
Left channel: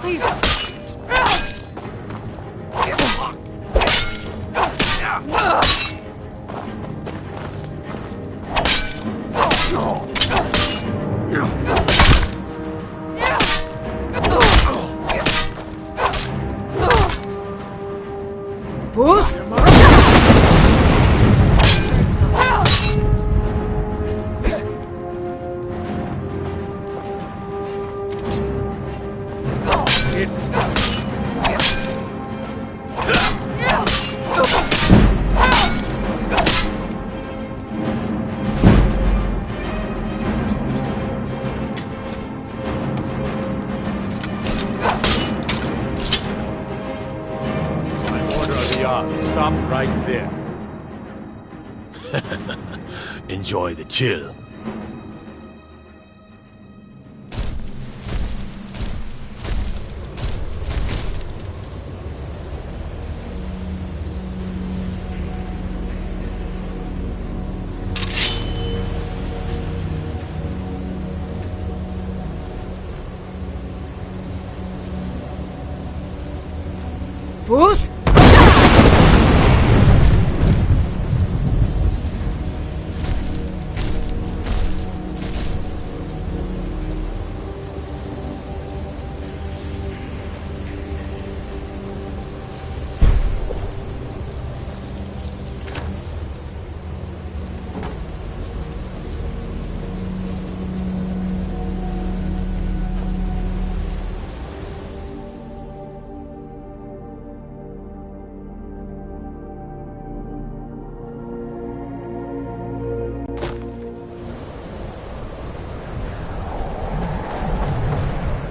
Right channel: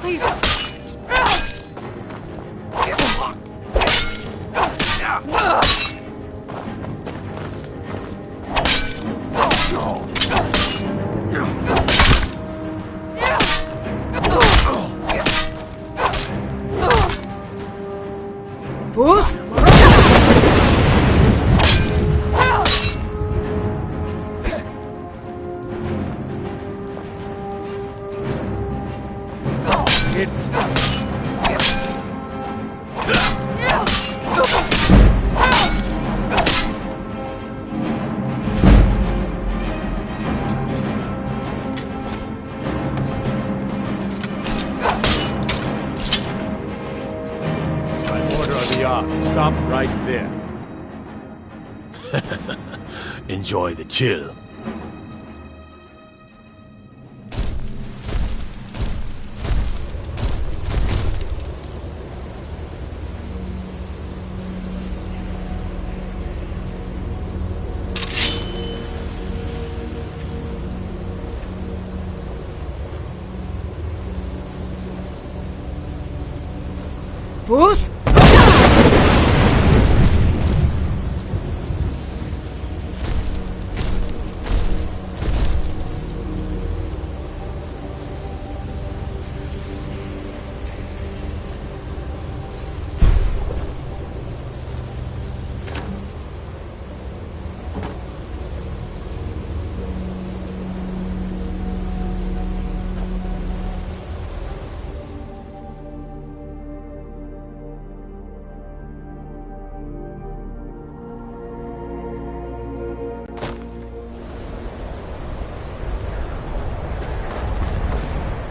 Please. Bruce! It's... By order of the Yard, stop right there. Enjoy the chill. Bruce!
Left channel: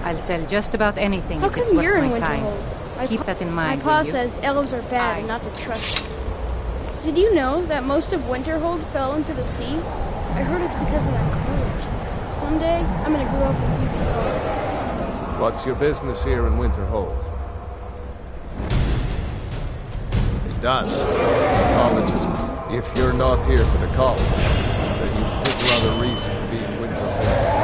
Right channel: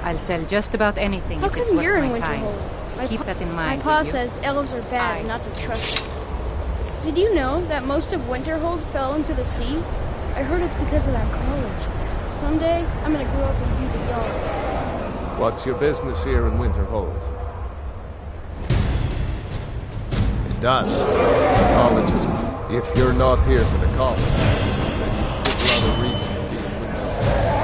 I'll sell just about anything How if it's come worth you're in my time. Winterhold? Keep that in mind, My pa will you? says elves are bad and not to trust them. Did you know that most of Winterhold fell into the sea? I heard it's because of that college. Someday, I'm gonna grow up and be the dog. What's your business here in Winterhold? It does. The college is... If you're not here for the college, then you've little other reason to be in Winterhold.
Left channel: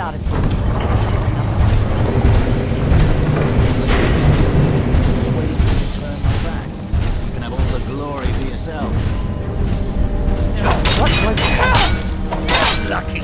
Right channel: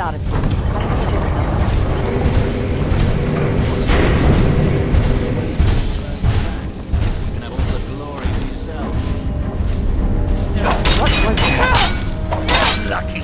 get out of here. Just waiting for you to turn my back. You can have all the glory for yourself. What was that? Lucky.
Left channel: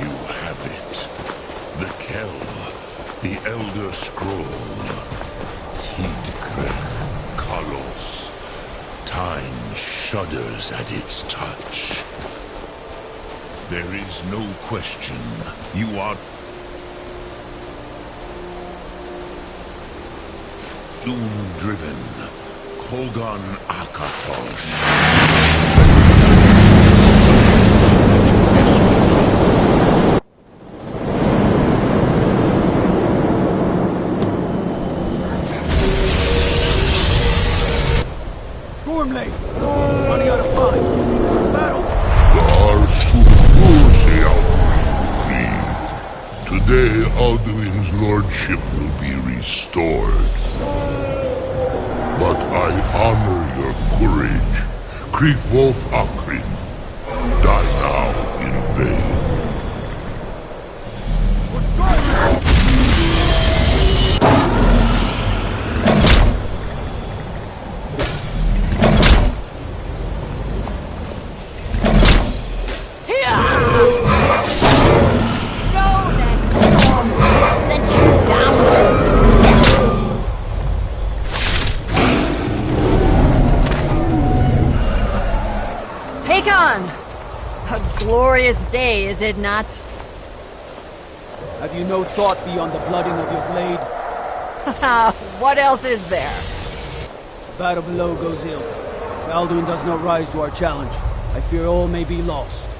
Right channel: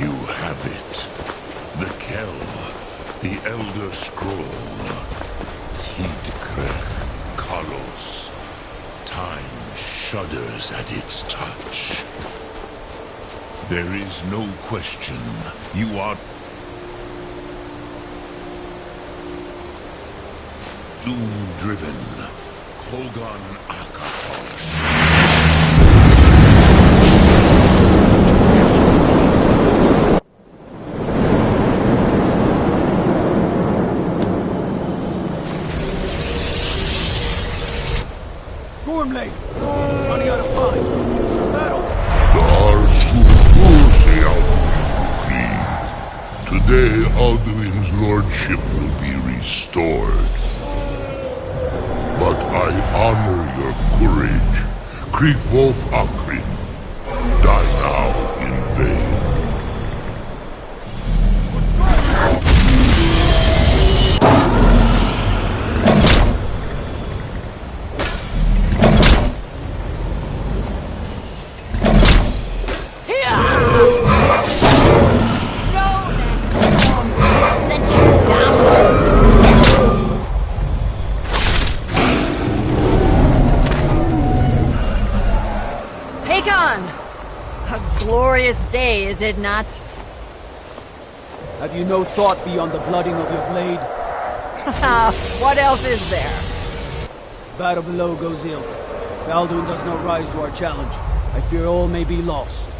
You have it. The Kell, the Elder Scroll. Tidkrech Kalos. Time shudders at its touch. There is no question. You are doom-driven. Kogan Akatosh. Gormley! Running out of time! Battle! Today, Alduin's lordship will be restored. But I honor your courage. Kriegwolf Akrin. Die now in vain. Glorious day, is it not? Have you no thought beyond the blooding of your blade? What else is there? The battle below goes ill. If Alduin does not rise to our challenge, I fear all may be lost.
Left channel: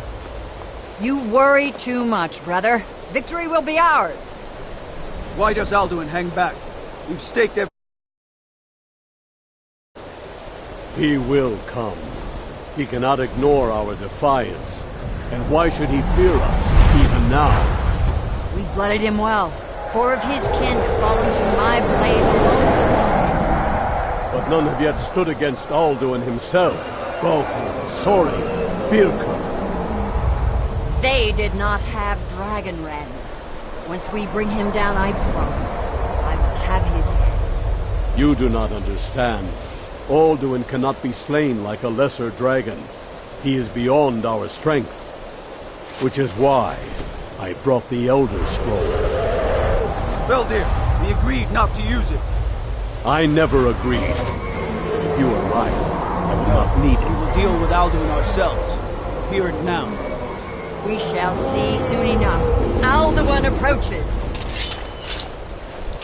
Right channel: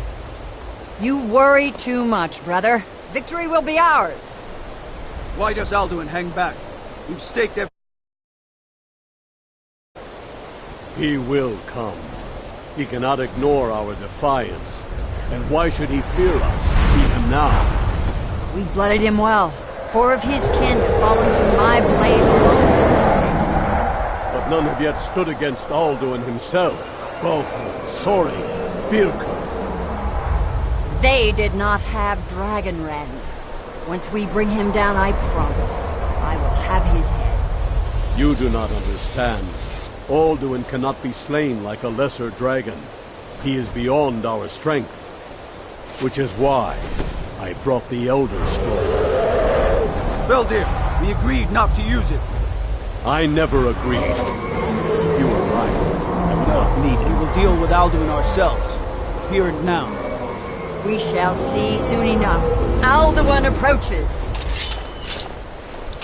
You worry too much, brother. Victory will be ours. Why does Alduin hang back? We've staked every... He will come. He cannot ignore our defiance. And why should he fear us, even now? We blooded him well. 4 of his kin have fallen to my blade alone yesterday. But none have yet stood against Alduin himself. Balthor, Sori, Birka. They did not have Dragonrend. Once we bring him down, I promise, I will have his head. You do not understand. Alduin cannot be slain like a lesser dragon. He is beyond our strength. Which is why I brought the Elder Scroll. Veldir, we agreed not to use it. I never agreed. If you are right, I will not need it. We will deal with Alduin ourselves. Here and now. We shall see soon enough. Alduin approaches.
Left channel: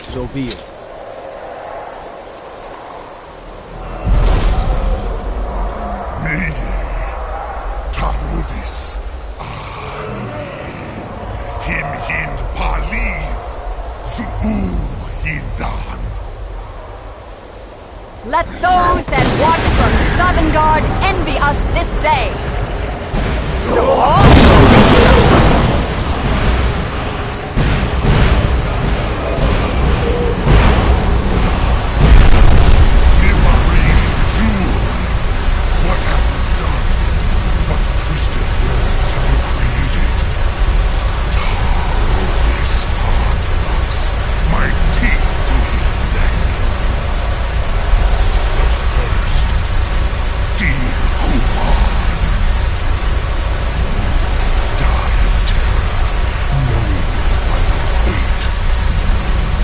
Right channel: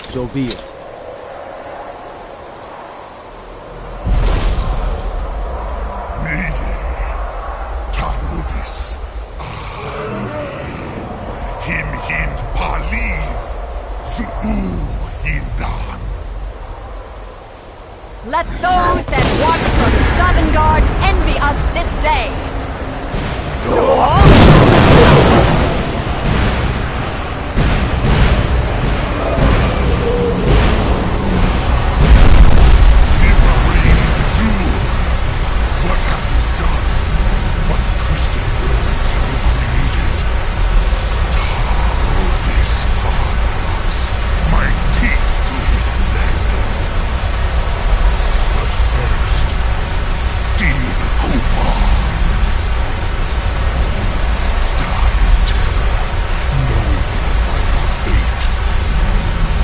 So be it. Tarudis. Him hind paliv, zuu hindan. Let those that watch from Savangard envy us this day. What have you done? What twisted words have you created? Tarudis locks my teeth to his neck. But first, dear Kuman, die in terror, knowing your final fate.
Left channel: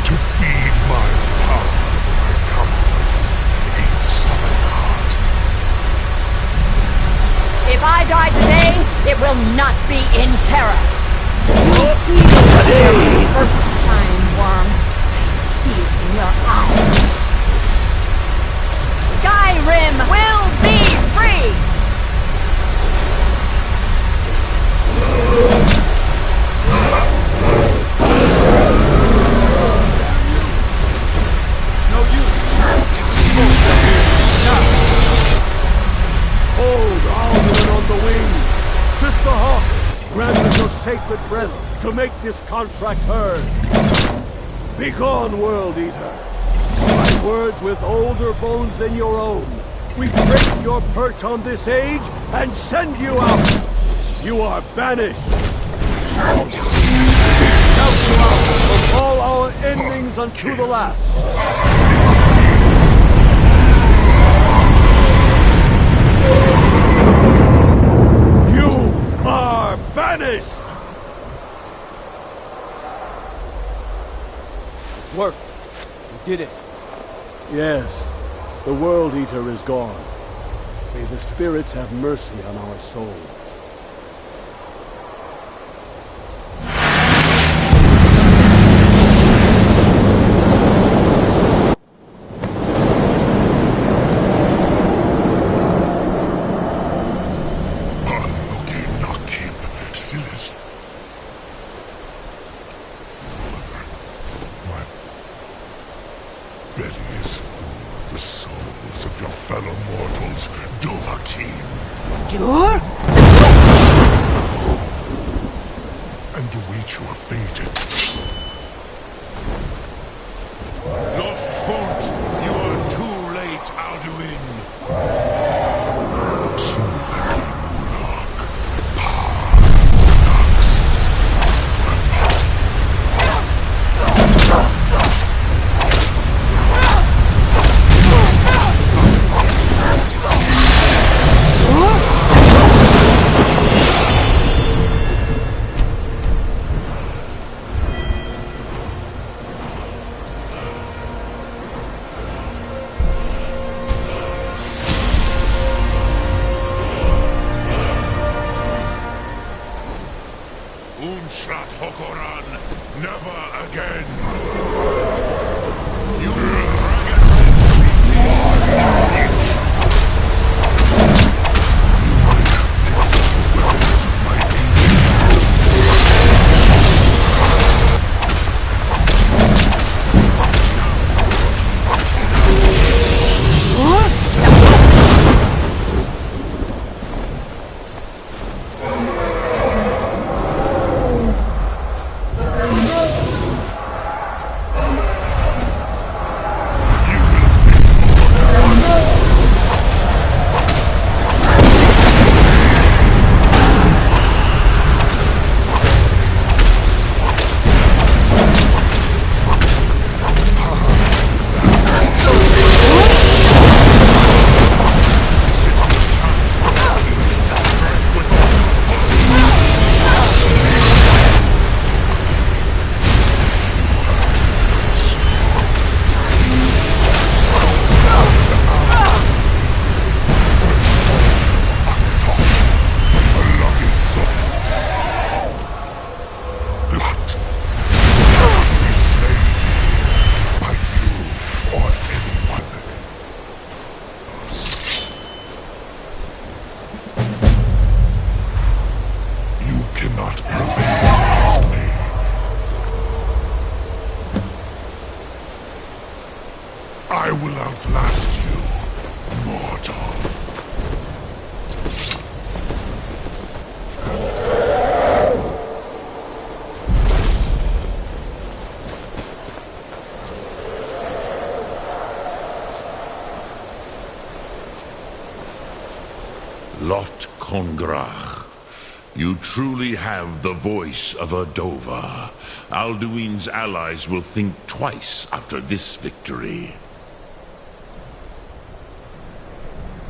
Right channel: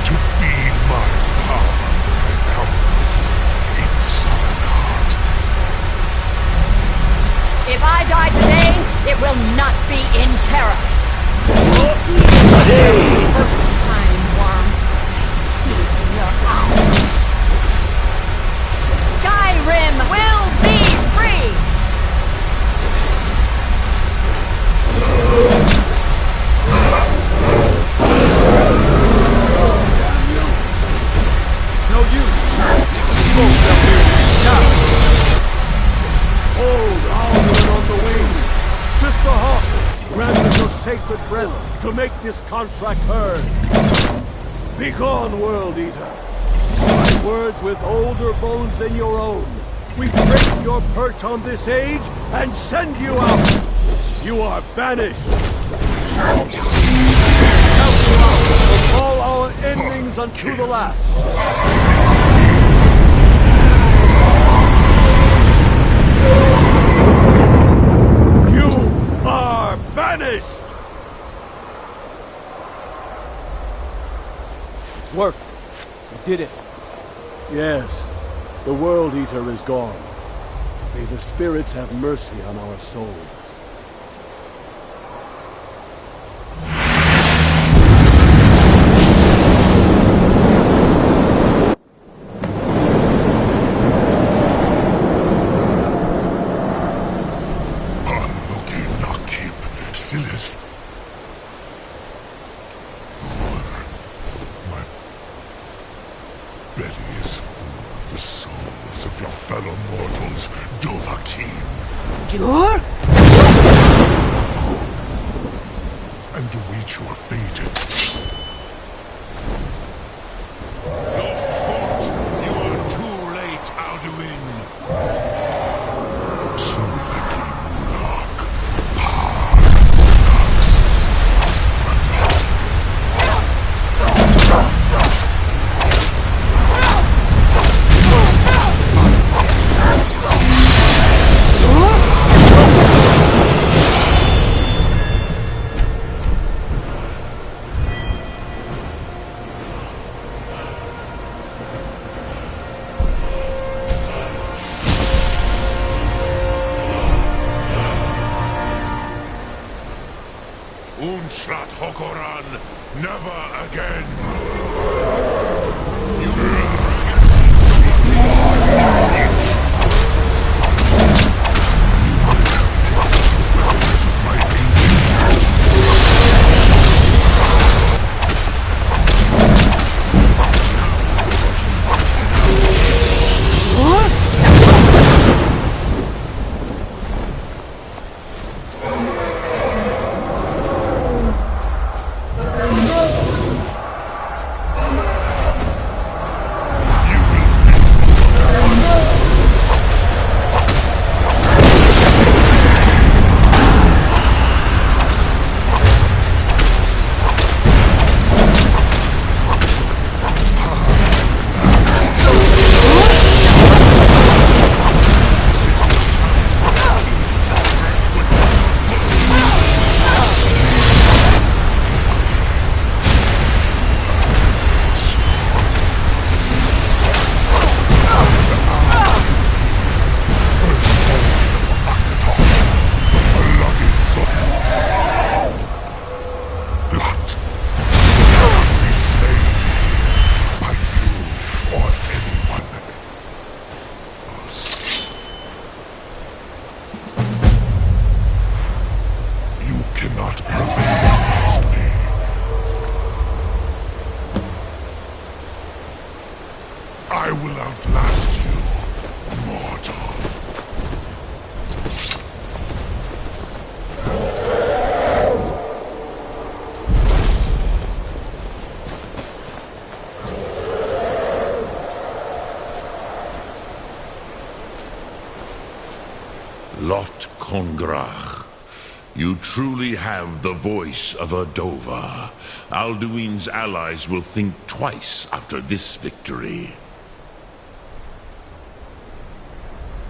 To feed my power when I come for you in Savangard. If I die today, it will not be in terror. First time, worm. I see it in your eyes. Skyrim will be free! It's no use. Smoke up here. Now. Hold Alduin on the wing! Sister Hawk, grant us your sacred breath to make this contract heard! Begone, World Eater! My words with older bones than your own, we break your perch on this age and send you out! You are banished! Count you out from all our endings unto the last! You are banished! Work. We did it. Yes. The World Eater is gone. May the spirits have mercy on our souls. Silas. My belly is full of the souls of your fellow mortals, Dovahkiin. Dur? And await your fate. Lost Fort, you are too late, Alduin. Unshrat Hokoran, never again. Cannot prevail against me. I will outlast you, mortal. Lot Kongrach. You truly have the voice of a Dova. Alduin's allies will think twice after this victory.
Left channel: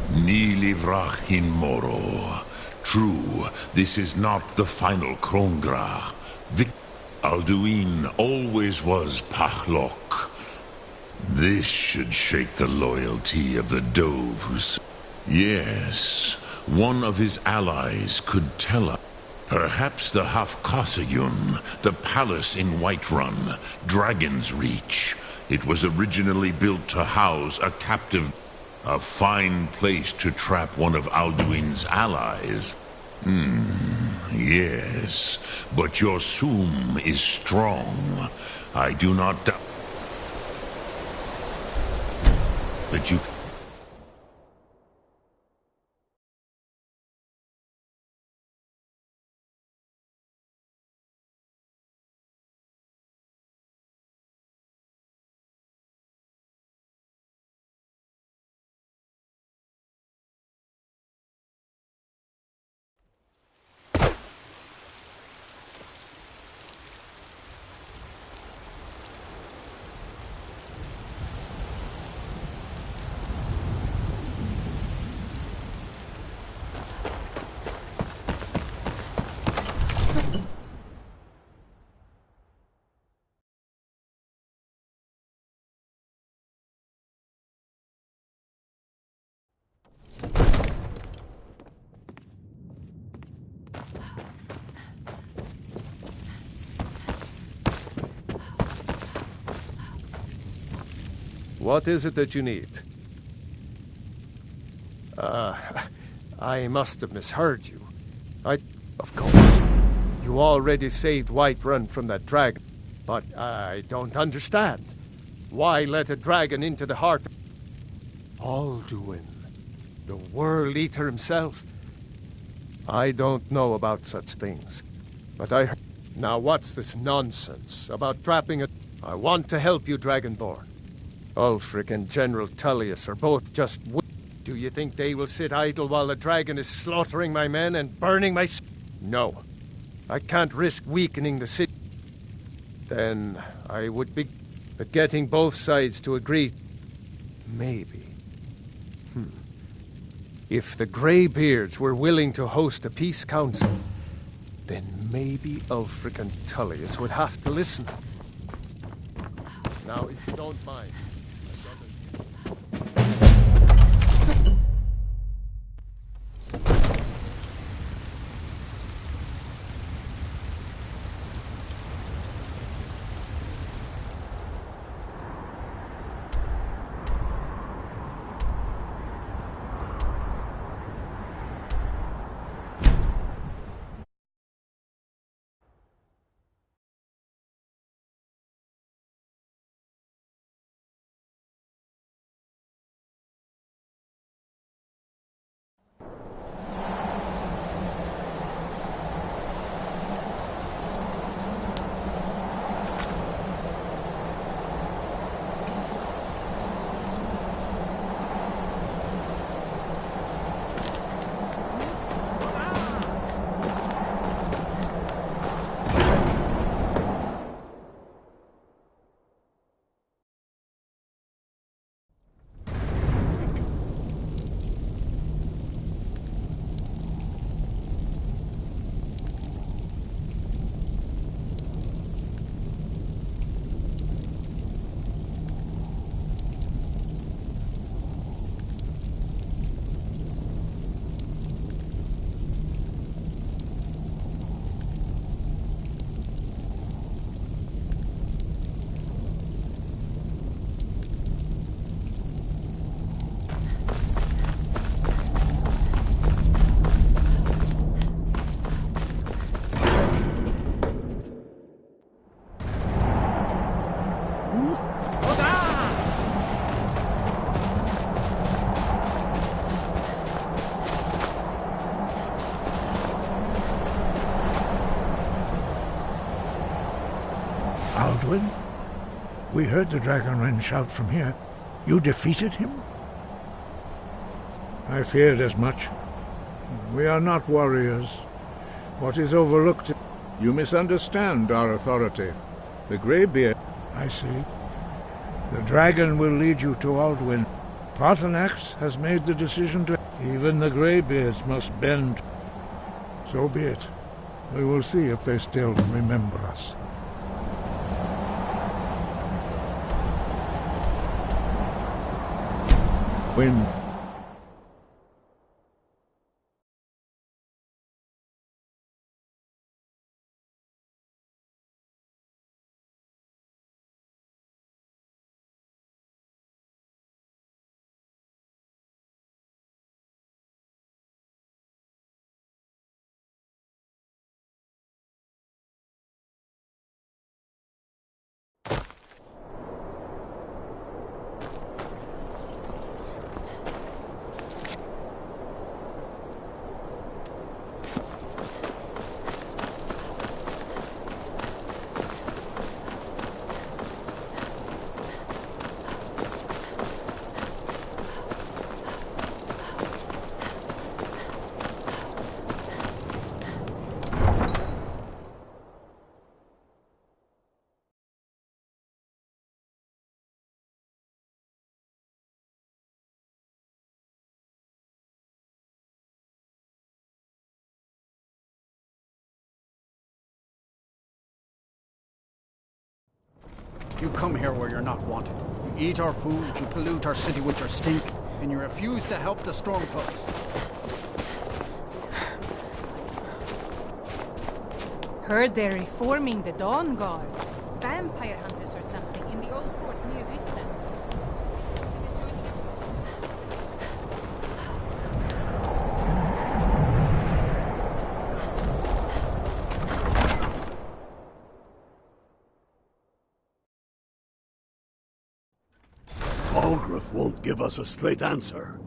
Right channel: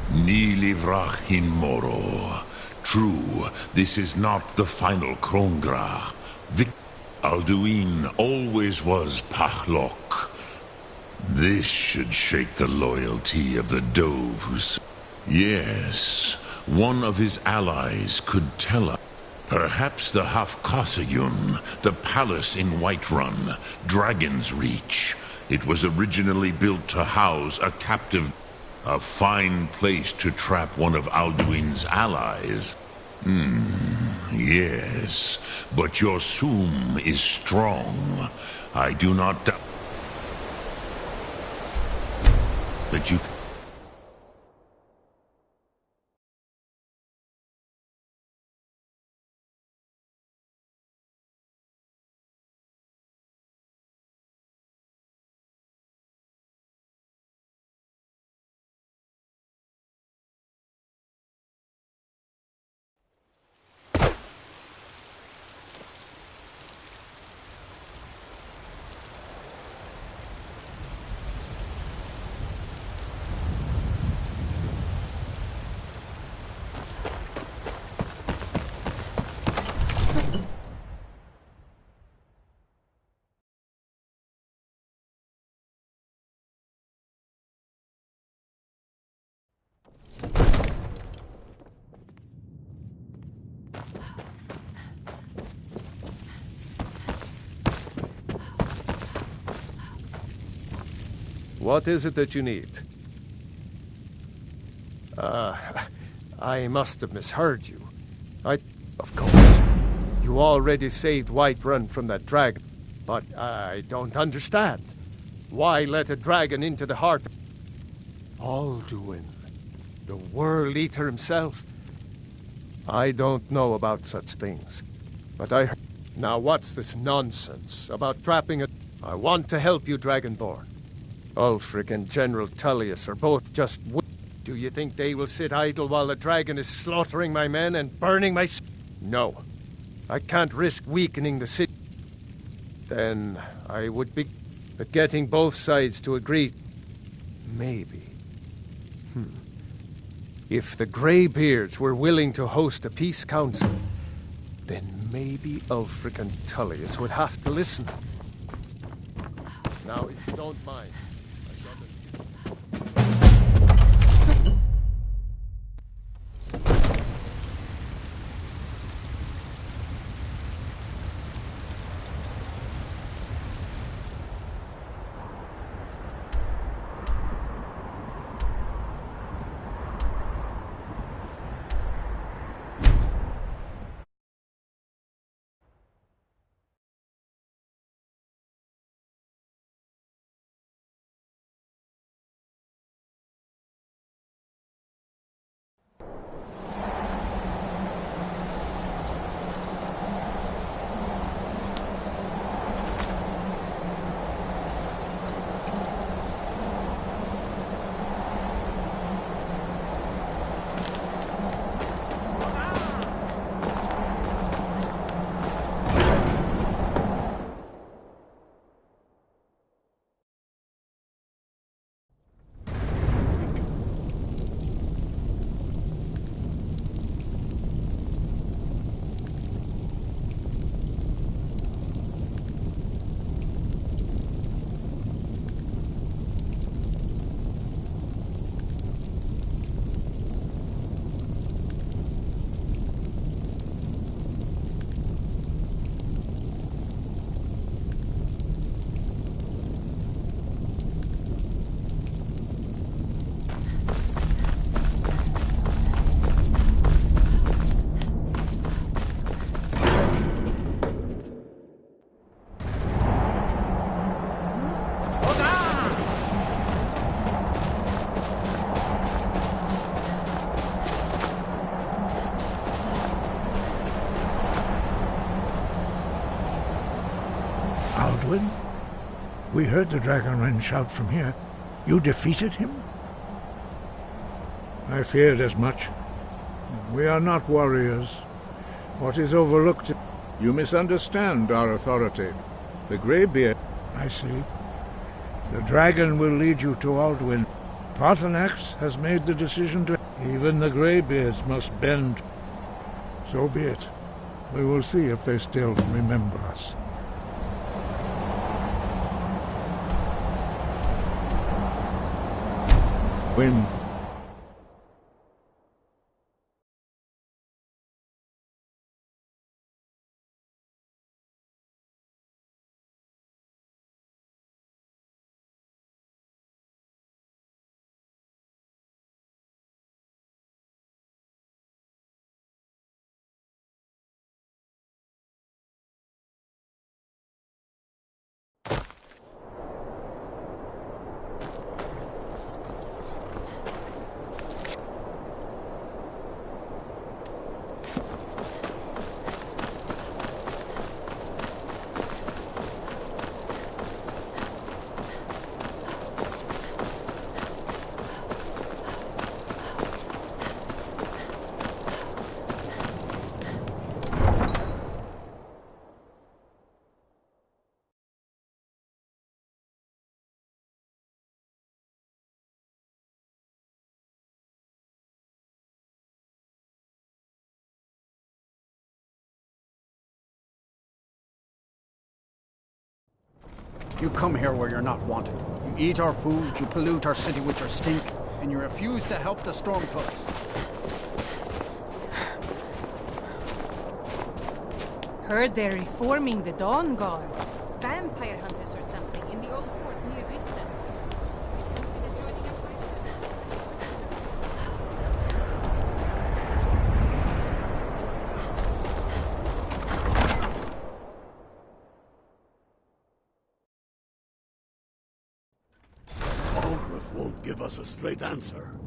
Ni livrach hin moro. True, this is not the final Kongrach. Alduin always was Pachlok. This should shake the loyalty of the Dove who's... Yes, one of his allies could tell us. Perhaps the Hafkasayun, the palace in Whiterun, Dragon's Reach. It was originally built to house a captive. A fine place to trap one of Alduin's allies. Yes, but your Sum is strong. I do not doubt that you... What is it that you need? I must have misheard you. Of course, you already saved Whiterun from that dragon, but I don't understand. Why let a dragon into the heart? Alduin, the World Eater himself. I don't know about such things, but I heard. Now what's this nonsense about trapping a... I want to help you, Dragonborn. Ulfric and General Tullius are both just... Do you think they will sit idle while the dragon is slaughtering my men and burning my... No. I can't risk weakening the city. Then I would be... But getting both sides to agree... Maybe. If the Greybeards were willing to host a peace council, then maybe Ulfric and Tullius would have to listen. Now, if you don't mind... Alduin? We heard the Dragonren shout from here. You defeated him? I feared as much. We are not warriors. What is overlooked... You misunderstand our authority. The Greybeard... I see. The dragon will lead you to Alduin. Paarthurnax has made the decision to... Even the Greybeards must bend. So be it. We will see if they still remember us. When... You come here where you're not wanted. You eat our food, you pollute our city with your stink, and you refuse to help the Stormcloaks. Heard they're reforming the Dawn Guard. Vampire hunters or something in the old fort near Riftland. Consider joining up with Algrif won't give us a straight answer.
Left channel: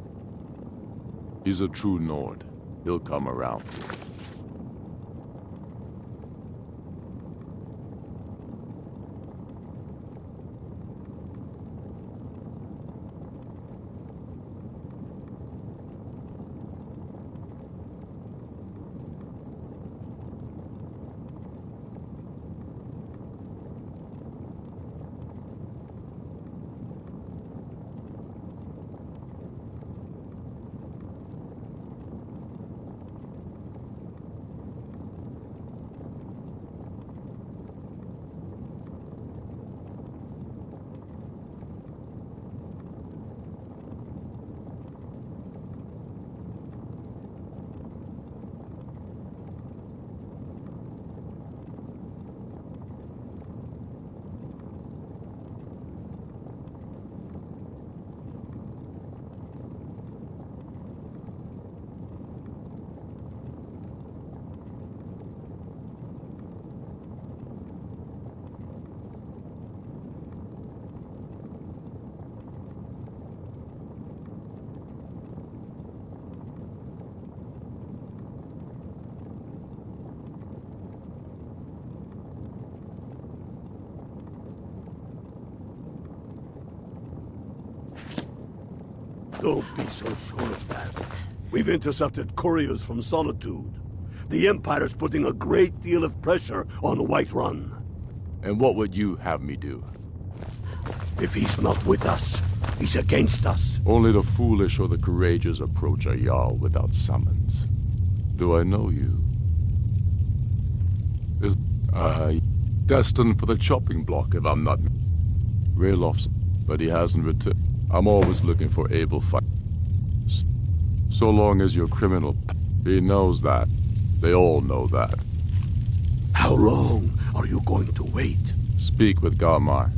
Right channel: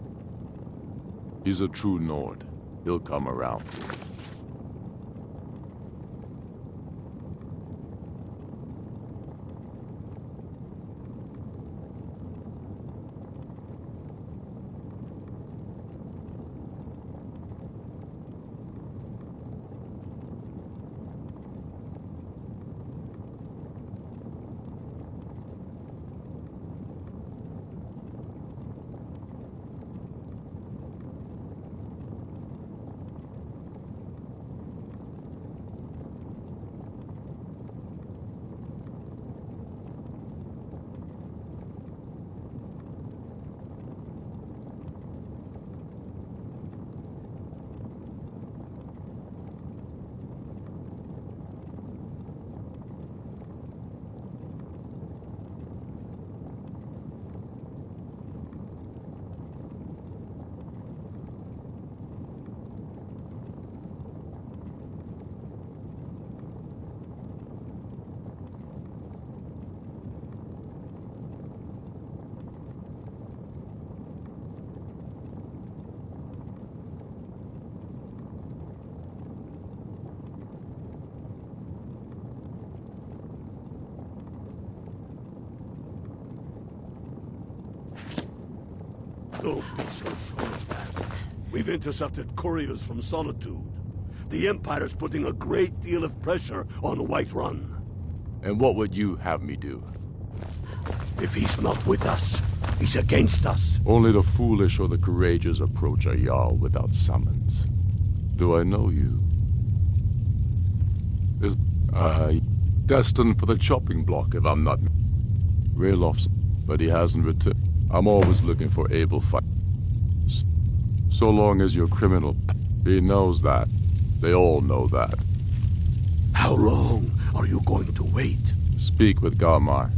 He's a true Nord. He'll come around. Don't be so sure of that. We've intercepted couriers from Solitude. The Empire's putting a great deal of pressure on Whiterun. And what would you have me do? If he's not with us, he's against us. Only the foolish or the courageous approach a Jarl without summons. Do I know you? Is I destined for the chopping block if I'm not... Raylof's, but he hasn't returned. I'm always looking for able fighters. So long as you're criminal, he knows that. They all know that. How long are you going to wait? Speak with Garmar.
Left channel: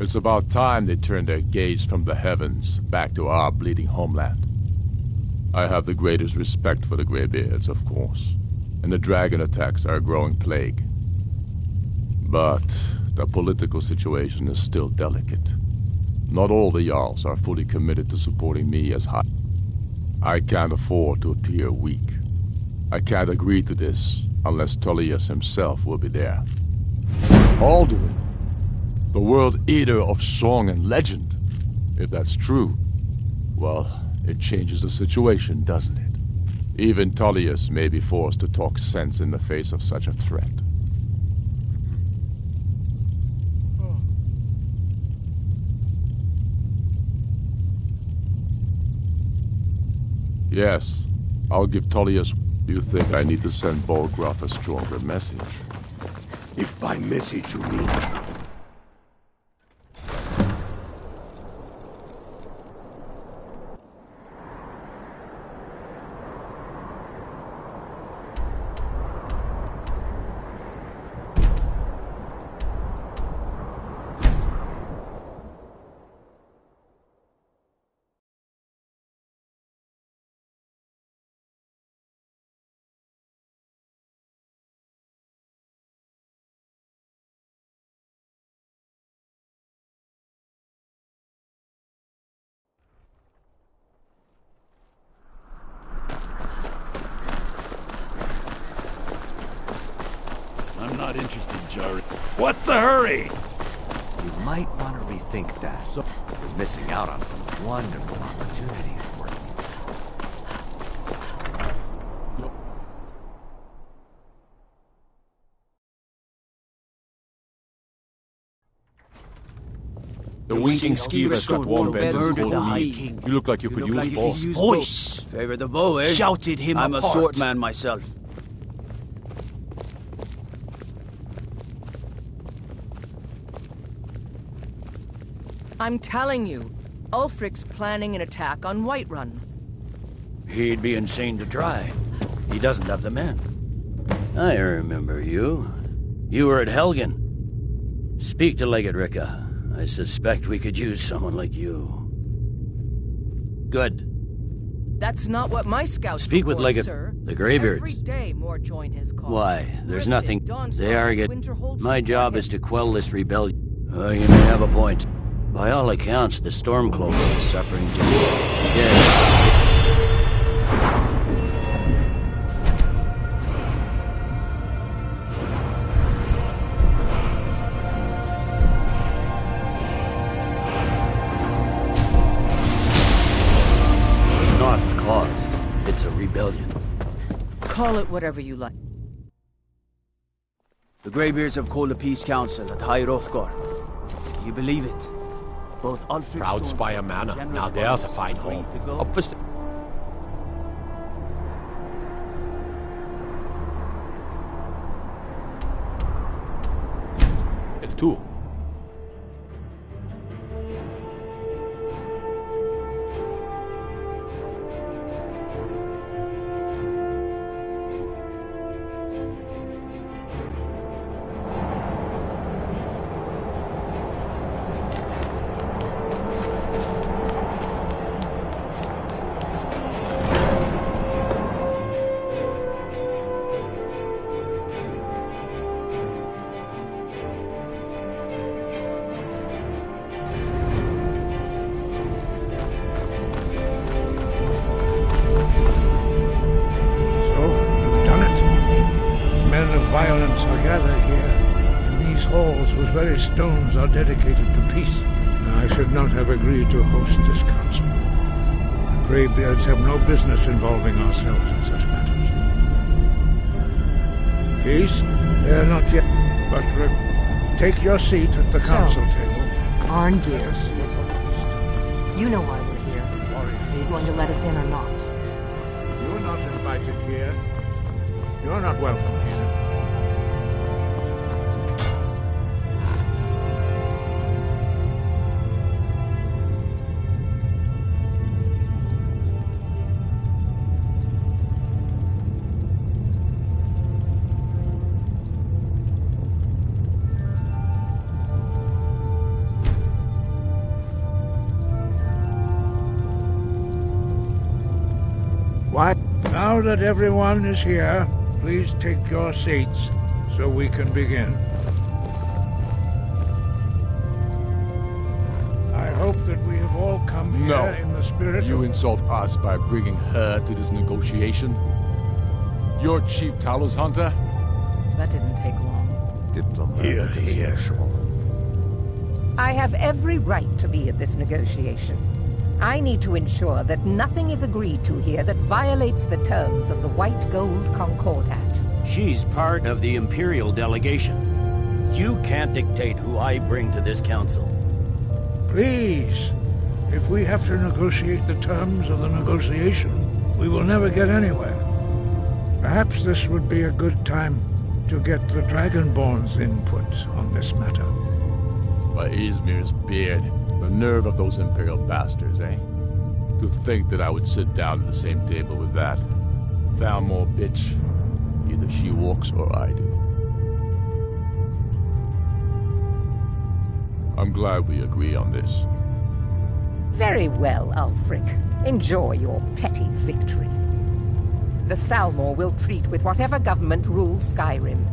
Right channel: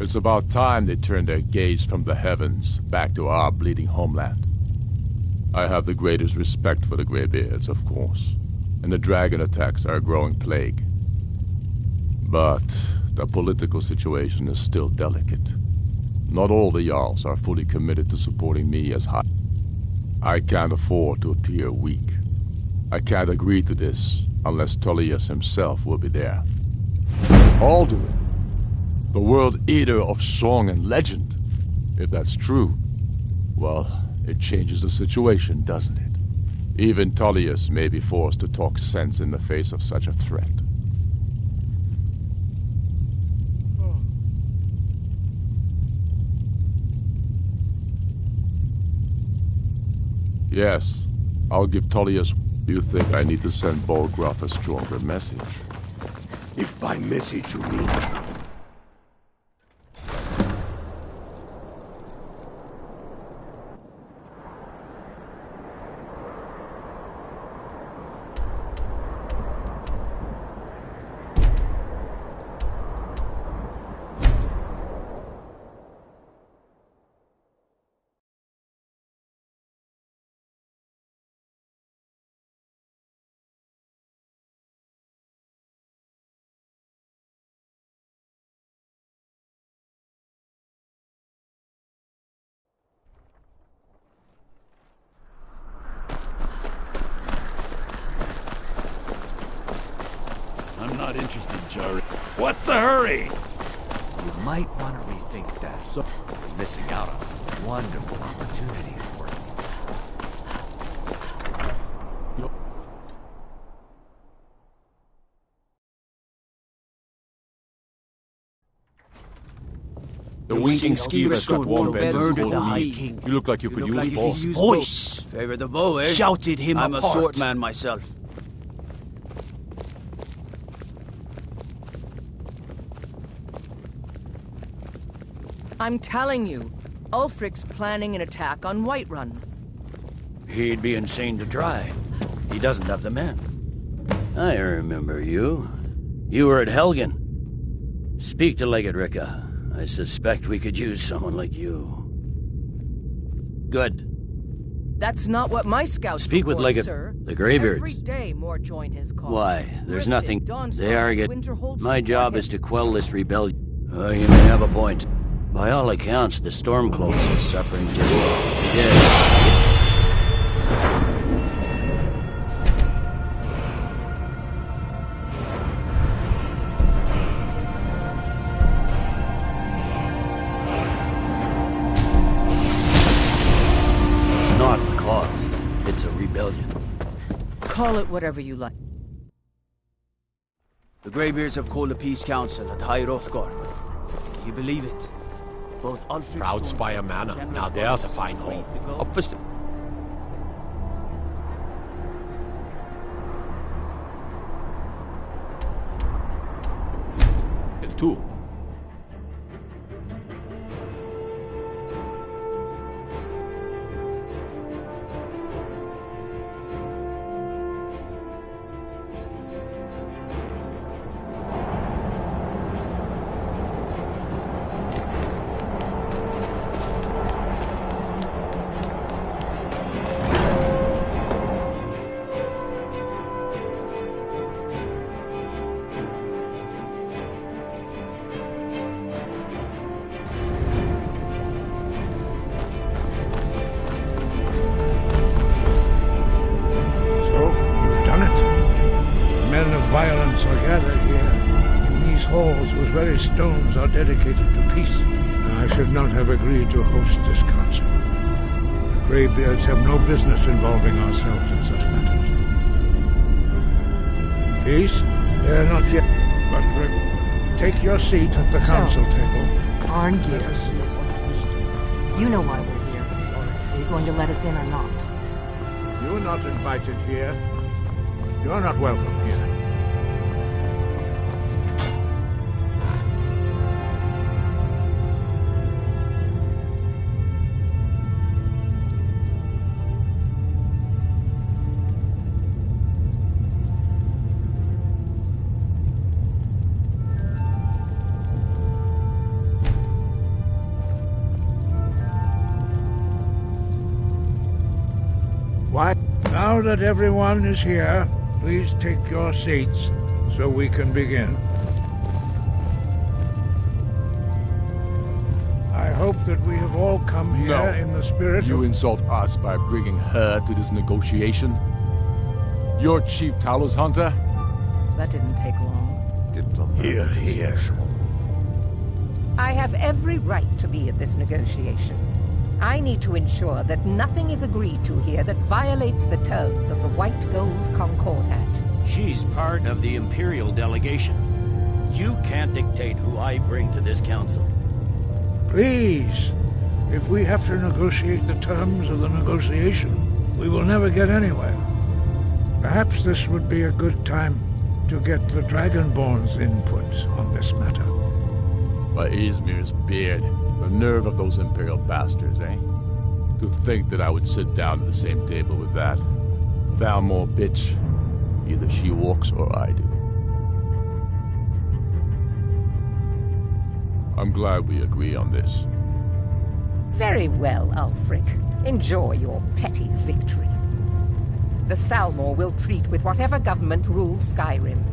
It's about time they turned their gaze from the heavens back to our bleeding homeland. I have the greatest respect for the Greybeards, of course, and the dragon attacks are a growing plague. But the political situation is still delicate. Not all the Jarls are fully committed to supporting me as high. I can't afford to appear weak. I can't agree to this unless Tullius himself will be there. Alduin, the World Eater of song and legend. If that's true, well, it changes the situation, doesn't it? Even Tullius may be forced to talk sense in the face of such a threat. Yes, I'll give Tullius. You think I need to send Bolgroth a stronger message? If by message you mean... I'm not interested, Jari. What's the hurry? You might want to rethink that. You're missing out on some wonderful opportunities working. The winking skeever's got warm beds and cold meat. You look like you could use both. Voice! Favor the bow, eh? Shouted him I'm apart. a swordman myself. I'm telling you, Ulfric's planning an attack on Whiterun. He'd be insane to try. He doesn't have the men. I remember you. You were at Helgen. Speak to Legate Ricka. I suspect we could use someone like you. Good. That's not what my scouts Speak with report, Legate... sir. The Greybeards. Every day more join his cause. Why? There's nothing... Dawn's They are get... Winterhold My support job him. is to quell this rebellion. You may have a point. By all accounts, the Stormcloaks are suffering just... Yes. It's not a cause. It's a rebellion. Call it whatever you like. The Greybeards have called a peace council at High Hrothgar. Can you believe it? Both Ulfric Proud Spire Manor. Now there's a fine home. Up for... El tú. Men of violence are gathered here, in these halls whose very stones are dedicated to peace. I should not have agreed to host this council. The Greybeards have no business involving ourselves in such matters. Peace? They're not yet, but take your seat at the council table. Arngeir, is it? You know why we're here. Are you going to let us in or not? You're not invited here. You're not welcome here. Why? Now that everyone is here, please take your seats so we can begin. I hope that we have all come here in the spirit You of... insult us by bringing her to this negotiation? You're Chief Talos Hunter? That didn't take long. Here, here. I have every right to be at this negotiation. I need to ensure that nothing is agreed to here that violates the terms of the White Gold Concordat. She's part of the Imperial delegation. You can't dictate who I bring to this council. Please, if we have to negotiate the terms of the negotiation, we will never get anywhere. Perhaps this would be a good time to get the Dragonborn's input on this matter. By Izmir's beard, the nerve of those Imperial bastards, eh? To think that I would sit down at the same table with that. Thalmor bitch. Either she walks or I do. I'm glad we agree on this. Very well, Ulfric. Enjoy your petty victory. The Thalmor will treat with whatever government rules Skyrim.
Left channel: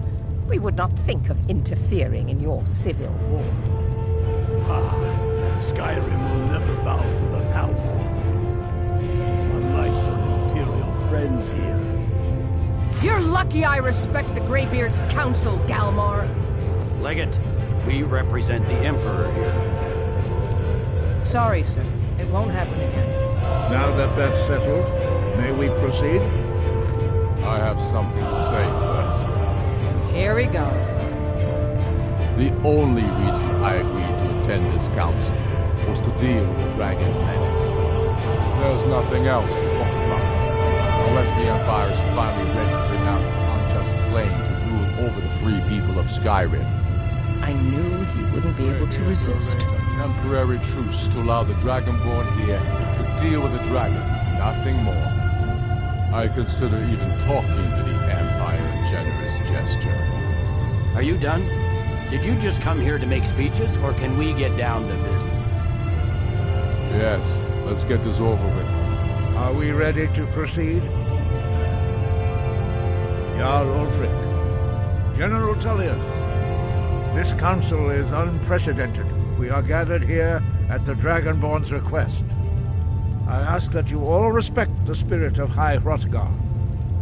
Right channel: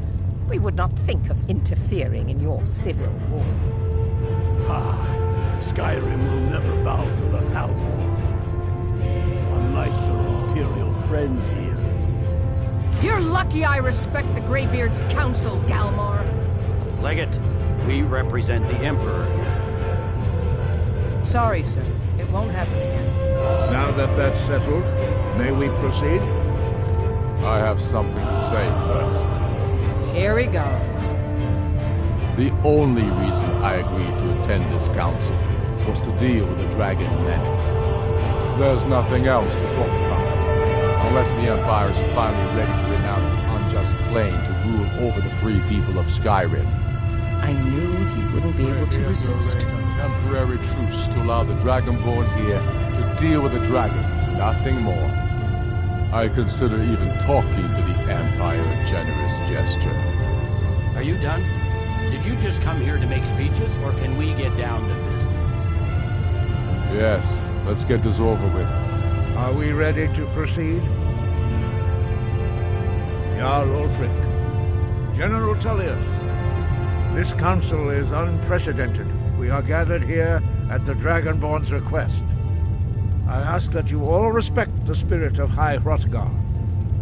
We would not think of interfering in your civil war. Skyrim will never bow to the Thalmor. Unlike your Imperial friends here. You're lucky I respect the Greybeard's counsel, Galmar. Legate, we represent the Emperor here. Sorry, sir. It won't happen again. Now that that's settled, may we proceed? I have something to say first. Here we go. The only reason I agreed to attend this council was to deal with the dragon menace. There's nothing else to talk about. Unless the Empire is finally ready to renounce its unjust claim to rule over the free people of Skyrim. I knew he wouldn't be able to resist. A temporary truce to allow the Dragonborn here to deal with the dragons, nothing more. I consider even talking to the Empire a generous gesture. Are you done? Did you just come here to make speeches, or can we get down to business? Yes, let's get this over with. Are we ready to proceed? Jarl Ulfric, General Tullius, this council is unprecedented. We are gathered here at the Dragonborn's request. I ask that you all respect the spirit of High Hrothgar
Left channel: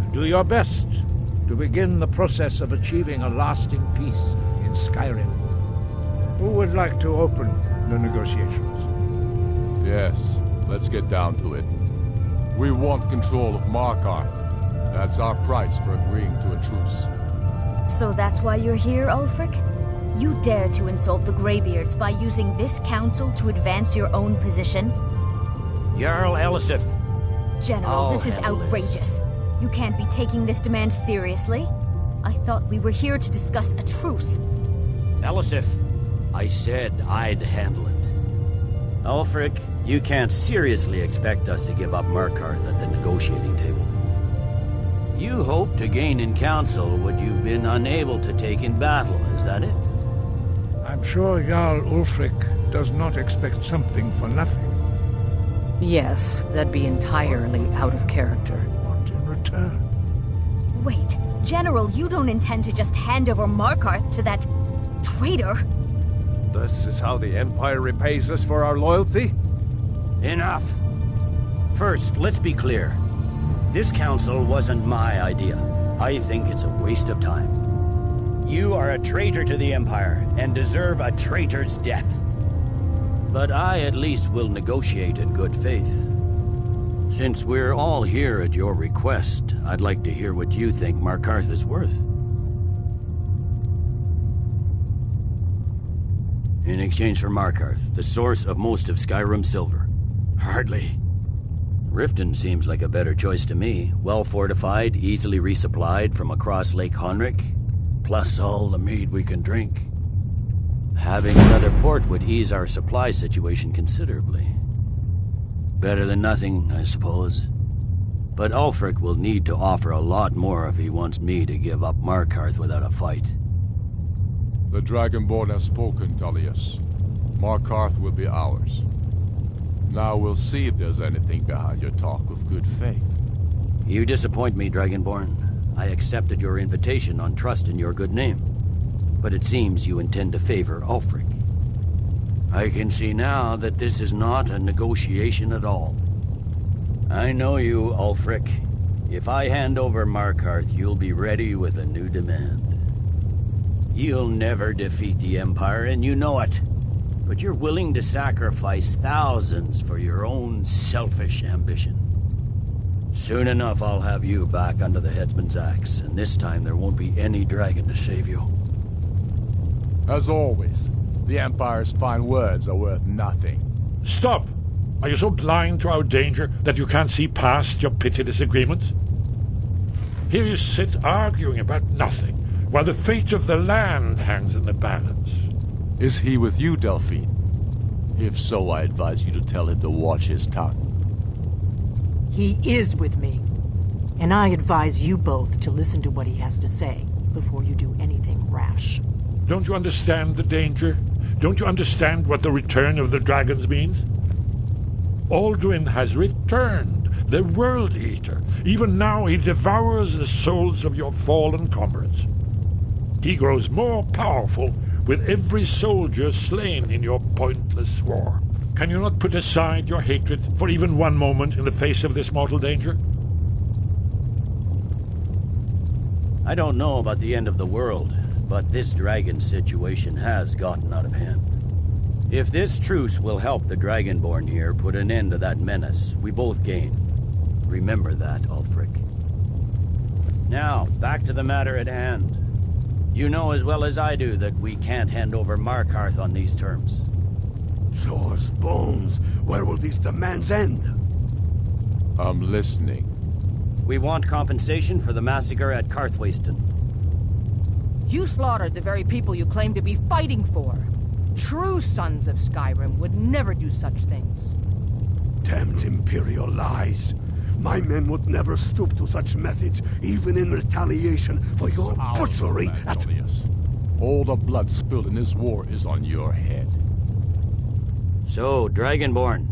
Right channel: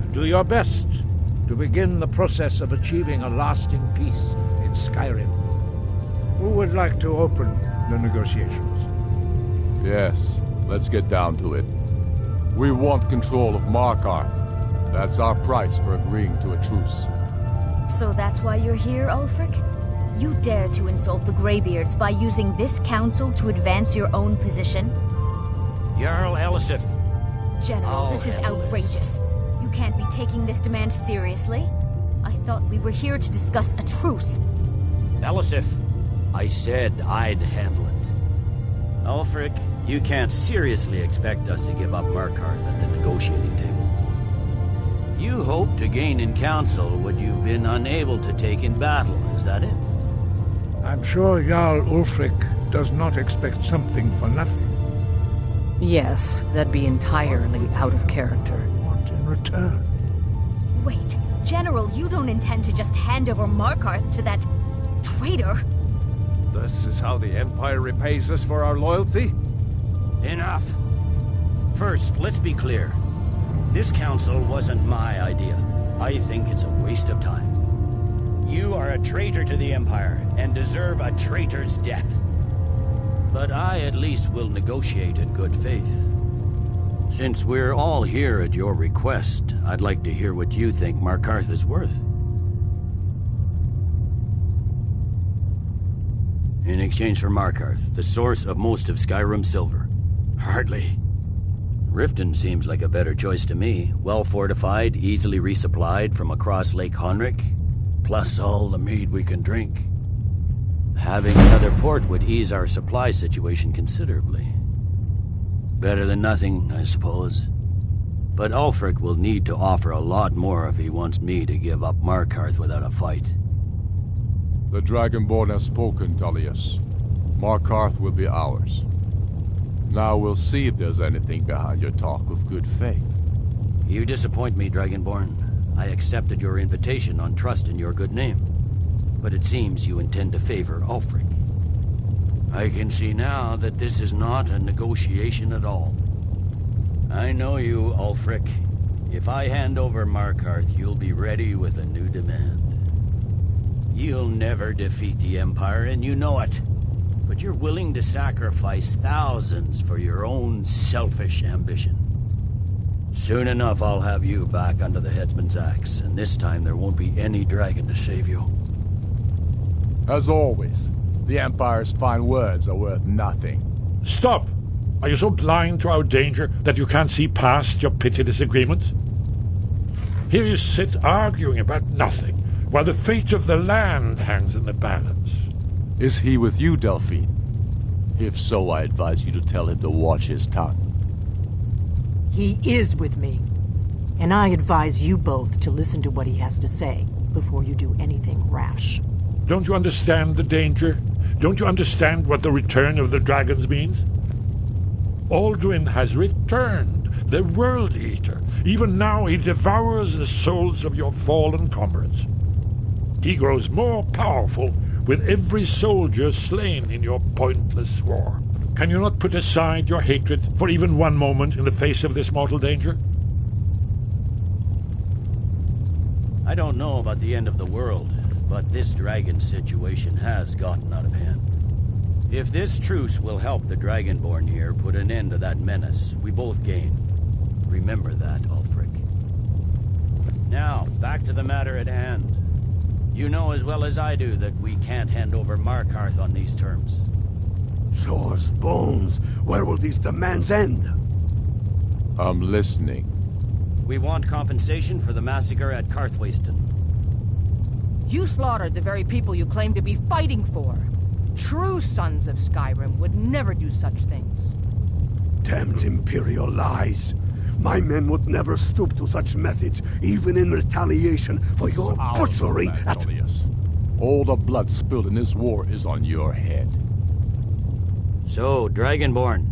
and do your best to begin the process of achieving a lasting peace in Skyrim. Who would like to open the negotiations? Yes, let's get down to it. We want control of Markarth. That's our price for agreeing to a truce. So that's why you're here, Ulfric? You dare to insult the Greybeards by using this council to advance your own position? Jarl Elisif. General, Oh, this is hell, outrageous. You can't be taking this demand seriously. I thought we were here to discuss a truce. Elisif, I said I'd handle it. Ulfric, you can't seriously expect us to give up Markarth at the negotiating table. You hoped to gain in council what you've been unable to take in battle, is that it? I'm sure Jarl Ulfric does not expect something for nothing. Yes, that'd be entirely out of character. What in return? Wait, General, you don't intend to just hand over Markarth to that traitor? This is how the Empire repays us for our loyalty? Enough. First, let's be clear. This council wasn't my idea. I think it's a waste of time. You are a traitor to the Empire and deserve a traitor's death. But I at least will negotiate in good faith. Since we're all here at your request, I'd like to hear what you think Markarth is worth. In exchange for Markarth, the source of most of Skyrim's silver. Hardly. Riften seems like a better choice to me. Well fortified, easily resupplied from across Lake Honric, plus all the mead we can drink. Having another port would ease our supply situation considerably. Better than nothing, I suppose. But Ulfric will need to offer a lot more if he wants me to give up Markarth without a fight. The Dragonborn has spoken, Tullius. Markarth will be ours. Now we'll see if there's anything behind your talk of good faith. You disappoint me, Dragonborn. I accepted your invitation on trust in your good name. But it seems you intend to favor Ulfric. I can see now that this is not a negotiation at all. I know you, Ulfric. If I hand over Markarth, you'll be ready with a new demand. You'll never defeat the Empire, and you know it. But you're willing to sacrifice thousands for your own selfish ambition. Soon enough, I'll have you back under the headsman's axe, and this time there won't be any dragon to save you. As always, the Empire's fine words are worth nothing. Stop! Are you so blind to our danger that you can't see past your petty disagreements? Here you sit arguing about nothing, while the fate of the land hangs in the balance. Is he with you, Delphine? If so, I advise you to tell him to watch his tongue. He is with me. And I advise you both to listen to what he has to say before you do anything rash. Don't you understand the danger? Don't you understand what the return of the dragons means? Alduin has returned, the World Eater. Even now he devours the souls of your fallen comrades. He grows more powerful with every soldier slain in your pointless war. Can you not put aside your hatred for even one moment in the face of this mortal danger? I don't know about the end of the world, but this dragon situation has gotten out of hand. If this truce will help the Dragonborn here put an end to that menace, we both gain. Remember that, Ulfric. Now, back to the matter at hand. You know as well as I do that we can't hand over Markarth on these terms. Swords, bones, where will these demands end? I'm listening. We want compensation for the massacre at Karthwasten. You slaughtered the very people you claim to be fighting for. True sons of Skyrim would never do such things. Damned Imperial lies. My men would never stoop to such methods, even in retaliation for your butchery at... All the blood spilled in this war is on your head. So, Dragonborn,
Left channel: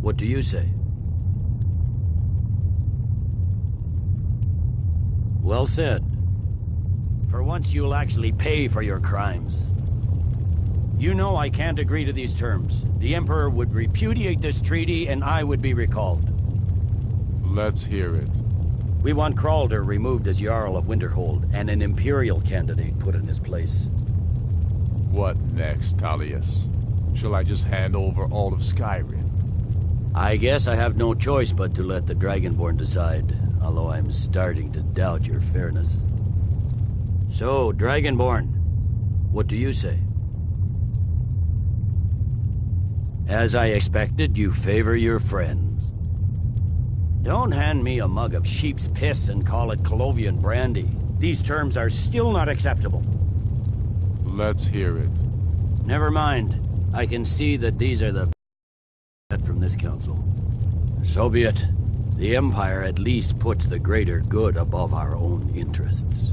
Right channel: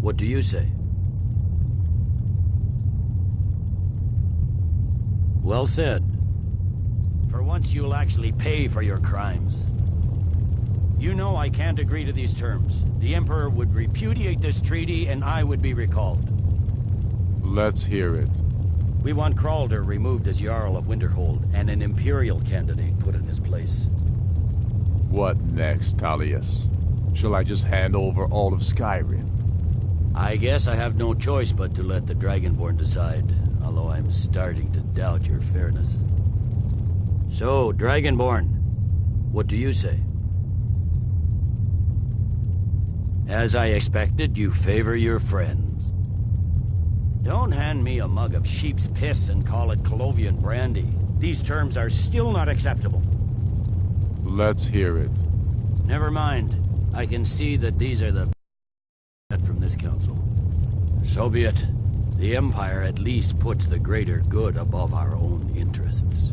what do you say? Well said. For once you'll actually pay for your crimes. You know I can't agree to these terms. The Emperor would repudiate this treaty and I would be recalled. Let's hear it. We want Kralder removed as Jarl of Winterhold and an Imperial candidate put in his place. What next, Tullius? Shall I just hand over all of Skyrim? I guess I have no choice but to let the Dragonborn decide, although I'm starting to doubt your fairness. So, Dragonborn, what do you say? As I expected, you favor your friends. Don't hand me a mug of sheep's piss and call it Colovian brandy. These terms are still not acceptable. Let's hear it. Never mind. I can see that these are the from this council. So be it. The Empire at least puts the greater good above our own interests.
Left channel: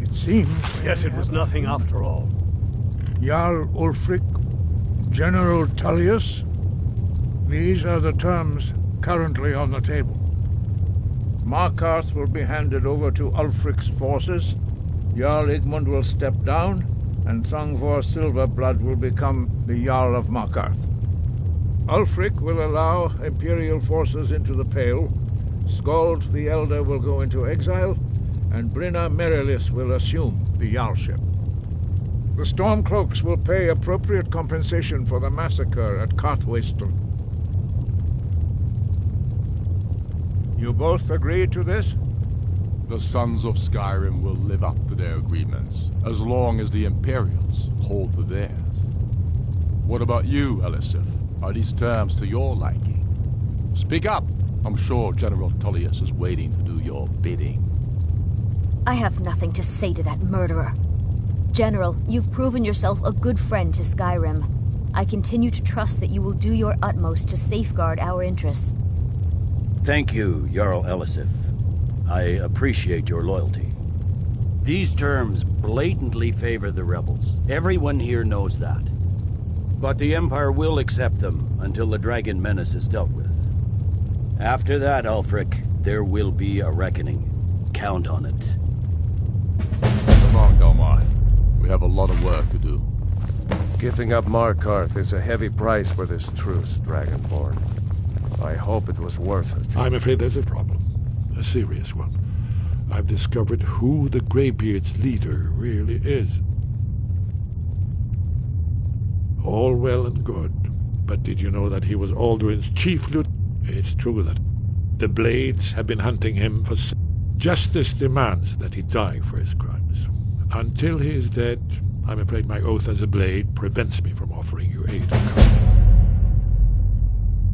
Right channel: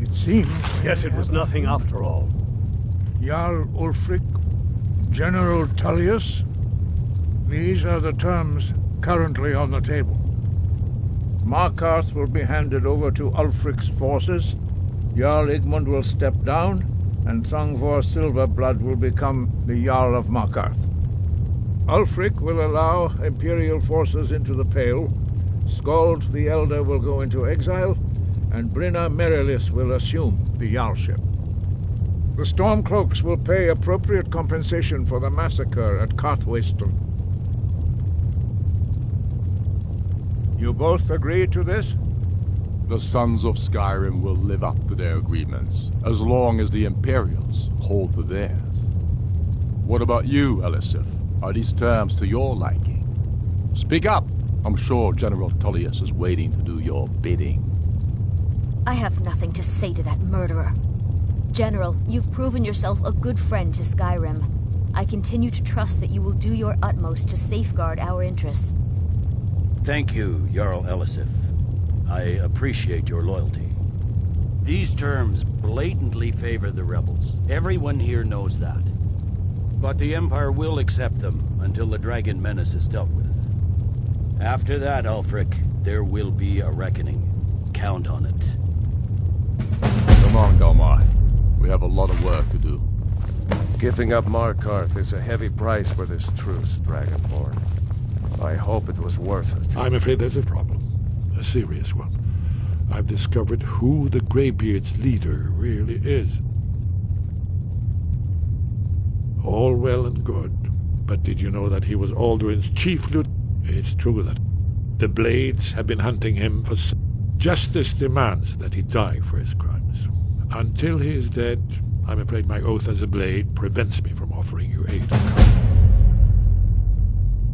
It seems... Yes, it was nothing after all. Jarl Ulfric, General Tullius, these are the terms currently on the table. Markarth will be handed over to Ulfric's forces, Jarl Igmund will step down, and Thongvor Silverblood will become the Jarl of Markarth. Ulfric will allow Imperial forces into the Pale, Skald the Elder will go into exile, and Brinna Merilis will assume the Jarlship. The Stormcloaks will pay appropriate compensation for the massacre at Carthwayston. You both agree to this? The Sons of Skyrim will live up to their agreements, as long as the Imperials hold to theirs. What about you, Elisif? Are these terms to your liking? Speak up! I'm sure General Tullius is waiting to do your bidding. I have nothing to say to that murderer. General, you've proven yourself a good friend to Skyrim. I continue to trust that you will do your utmost to safeguard our interests. Thank you, Jarl Elisif. I appreciate your loyalty. These terms blatantly favor the rebels. Everyone here knows that. But the Empire will accept them until the Dragon Menace is dealt with. After that, Ulfric, there will be a reckoning. Count on it. Come on, Galmar. We have a lot of work to do. Giving up Markarth is a heavy price for this truce, Dragonborn. I hope it was worth it. I'm afraid there's a problem. A serious one. I've discovered who the Greybeard's leader really is. All well and good, but did you know that he was Alduin's chief lieutenant? It's true that the Blades have been hunting him for... Justice demands that he die for his crimes. Until he is dead, I'm afraid my oath as a Blade prevents me from offering you aid or comfort.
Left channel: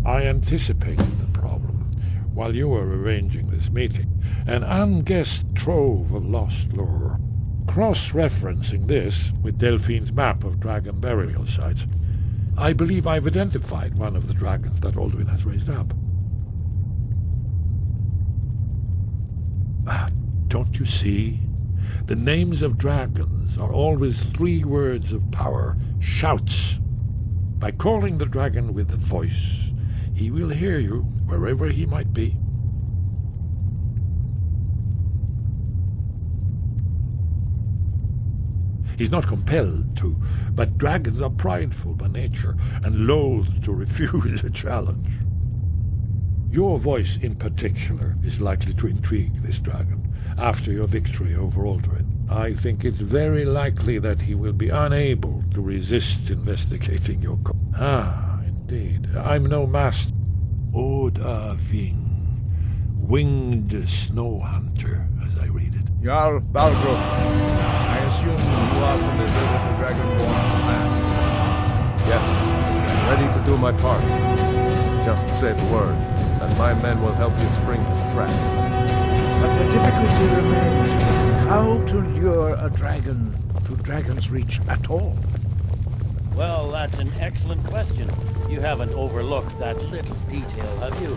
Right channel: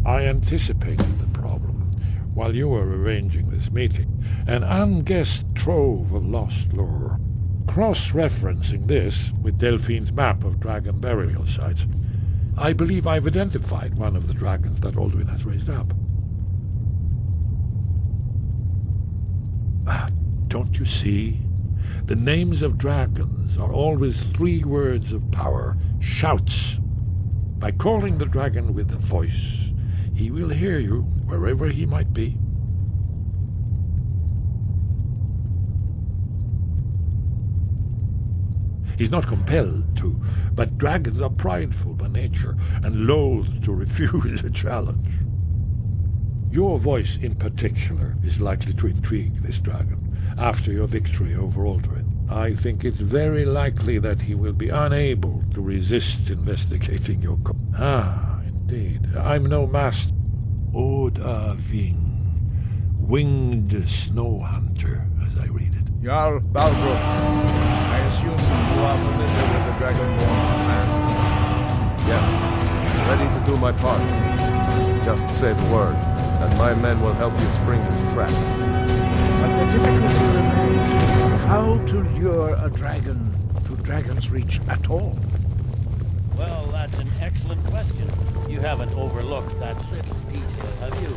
I anticipated the problem while you were arranging this meeting. An unguessed trove of lost lore. Cross-referencing this with Delphine's map of dragon burial sites, I believe I've identified one of the dragons that Alduin has raised up. Don't you see? The names of dragons are always 3 words of power, shouts. By calling the dragon with a voice, he will hear you wherever he might be. He's not compelled to, but dragons are prideful by nature and loath to refuse a challenge. Your voice in particular is likely to intrigue this dragon after your victory over Alduin. I think it's very likely that he will be unable to resist investigating your indeed. I'm no master. Oda Ving, winged snow hunter, as I read it. Jarl Balgruuf, I assume you are familiar with the Dragonborn command. Yes, I'm ready to do my part. Just say the word, and my men will help you spring this trap. But the difficulty remains how to lure a dragon to Dragon's Reach at all. Well, that's an excellent question. You haven't overlooked that little detail, have you?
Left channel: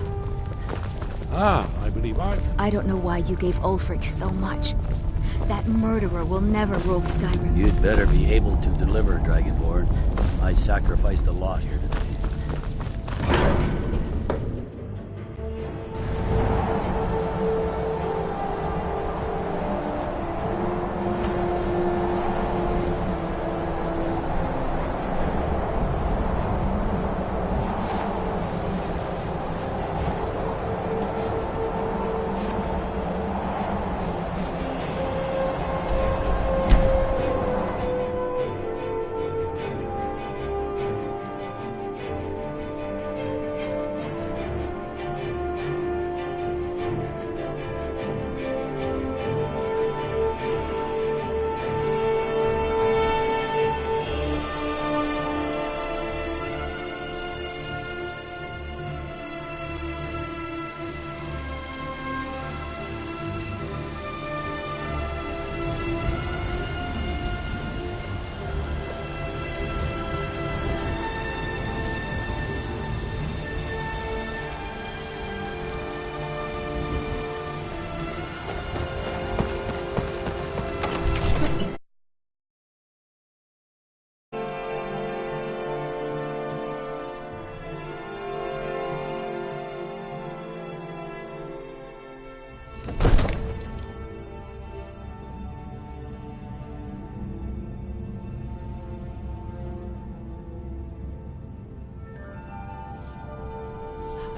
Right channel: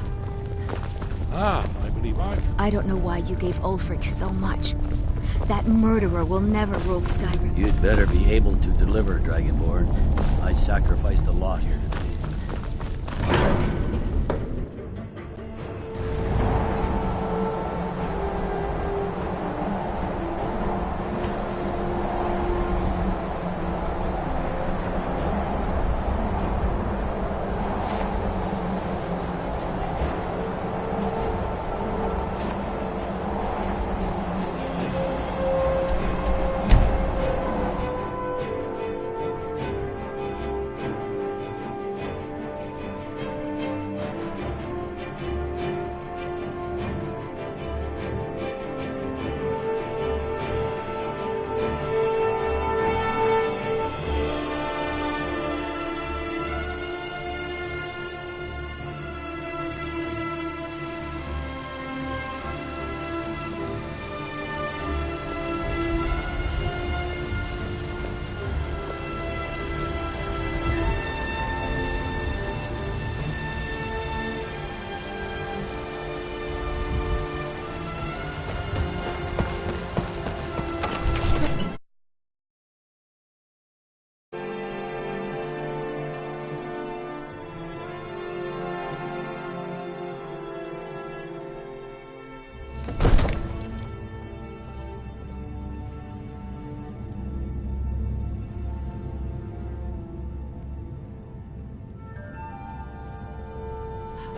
I believe I don't know why you gave Ulfric so much. That murderer will never rule Skyrim. You'd better be able to deliver, Dragonborn. I sacrificed a lot here today.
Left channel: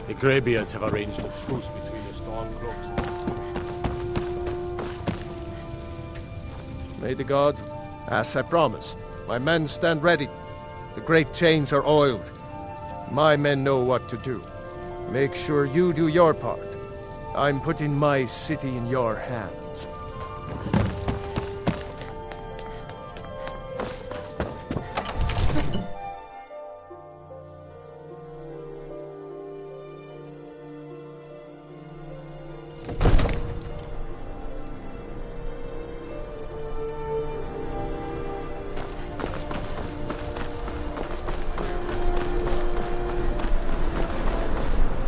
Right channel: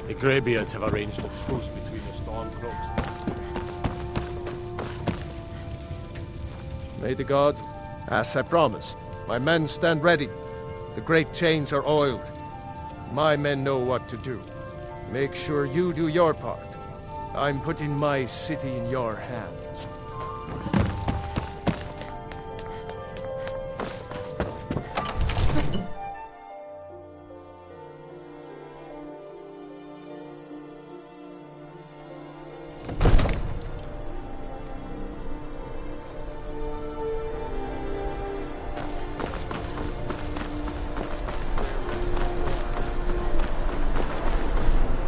The Greybeards have arranged a truce between the Stormcloaks. May the gods, as I promised, my men stand ready. The great chains are oiled. My men know what to do. Make sure you do your part. I'm putting my city in your hands.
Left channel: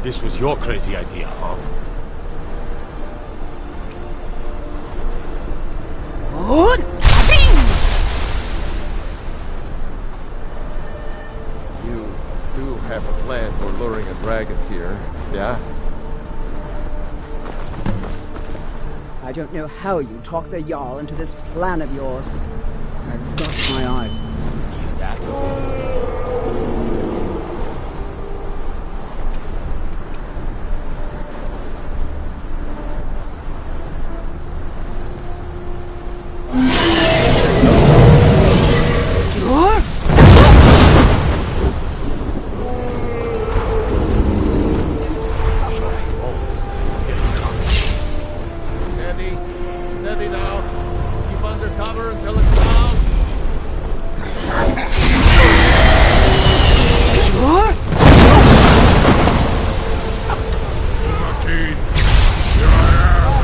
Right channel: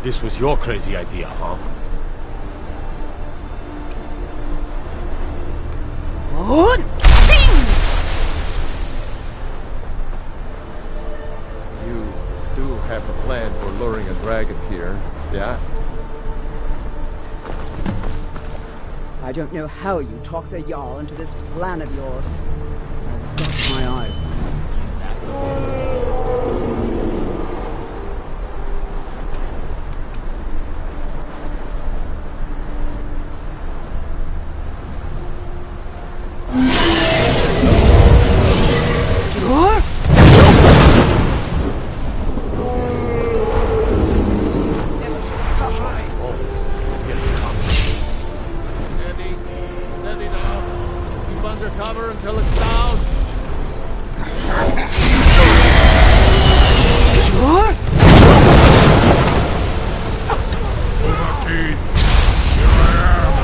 This was your crazy idea, huh? You do have a plan for luring a dragon here, yeah? I don't know how you talk the Jarl into this plan of yours. I've got my eyes on you. Hear that? Steady now. Keep under cover until it's loud. Martin, here I am.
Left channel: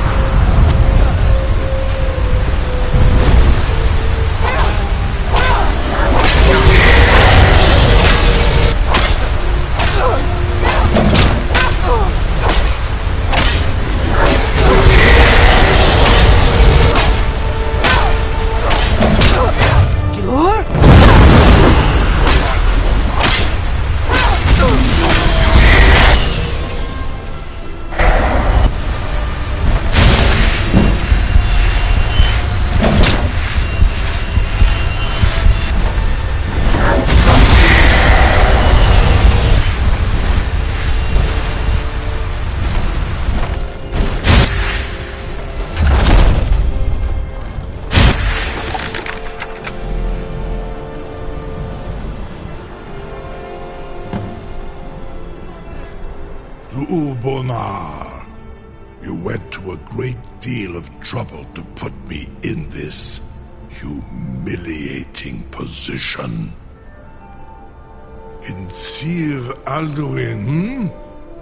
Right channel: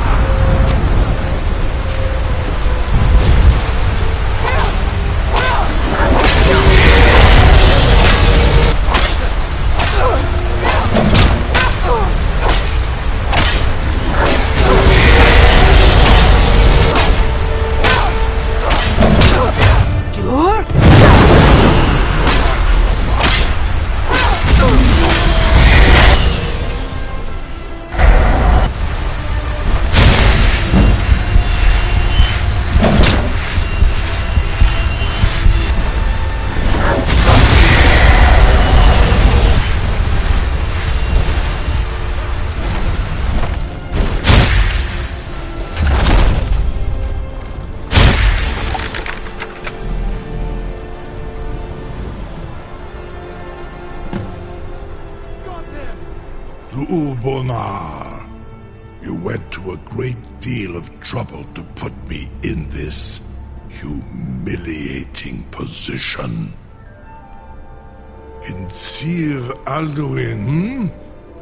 Ubonar, you went to a great deal of trouble to put me in this humiliating position. In Sir Alduin,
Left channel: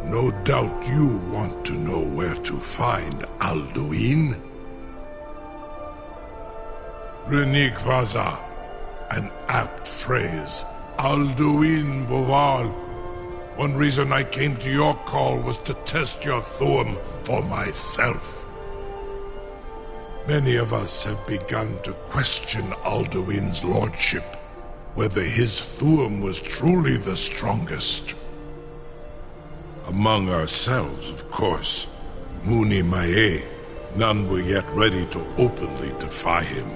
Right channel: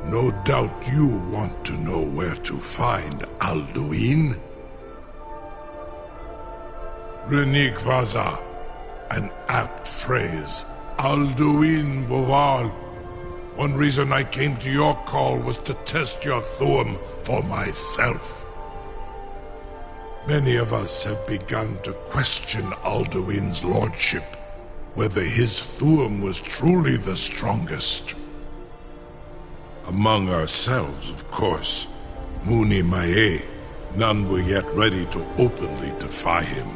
No doubt you want to know where to find Alduin. Renik Vaza, an apt phrase. Alduin Boval. One reason I came to your call was to test your Thuum for myself. Many of us have begun to question Alduin's lordship, whether his Thuum was truly the strongest. Among ourselves, of course, Muni Mae, none were yet ready to openly defy him.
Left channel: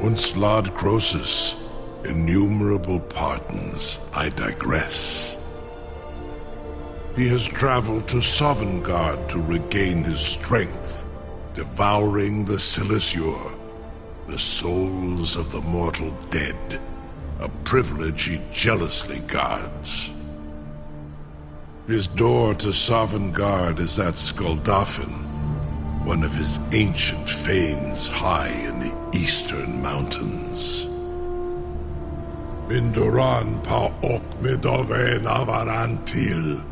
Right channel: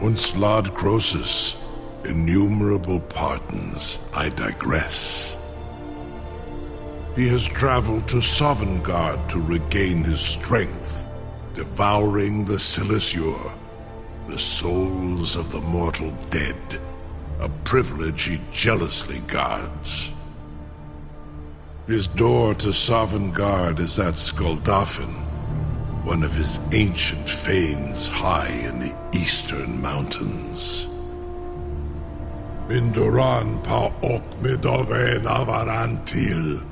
Once Lord Croesus, innumerable pardons, I digress. He has traveled to Sovngarde to regain his strength, devouring the Silesure, the souls of the mortal dead, a privilege he jealously guards. His door to Sovngarde is at Skuldafn, one of his ancient fanes high in the eastern mountains. Mindoran pa ok midove navarantil.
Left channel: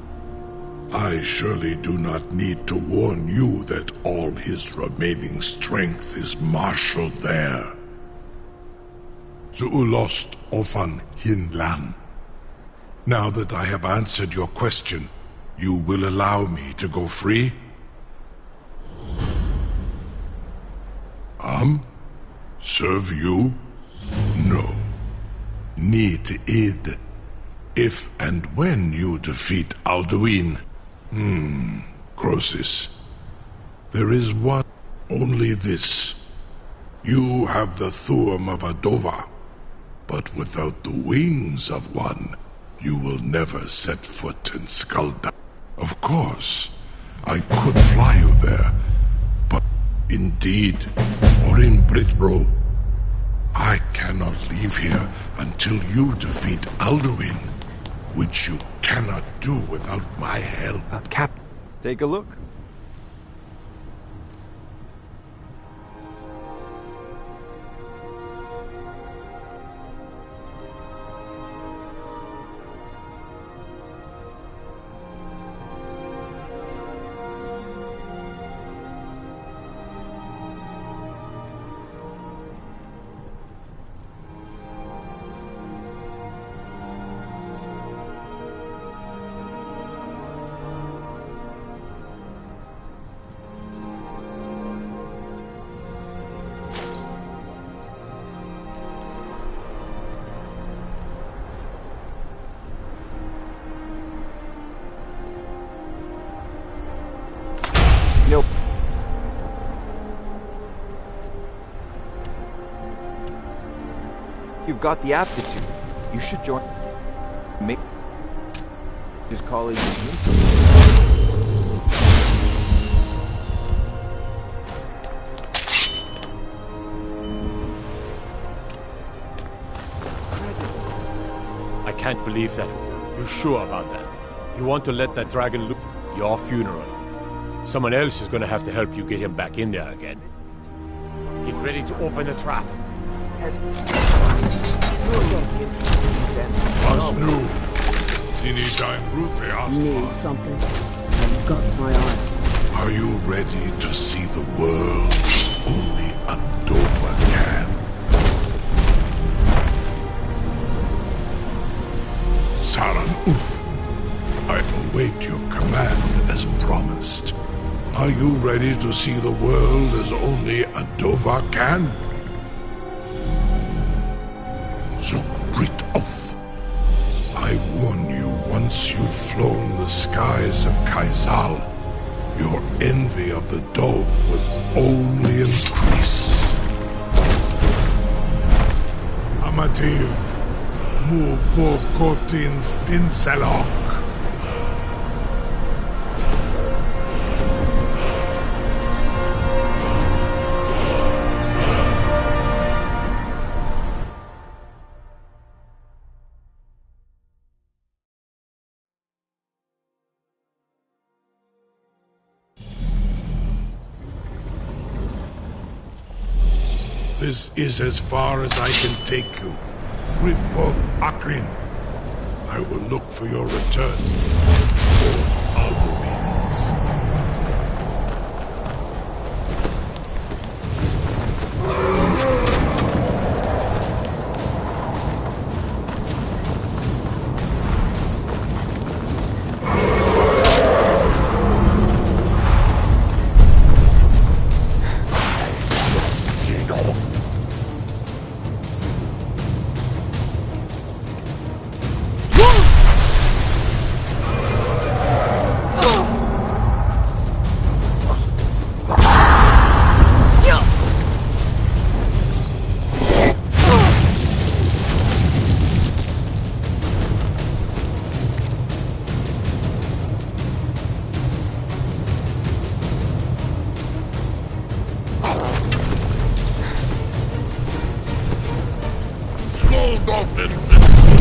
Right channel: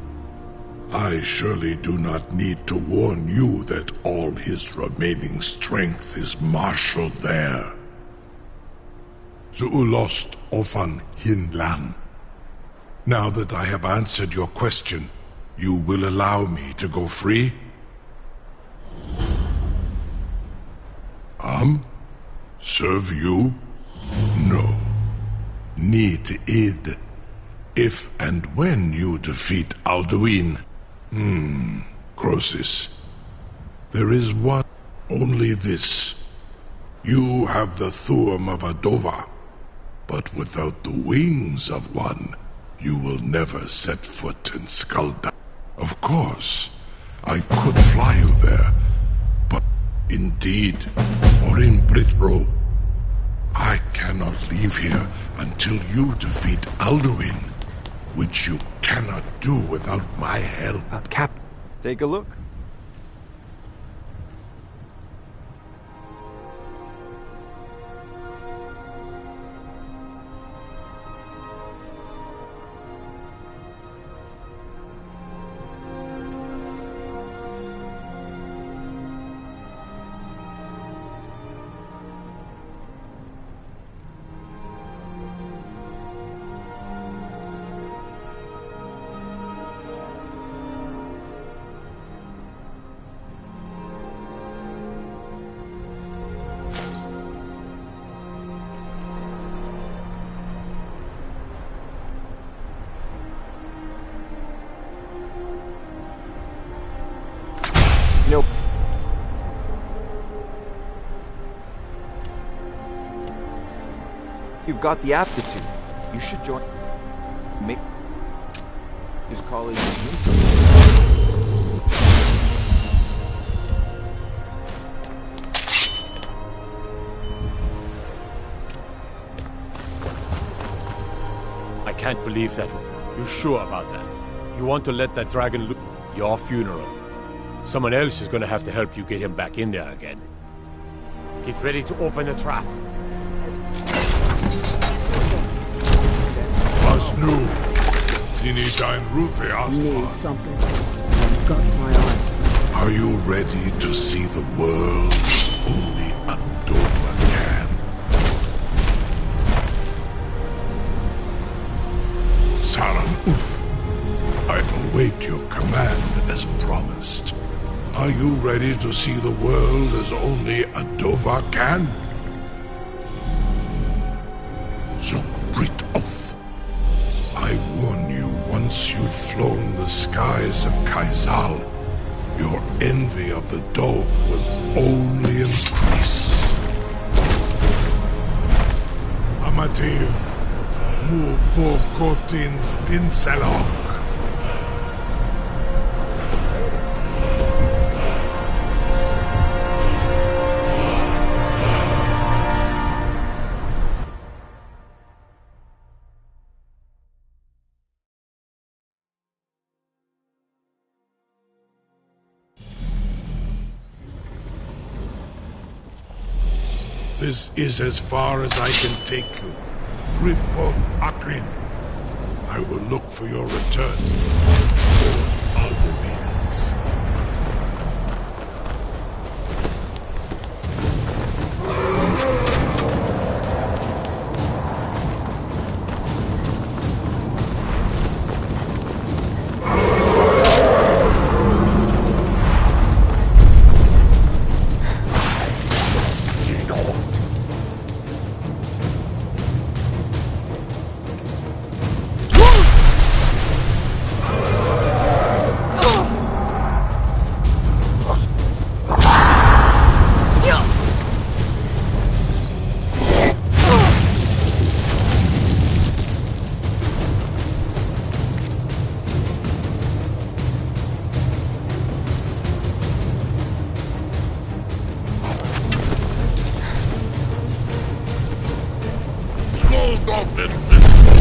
I surely do not need to warn you that all his remaining strength is marshaled there. Zuulost ofan hinlan. Now that I have answered your question, you will allow me to go free? Serve you? No. Need id. If and when you defeat Alduin. Croesus. There is one, only this. You have the Thuum of Adova, but without the wings of one, you will never set foot in Skalda. Of course, I could fly you there, but indeed, or in Britro, I cannot leave here until you defeat Alduin, which you cannot do without my help. Captain, take a look. Nope. You've got the aptitude. You should join. Just call it. I can't believe that. You sure about that? You want to let that dragon look your funeral? Someone else is gonna have to help you get him back in there again. Get ready to open the trap. Was nu? Dini dein Rufe Need something. I've got my eyes. Are you ready to see the world only a Dover can? Saran Uf, I await your command as promised. Are you ready to see the world as only a Dover can? Zukbrit Oth. I warn you, once you've flown the skies of Kaizal, your envy of the Dove will only increase. Amativ, mu bokotin stinselok. This is as far as I can take you. Grifboth Akrin. I will look for your return. Or Alduin's. prophet Enoch.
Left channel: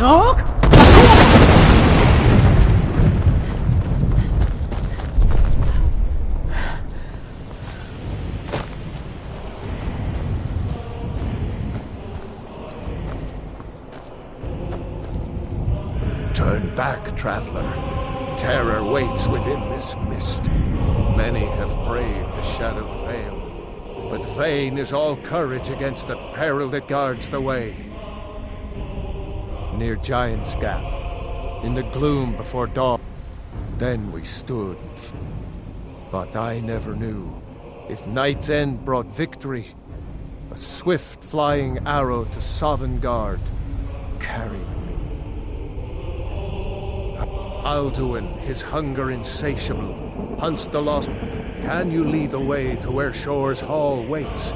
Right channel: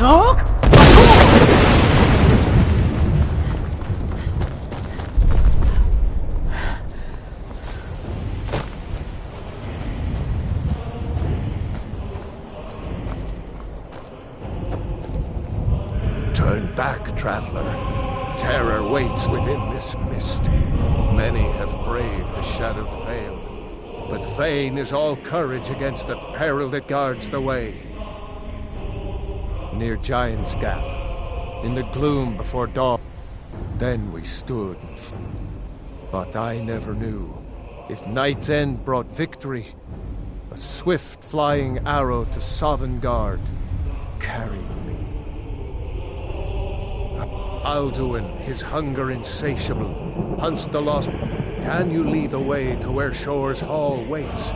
Look! Turn back, traveler. Terror waits within this mist. Many have braved the shadowed veil, but vain is all courage against the peril that guards the way. Near Giant's Gap, in the gloom before dawn, then we stood. But I never knew if Night's End brought victory. A swift flying arrow to Sovngarde carried me. Alduin, his hunger insatiable, hunts the lost. Can you lead the way to where Shore's Hall waits,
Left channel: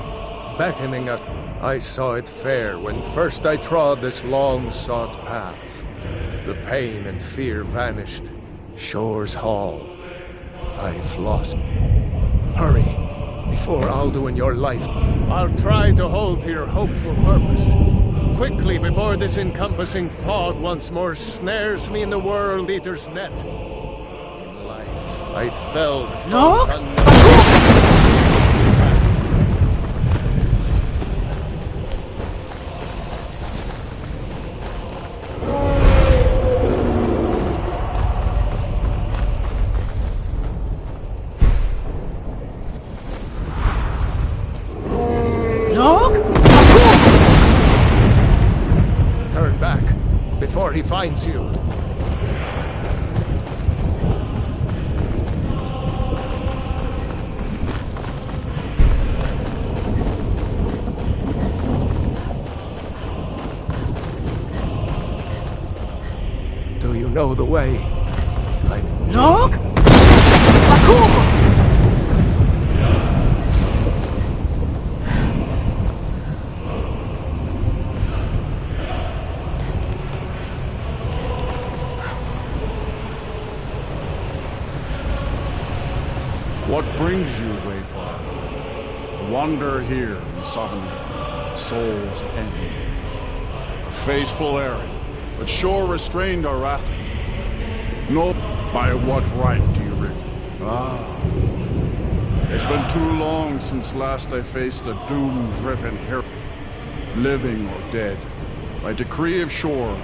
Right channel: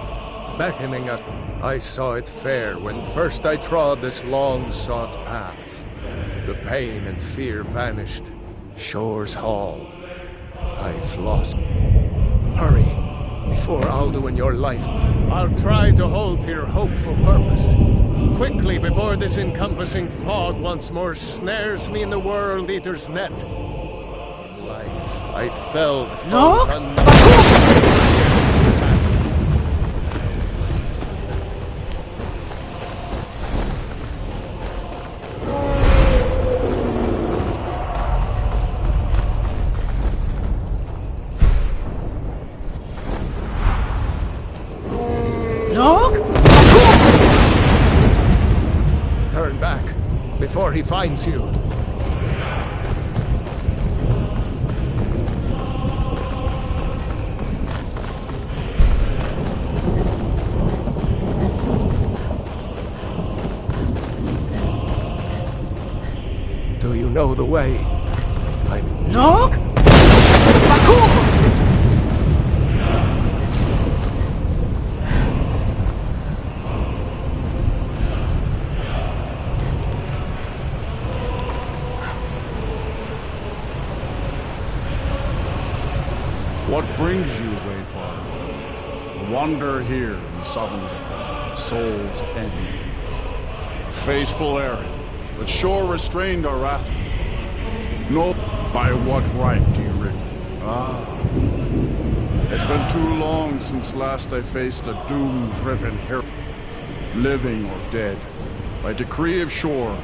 beckoning us? I saw it fair when first I trod this long-sought path. The pain and fear vanished. Shore's Hall. I've lost. Hurry, before Alduin your life. I'll try to hold to your hopeful purpose. Quickly, before this encompassing fog once more snares me in the World Eater's net. In life, I felled foes unknown. Turn back, before he finds you. Do you know the way? Look! Bakur! What brings you, Wayfarer? A wanderer here in Sovngarde, Soul's End. A fateful errand, but Shore restrained our wrath. No, by what right do you rig? Ah, it's been too long since last I faced a doom-driven hero. Living or dead, by decree of Shore,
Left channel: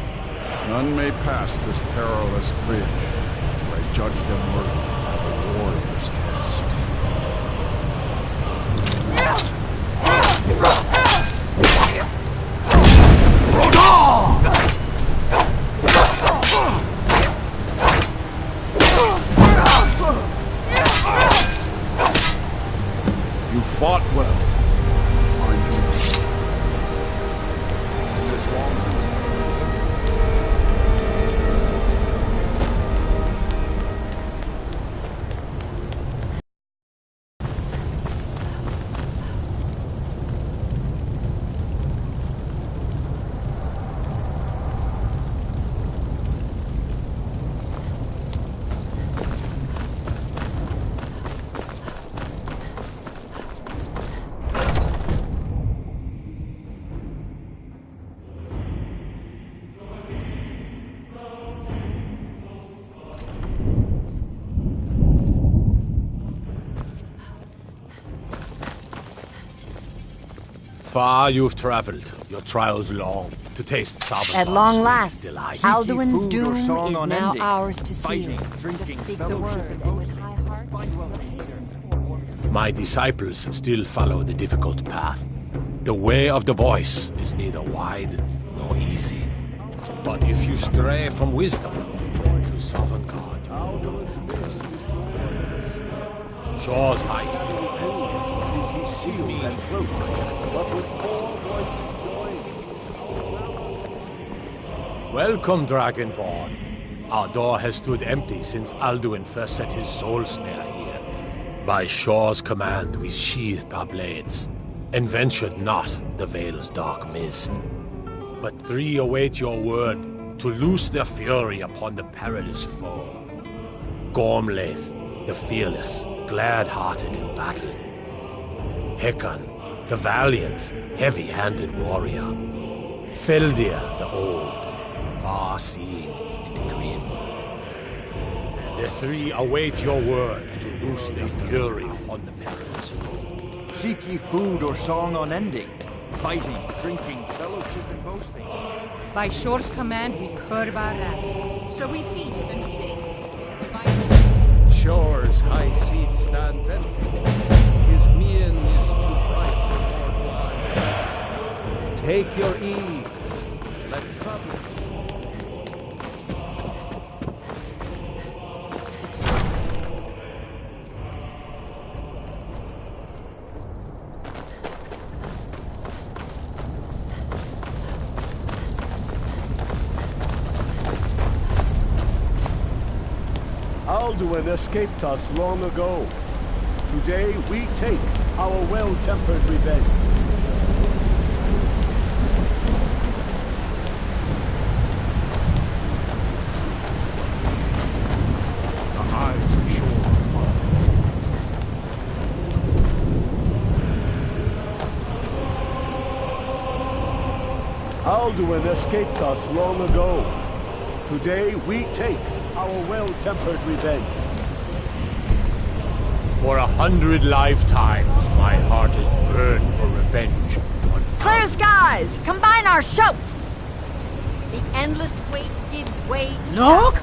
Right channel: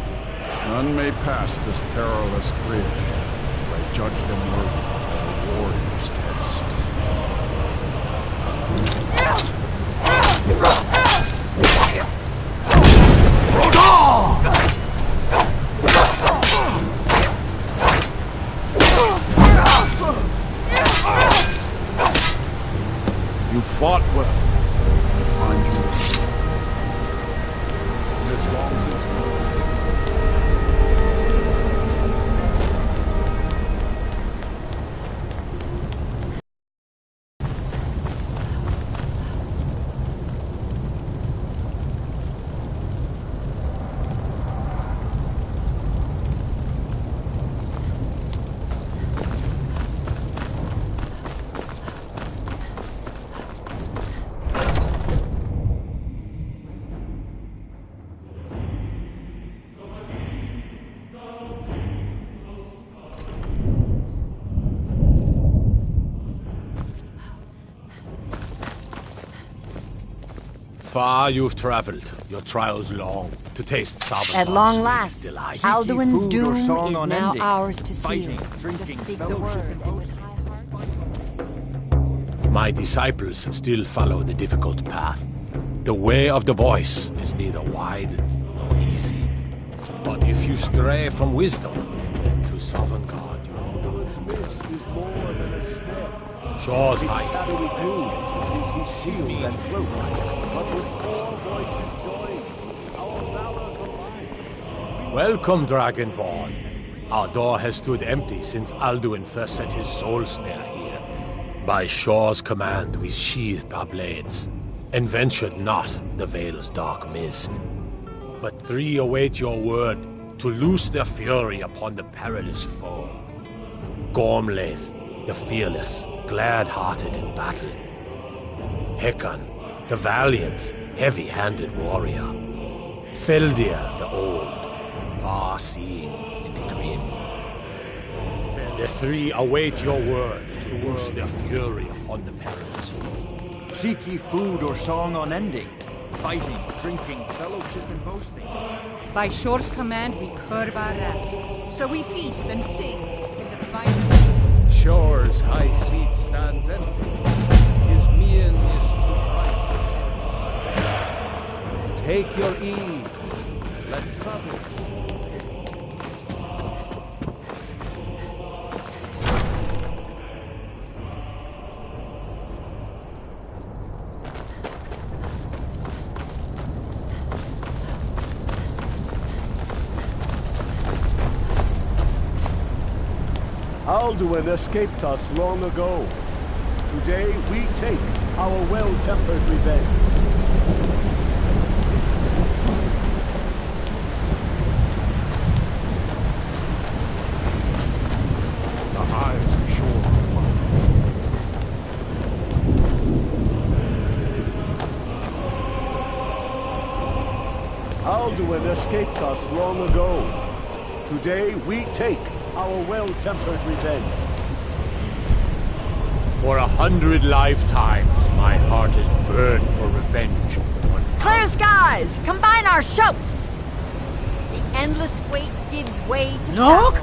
none may pass this perilous bridge till I judge them worthy by the warrior's test. You fought well. I find you. It is long since one of you lived. Far you've traveled, your trials long, to taste Sovngarde's At long last, delight. Alduin's doom is now unending. ours to Fighting, seal. drinking, Just speak the fellowship, word, and and with high hearts My disciples still follow the difficult path. The way of the voice is neither wide nor easy. But if you stray from wisdom, then to Sovngarde you will not. Shore's height is his shield and cloak, but with four voices joined, our valor combined. Welcome, Dragonborn. Our door has stood empty since Alduin first set his soul snare here. By Shore's command, we sheathed our blades, and ventured not the Vale's dark mist. But three await your word to loose their fury upon the perilous foe. Gormlaith, the fearless, glad-hearted in battle. Hekon, the valiant, heavy-handed warrior. Feldir, the old, far-seeing and grim. The three await your word to loose their fury upon the perilous foe. Seek ye food or song unending, fighting, drinking, fellowship, and boasting. By Shore's command, we curb our wrath. So we feast and sing till the final. Shore's high seat stands empty. His mien is too bright for mortal eye. Take your ease. Let troubles. Alduin escaped us long ago. Today we take our well-tempered revenge. The eyes of Shore are upon us. Alduin escaped us long ago. Today we take our well-tempered revenge. For 100 lifetimes, my heart has burned for revenge. Clear skies! Combine our shouts! The endless wait gives way to Look!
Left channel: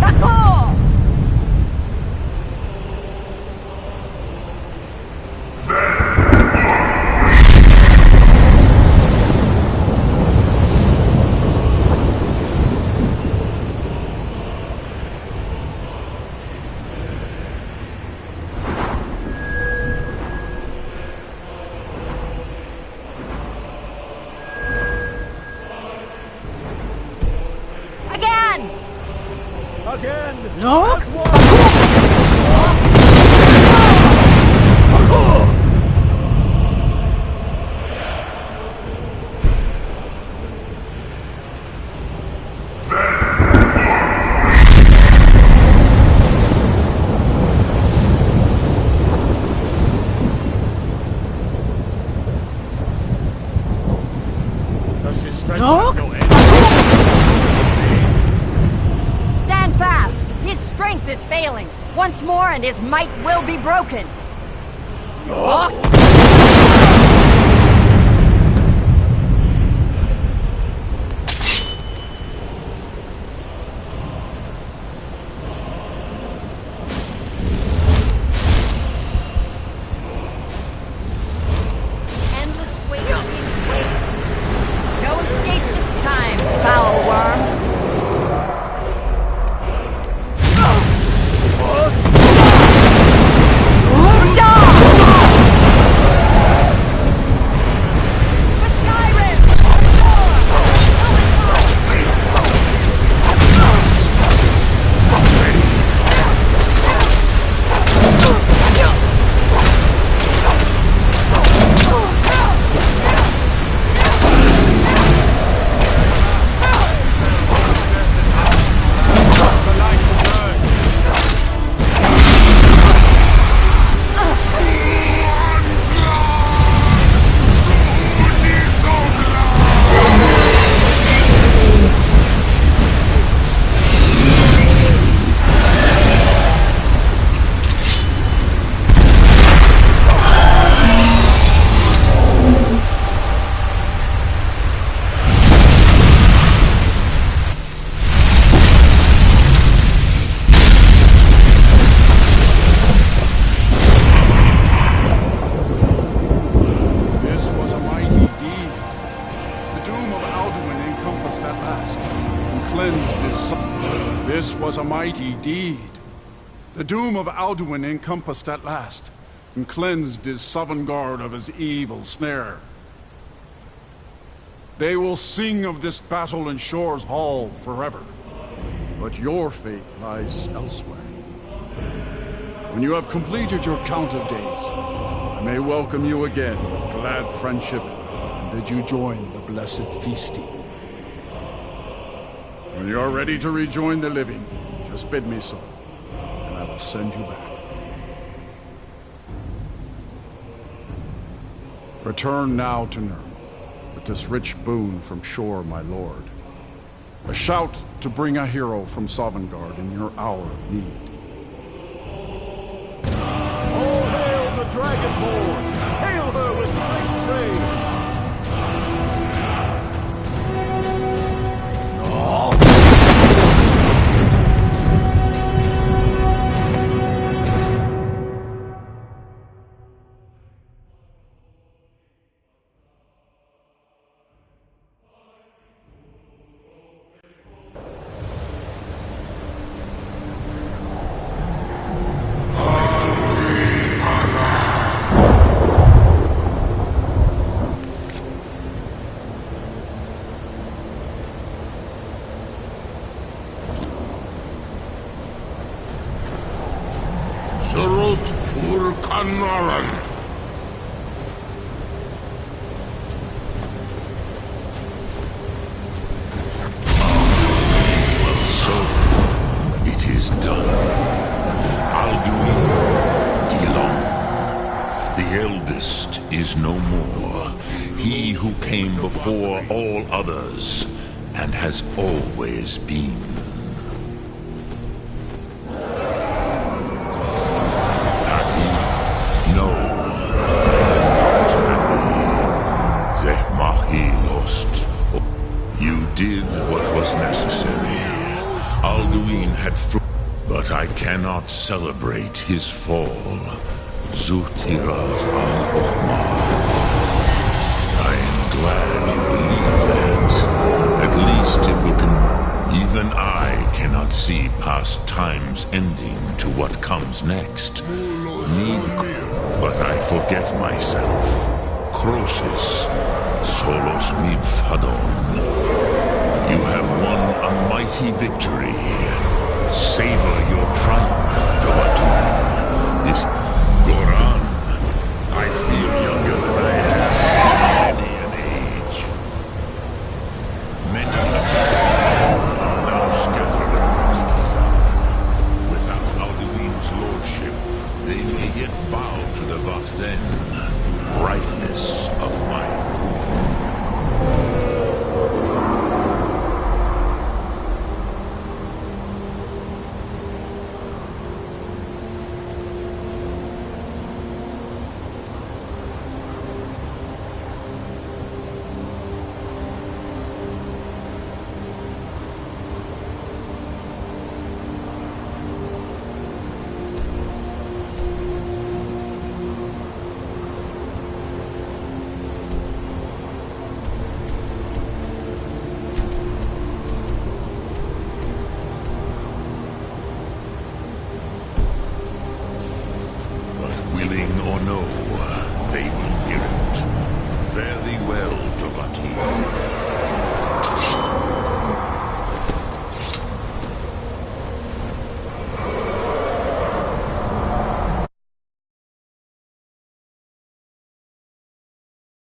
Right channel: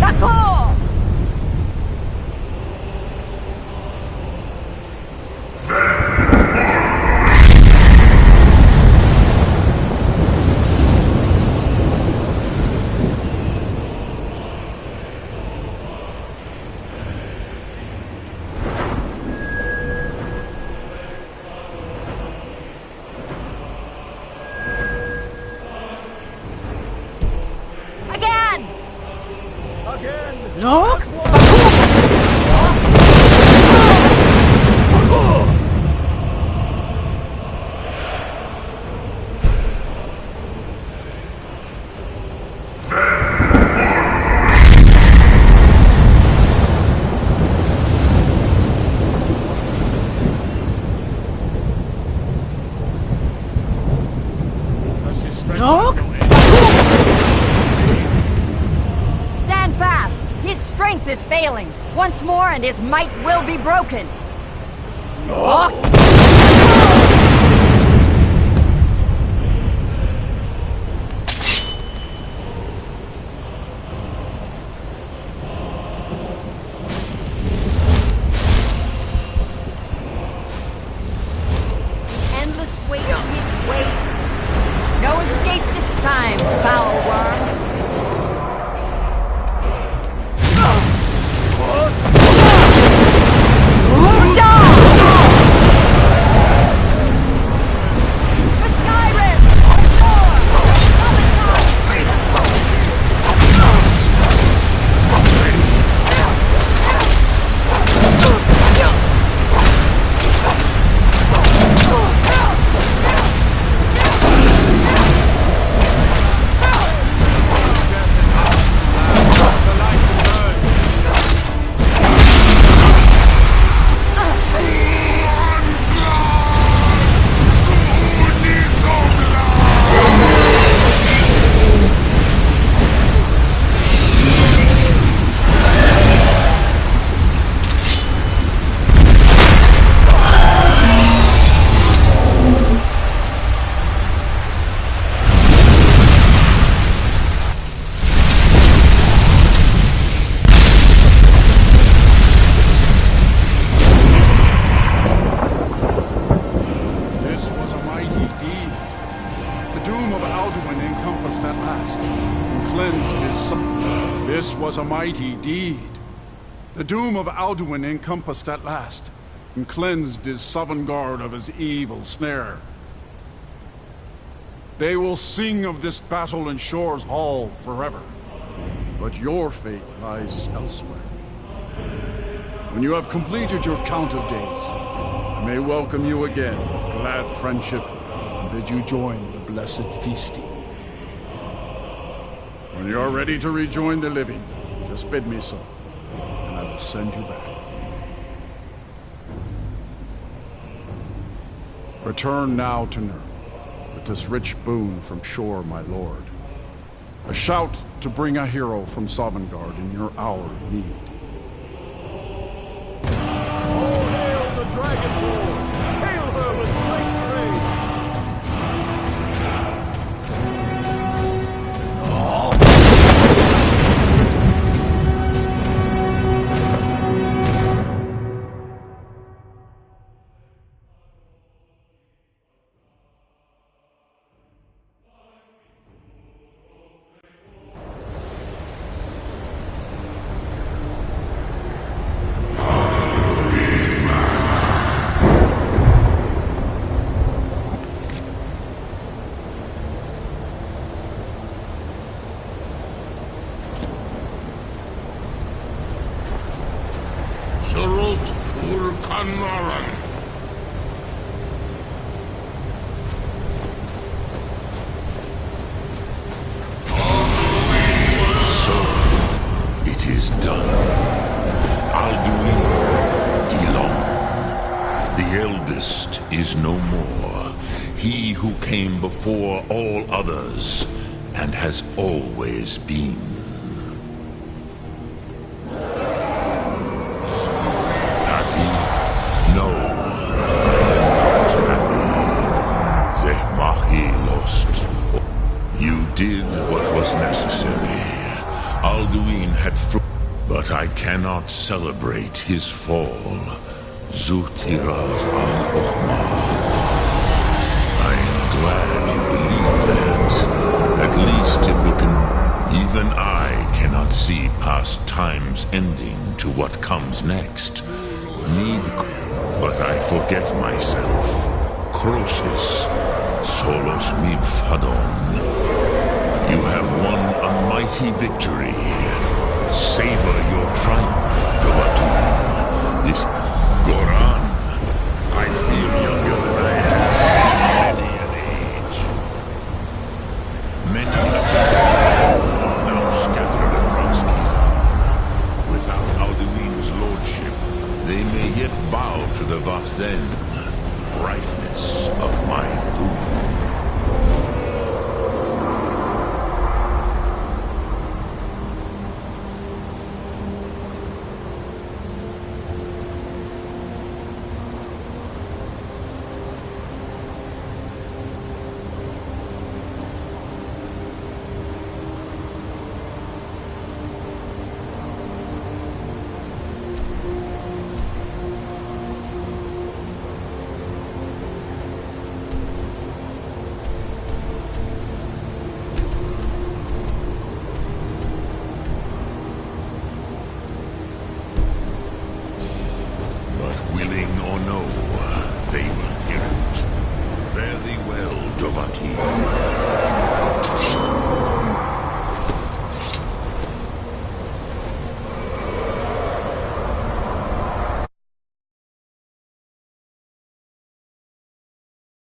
D'accord! Again! Look! Does his strength Look! have no end? Stand fast! His strength is failing. Once more and his might will be broken. Endless wait gives way to... No escape this time, foul worm. This was a mighty deed. The doom of Alduin encompassed at last, and cleansed his Sovngarde of his evil snare. They will sing of this battle in Shore's hall forever, but your fate lies elsewhere. When you have completed your count of days, I may welcome you again with glad friendship and bid you join the blessed feasting. When you are ready to rejoin the living, just bid me so, and I will send you back. Return now to Nurm. with this rich boon from shore, my lord. A shout to bring a hero from Sovngarde in your hour of need. All hail the Dragonborn! Hail her with great praise! Surut fur Kanaran. So, it is done. Alduin Dilong. The eldest is no more. He who came before all others, and has always been. No, I am not happy. Zehmahi lost. You did what was necessary. Alduin had but I cannot celebrate his fall. Zutiraz Ach-Okhmah. I am glad you believe that. At least it will even I cannot see past time's ending to what comes next. But I forget myself. Crosis, solos mivhadon. You have won a mighty victory. Savor your triumph, Dovahkiin. This Goran, I feel younger than I am. Many an age. Many are now scattered across Kizan. Without Alduin's lordship, they may yet bow to the Vasen, brightness of my food. Willing or no, they will hear it. Very well, Dovahkiin.